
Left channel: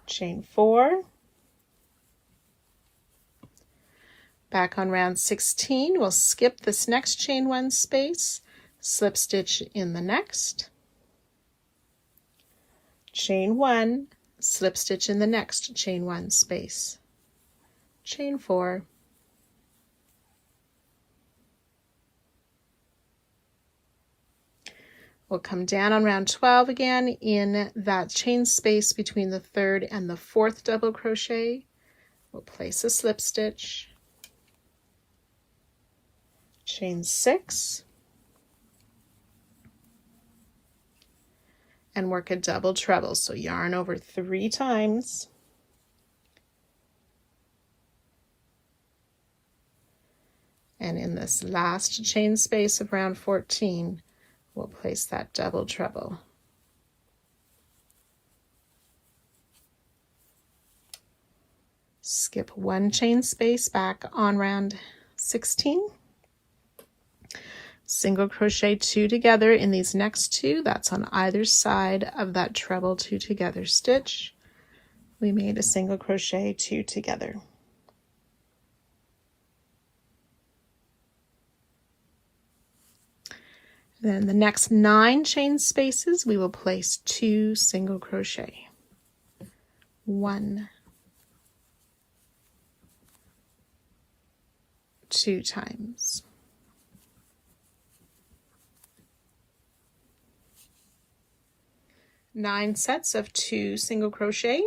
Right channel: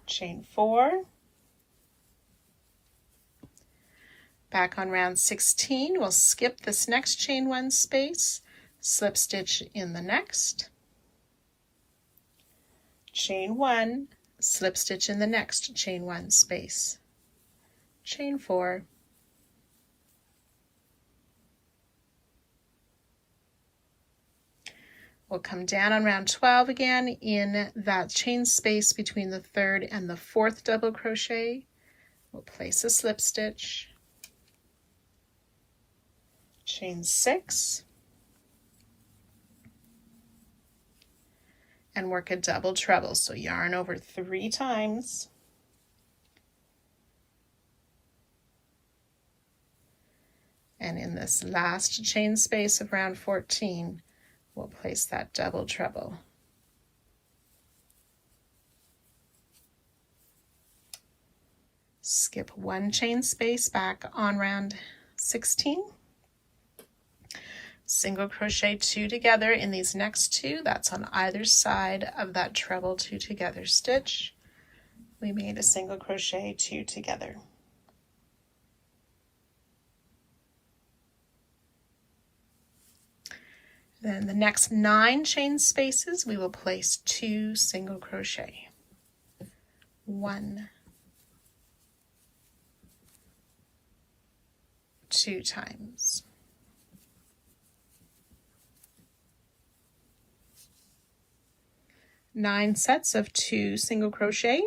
Chain 4. Back on round 16, we'll skip this next chain one space, slip stitch in the next, chain 1, slip stitch in the next chain 1 space, chain 4, we'll come down on round 12 again in that chain space between the third and the fourth double crochet. We'll place a slip stitch, chain 6, and work a double treble. So yarn over 3 times, and in this last chain space of round 14, we'll place that double treble. Skip 1 chain space back on round 16. Single crochet 2 together in these next 2, that's on either side of that treble 2 together stitch. We made a single crochet 2 together. Then the next 9 chain spaces, we will place 2 single crochet. 1, 2 times. 9 sets of 2 single crochet,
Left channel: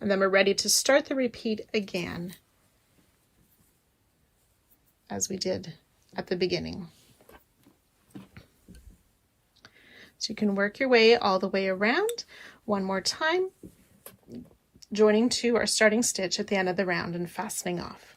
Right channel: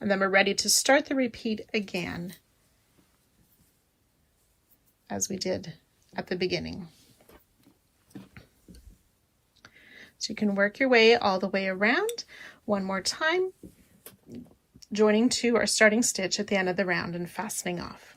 and then we're ready to start the repeat again as we did at the beginning. So you can work your way all the way around one more time, joining to our starting stitch at the end of the round and fastening off.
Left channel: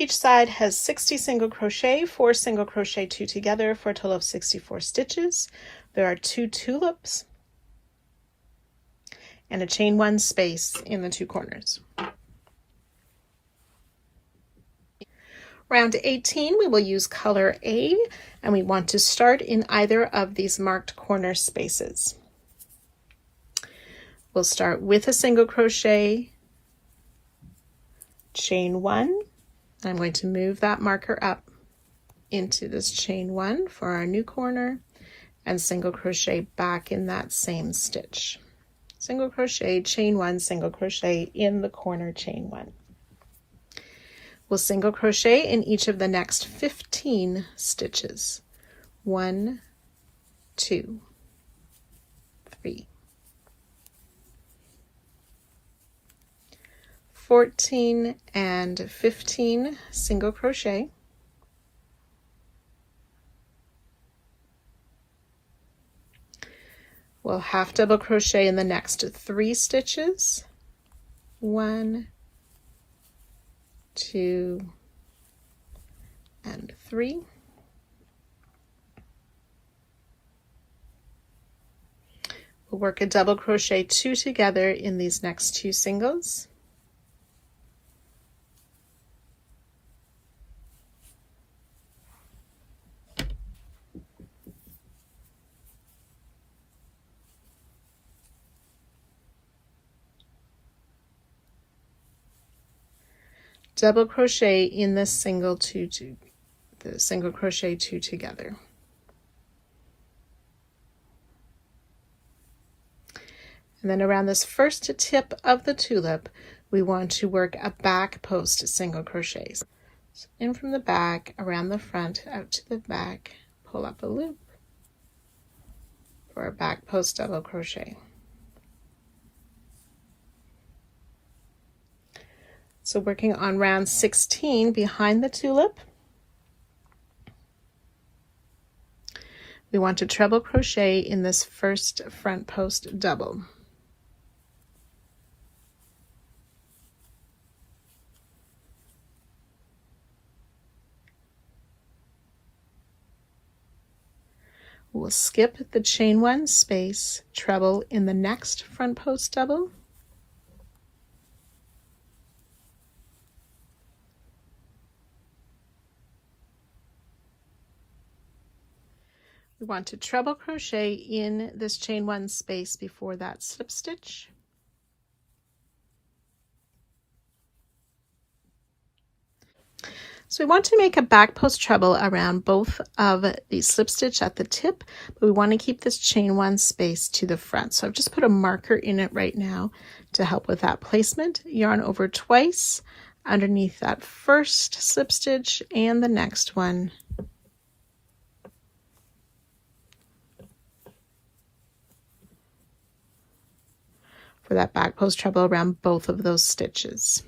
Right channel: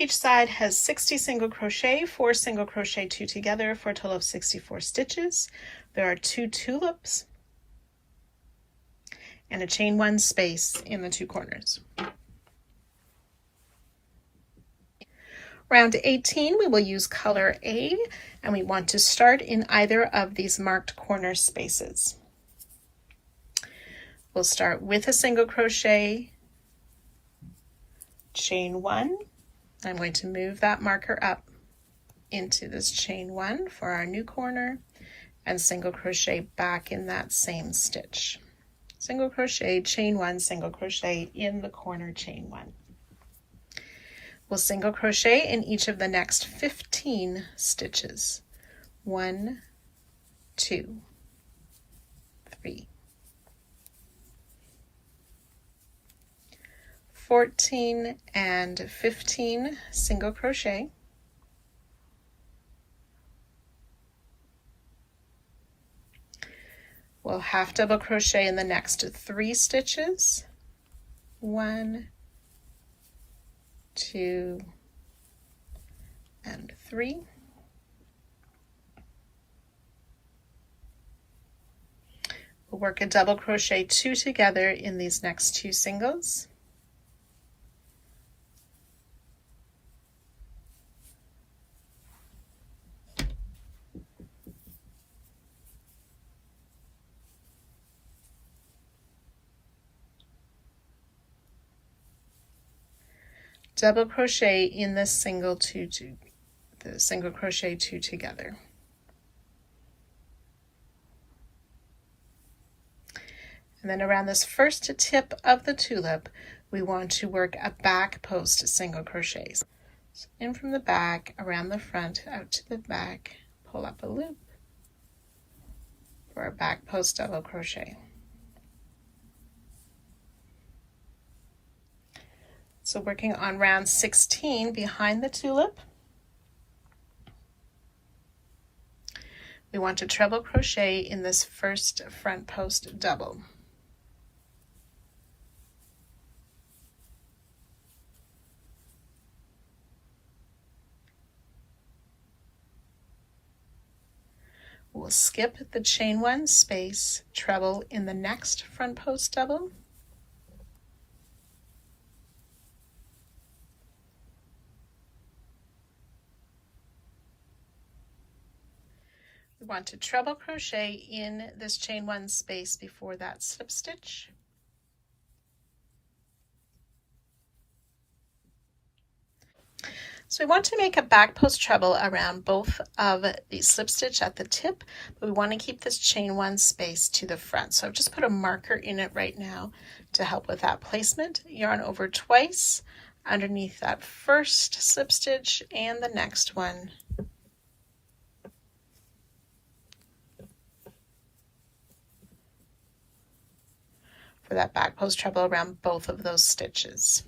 Each side has 60 single crochet, 4 single crochet 2 together for a total of 64 stitches. There are 2 tulips and a chain 1 space in the 2 corners. Round 18, we will use color A, and we want to start in either of these marked corner spaces. We'll start with a single crochet, chain 1. I'm going to move that marker up into this chain 1 for our new corner and single crochet back in that same stitch. Single crochet, chain 1, single crochet in the corner, chain 1. We'll single crochet in each of the next 15 stitches. 1, 2, 3, 14 and 15 single crochet, We'll half double crochet in the next 3 stitches. 1, 2, and 3. We'll work a double crochet 2 together in these next 2 singles. Double crochet in this single the single crochet 2 together. And then around this first tip of the tulip, we want to work a back post single crochet. So in from the back, around the front, out to the back, pull up a loop for a back post double crochet. So working on round 16 behind the tulip, we want to treble crochet in this first front post double. We'll skip the chain 1 space, treble in the next front post double. We want to treble crochet in this chain 1 space before that slip stitch. So we want to make a back post treble around both of the slip stitch at the tip, but we want to keep this chain 1 space to the front. So I've just put a marker in it right now to help with that placement. Yarn over twice underneath that first slip stitch and the next one. For that back post treble around both of those stitches.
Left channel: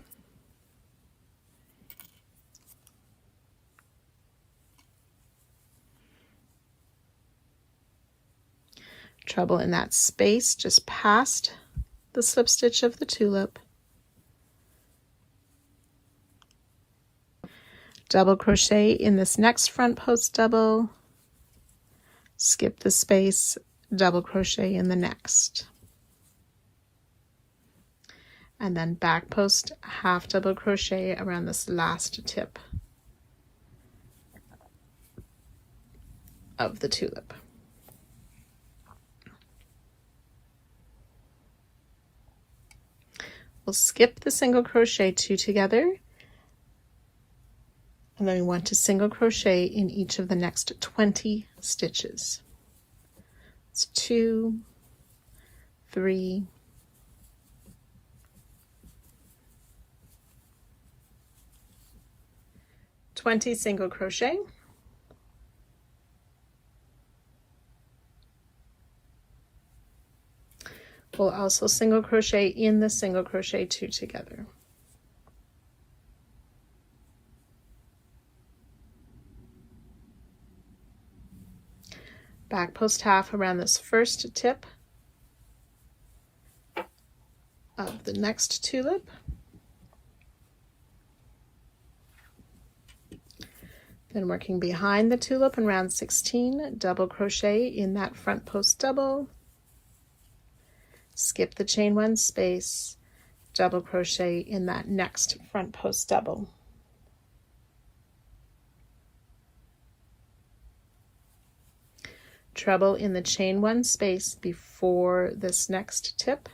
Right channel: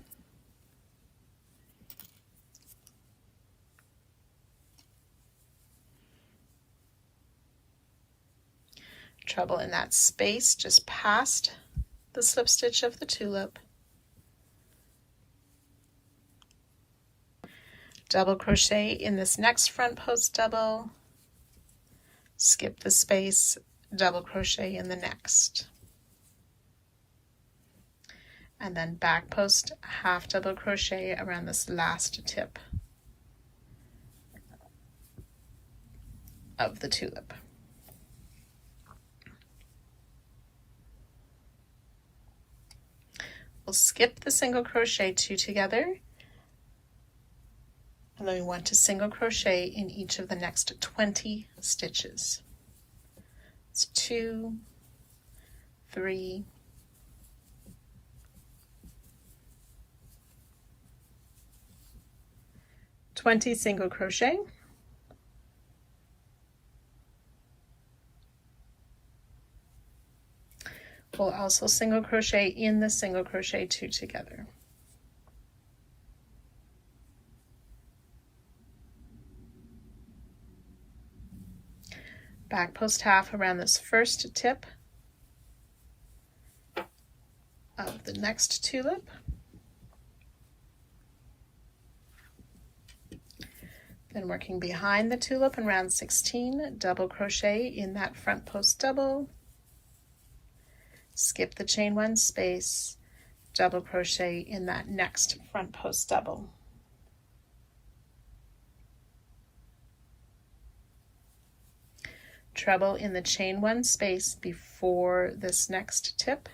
Treble in that space just past the slip stitch of the tulip. Double crochet in this next front post double, skip the space, double crochet in the next. And then back post half double crochet around this last tip of the tulip. We'll skip the single crochet 2 together, and then we want to single crochet in each of the next 20 stitches. It's 2, 3, 20 single crochet. We'll also single crochet in the single crochet 2 together. Back post half around this first tip of the next tulip. Then working behind the tulip in round 16, double crochet in that front post double. Skip the chain 1 space, double crochet in that next front post double. Treble in the chain 1 space before this next tip.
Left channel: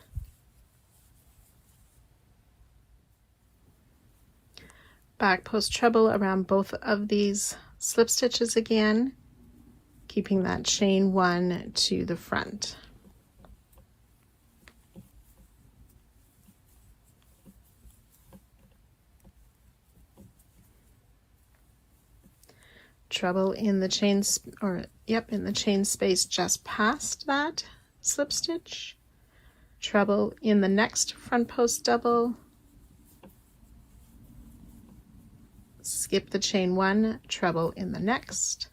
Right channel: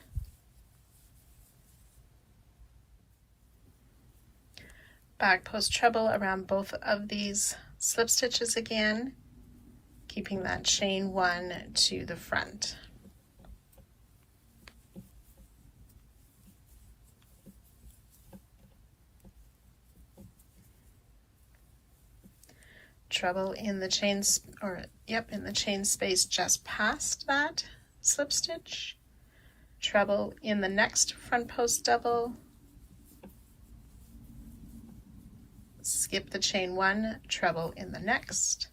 Back post treble around both of these slip stitches again, keeping that chain 1 to the front. Treble in the chain, in the chain space just past that slip stitch. Treble in the next front post double. Skip the chain 1, treble in the next.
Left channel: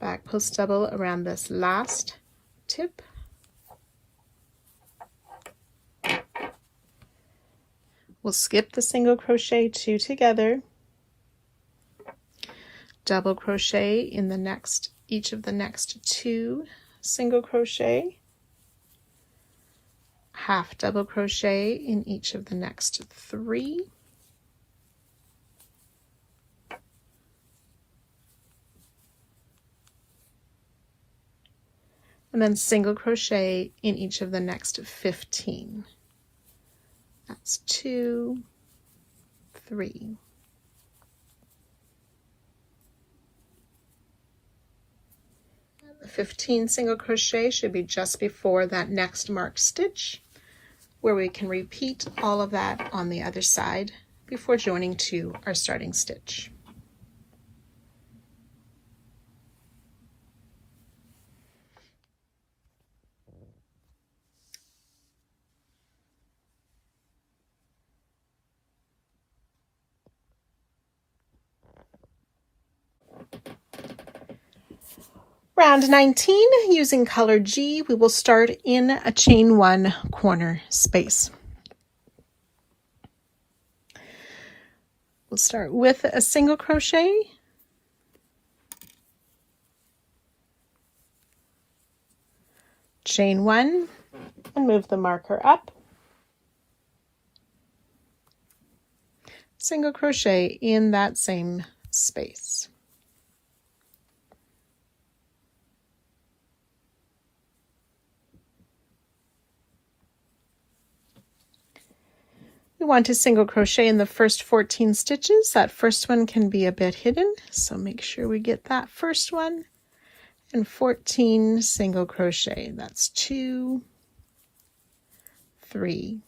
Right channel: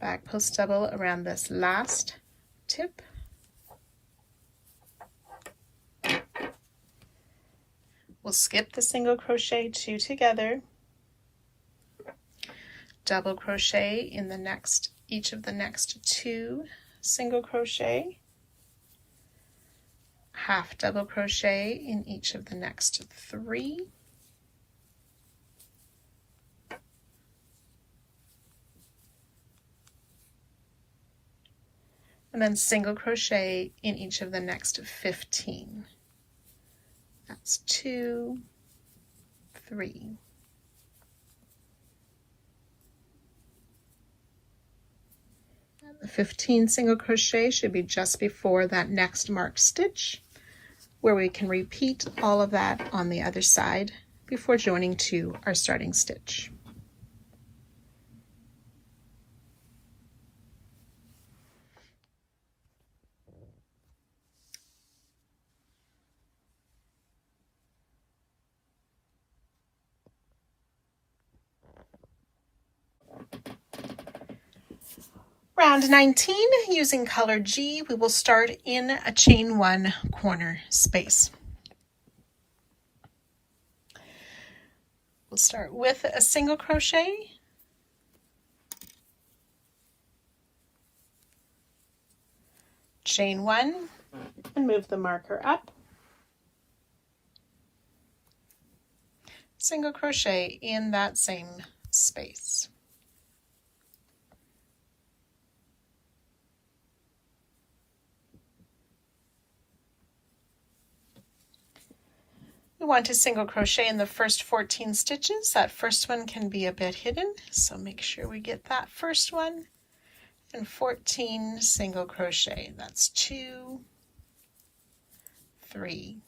back post double around this last tip. We'll skip the single crochet, 2 together, double crochet in the next, each of the next 2 single crochet, half double crochet in each of the next 3, and then single crochet in each of the next 15. That's 2, 3. The 15 single crochet should be just before that next marked stitch, where we can repeat all of that on the other side before joining to our starting stitch. Round 19, using color G, we will start in a chain 1 corner space. We'll start with a single crochet, chain 1, and move the marker up, single crochet in that same space. We want to single crochet in the first 14 stitches. That first one can be a bit hidden, so make sure we get that first one. And 14 single crochet. That's 2, 3,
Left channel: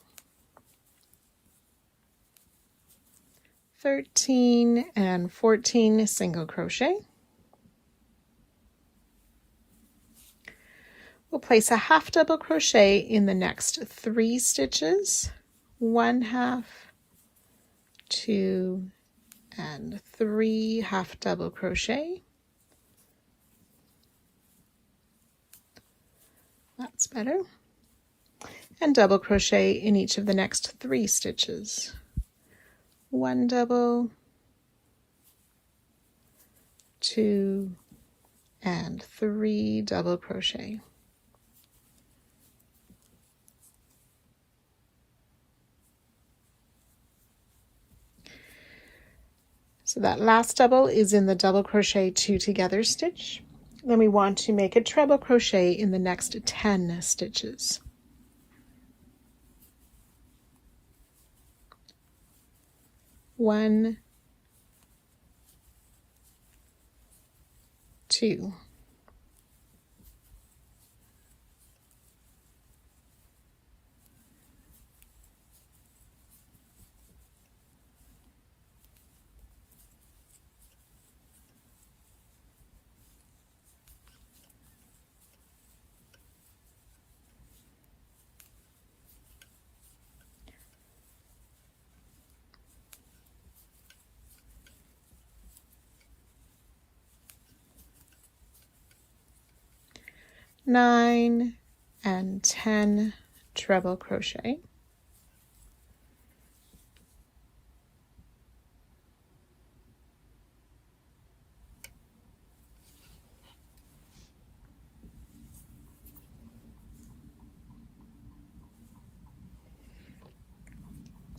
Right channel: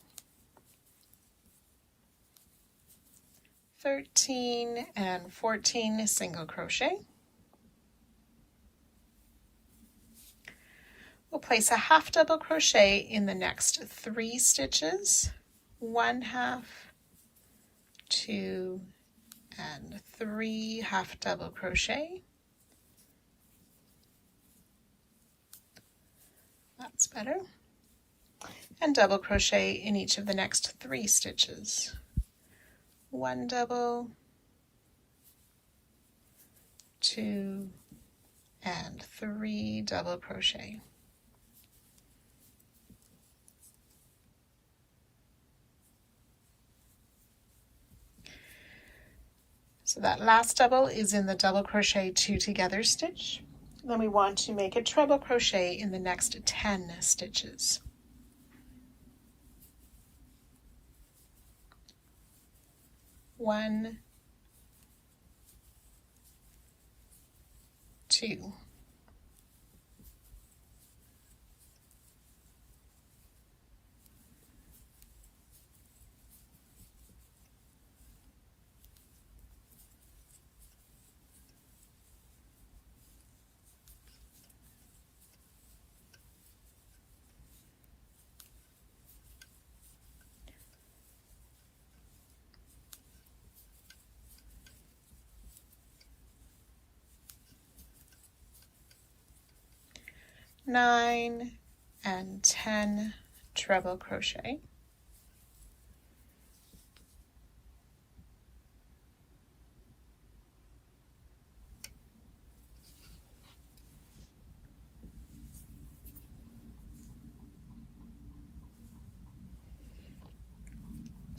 13, and 14 single crochet. We'll place a half double crochet in the next 3 stitches. 1 half, 2, and 3 half double crochet. That's better. And double crochet in each of the next 3 stitches. 1 double, 2, and 3 double crochet. So that last double is in the double crochet 2 together stitch. Then we want to make a treble crochet in the next 10 stitches. 1, 2, 9, and 10 treble crochet.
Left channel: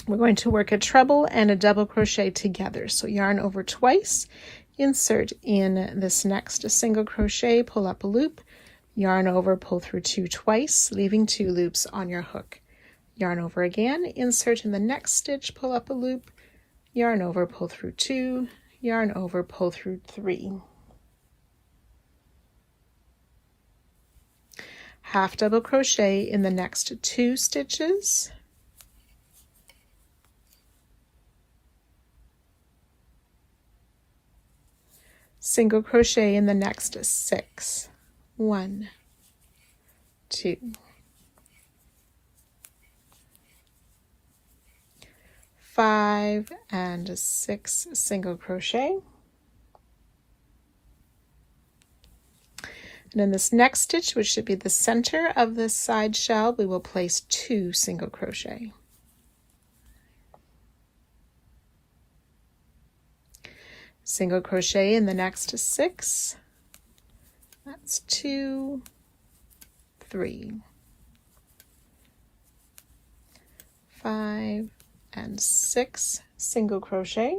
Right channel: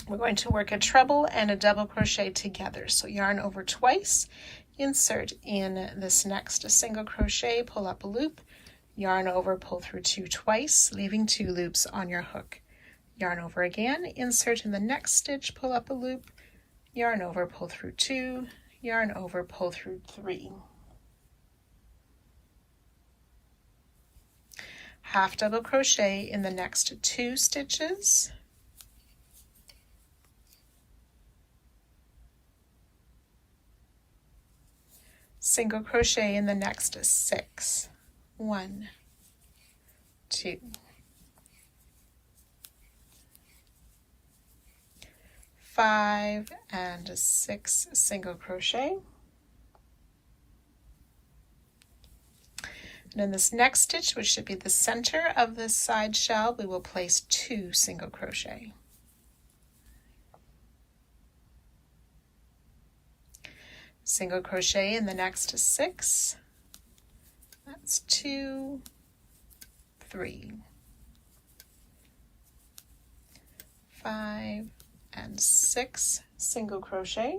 We're going to work a treble and a double crochet together. So yarn over twice, insert in this next single crochet, pull up a loop, yarn over, pull through 2 twice, leaving 2 loops on your hook. Yarn over again, insert in the next stitch, pull up a loop, yarn over, pull through 2, yarn over, pull through 3. Half double crochet in the next 2 stitches. Single crochet in the next 6. 1, 2, 5, and 6 single crochet. And in this next stitch, which should be the center of the side shell, we will place 2 single crochet. Single crochet in the next 6. That's 2, 3, 5, and 6 single crochet.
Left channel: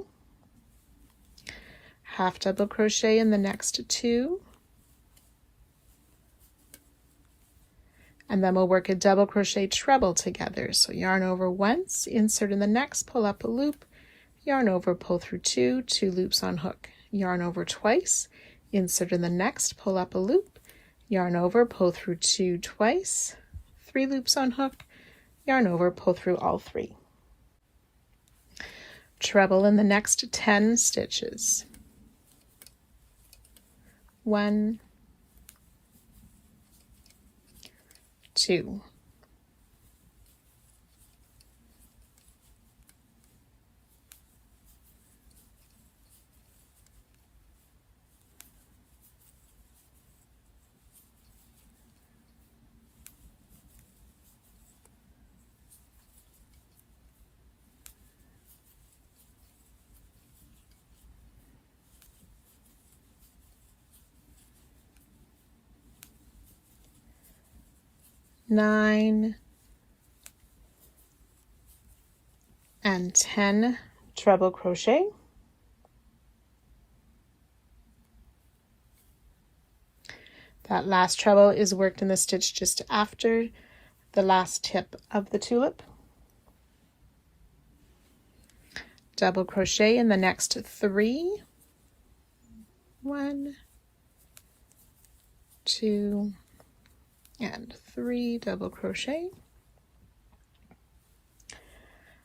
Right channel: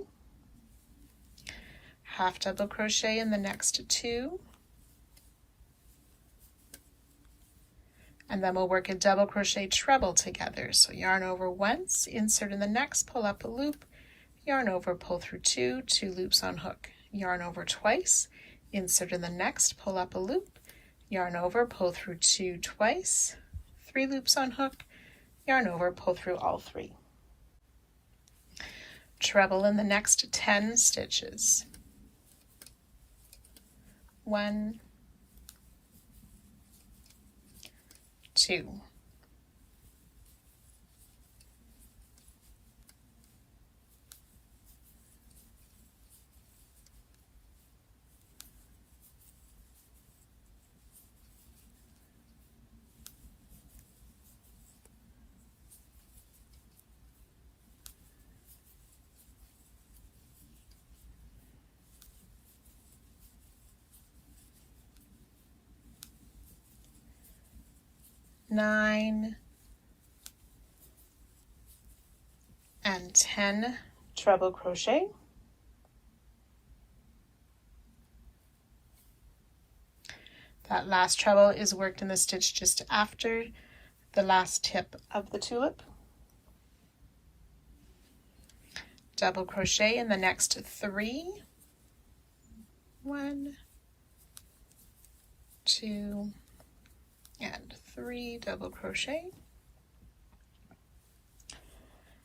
Half double crochet in the next 2. And then we'll work a double crochet treble together. So yarn over once, insert in the next, pull up a loop, yarn over, pull through 2, 2 loops on hook, yarn over twice, insert in the next, pull up a loop, yarn over, pull through 2 twice, 3 loops on hook, yarn over, pull through all 3. Treble in the next 10 stitches. 1, 2, 9, and 10 treble crochet. That last treble is worked in the stitch just after the last tip of the tulip. Double crochet in the next 3. 1, 2, and 3 double crochet.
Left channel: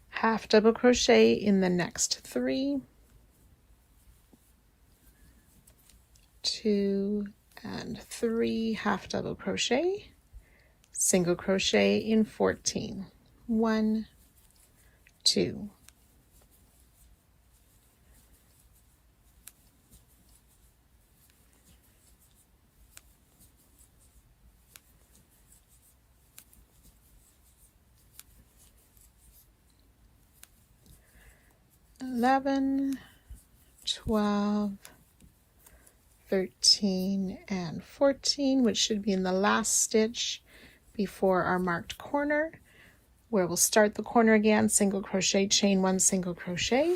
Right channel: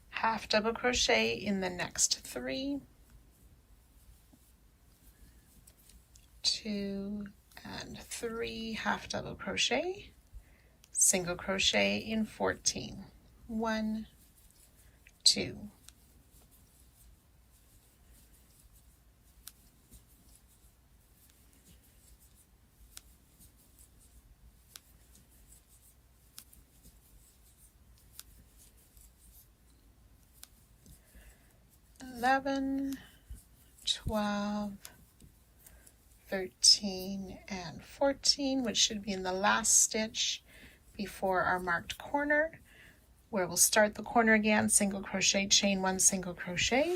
Half double crochet in the next 3. 2 and 3 half double crochet. Single crochet in 14. 1, 2. Eleven, 12, 13, and 14, which should be in the last stitch before our marked corner, where we'll start the corner again, single crochet, chain 1 single crochet,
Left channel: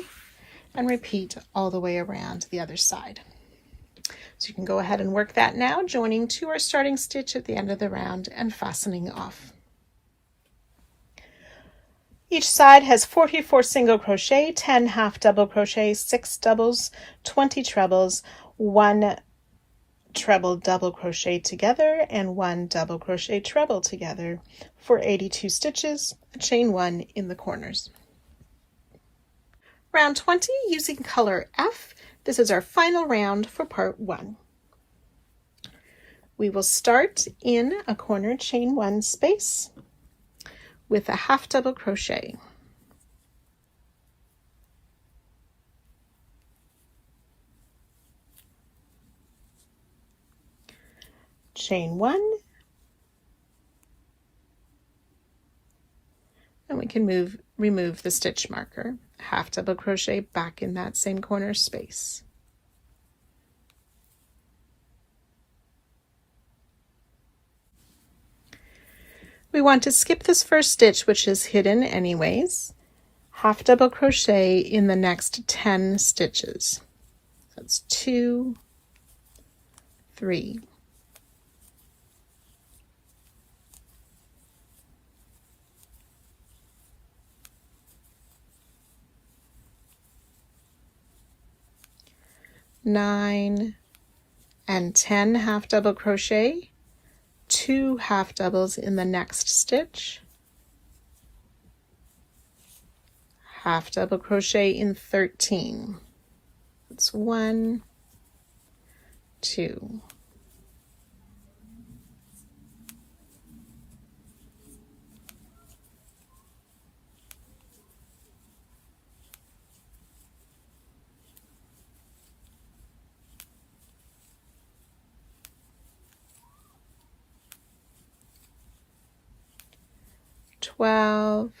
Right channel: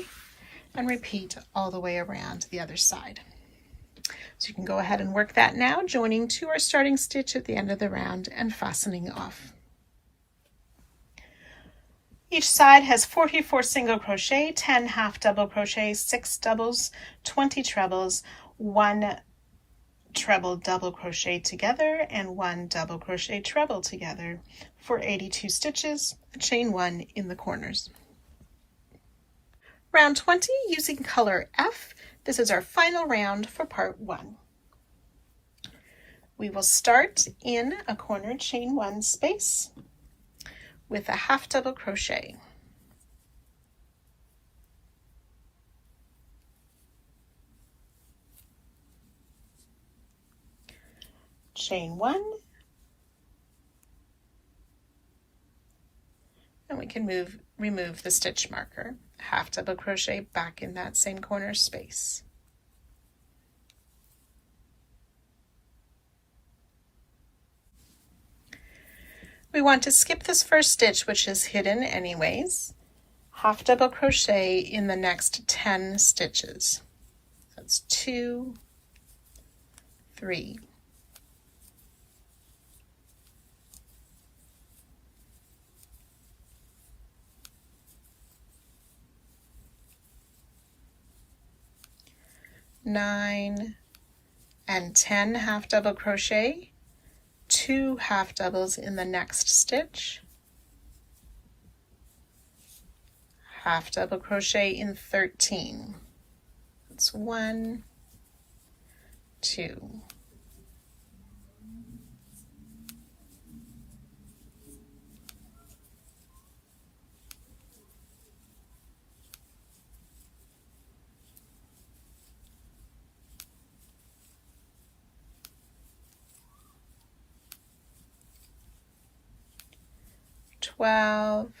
and repeat all the way around the other side. So you can go ahead and work that now, joining to our starting stitch at the end of the round and fastening off. Each side has 44 single crochet, 10 half double crochet, 6 doubles, 20 trebles, 1 treble double crochet together, and 1 double crochet treble together for 82 stitches, chain 1 in the corners. Round 20 using color F. This is our final round for part 1. We will start in a corner chain 1 space with a half double crochet. Chain 1, and we can remove the stitch marker. Half double crochet back in that same corner space. We want to skip this first stitch, which is hidden anyways. Half double crochet in the next 10 stitches. That's 2, 3, 9, and 10 half double crochet, 2 half doubles in the next stitch, half double crochet in 13. That's 1, 2, 12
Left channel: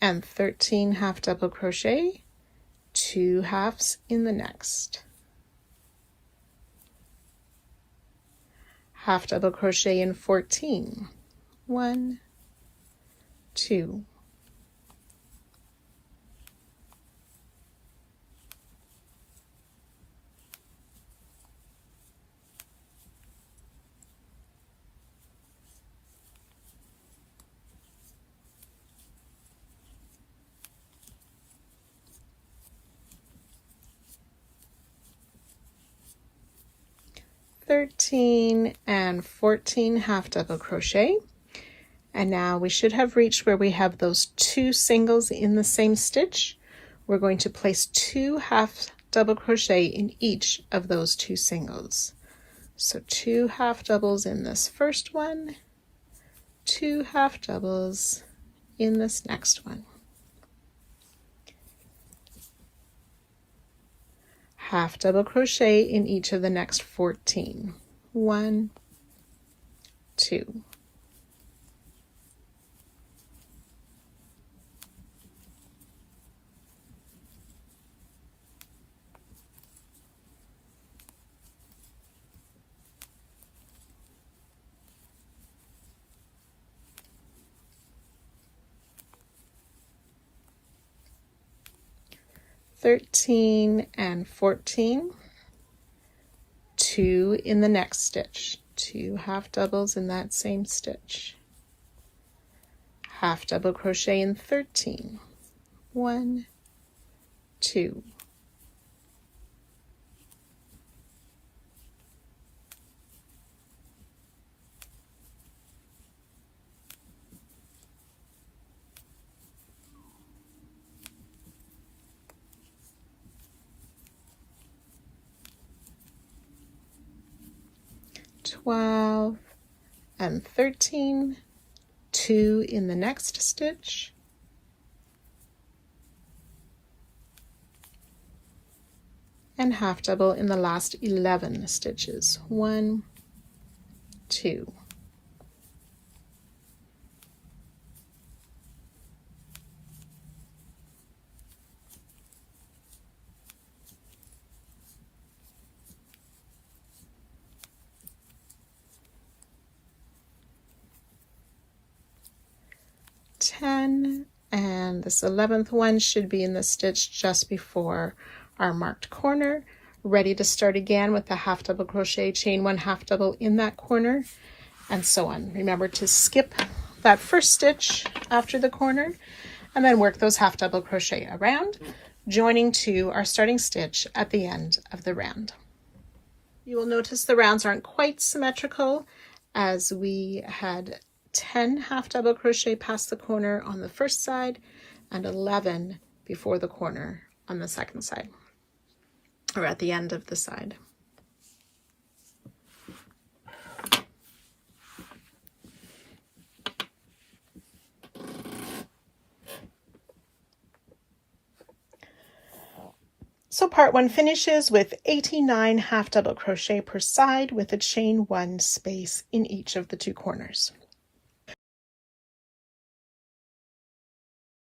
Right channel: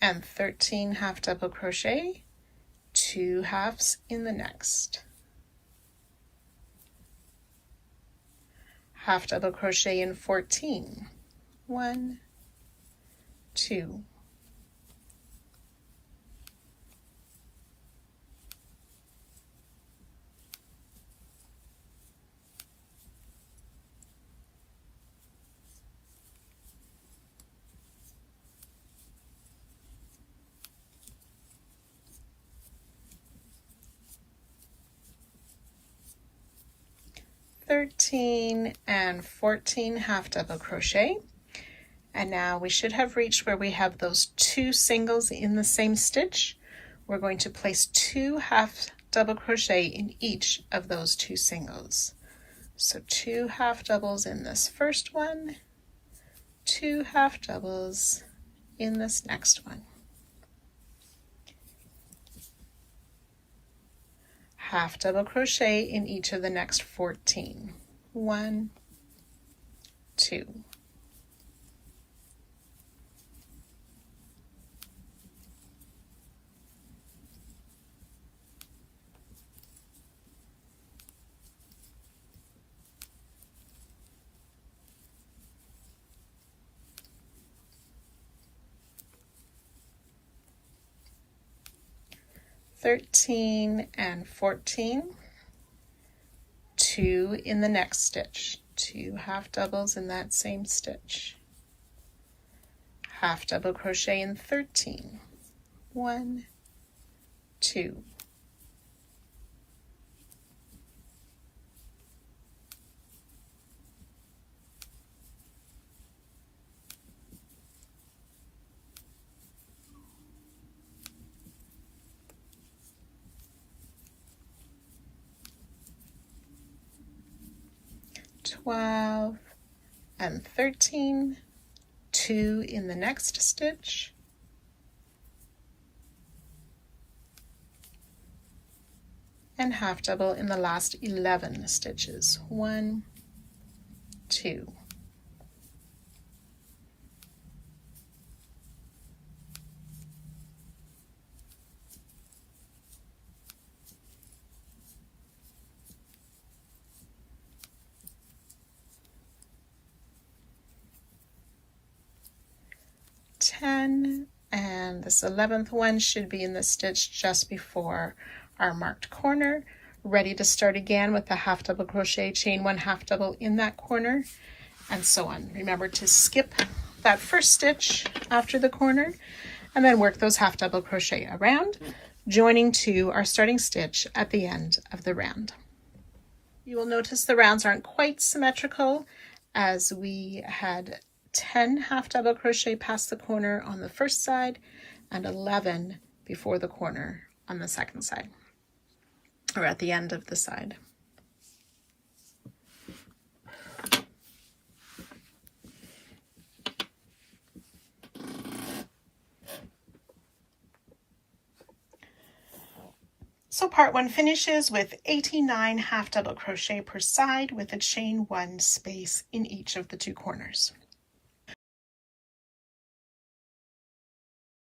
and 13 half double crochet, 2 halves in the next. Half double crochet in 14, 1, 2, 13 and 14 half double crochet, and now we should have reached where we have those 2 singles in the same stitch. We're going to place 2 half double crochet in each of those 2 singles. So 2 half doubles in this first one, 2 half doubles in this next one. Half double crochet in each of the next 14. 1, 2. (13 and 14), 2 in the next stitch, 2 half doubles in that same stitch, half double crochet in 13, 1, 2, 12 and 13, 2 in the next stitch, and half double in the last 11 stitches. 1, 2. And this 11th one should be in the stitch just before our marked corner. Ready to start again with the half double crochet, chain 1 half double in that corner, and so on. Remember to skip that first stitch after the corner and then work those half double crochet around, joining to our starting stitch at the end of the round. You will notice the rounds aren't quite symmetrical, as we had 10 half double crochet past the corner on the first side and 11 before the corner on the second side, or at the end of the side. So part 1 finishes with 89 half double crochet per side with a chain 1 space in each of the 2 corners.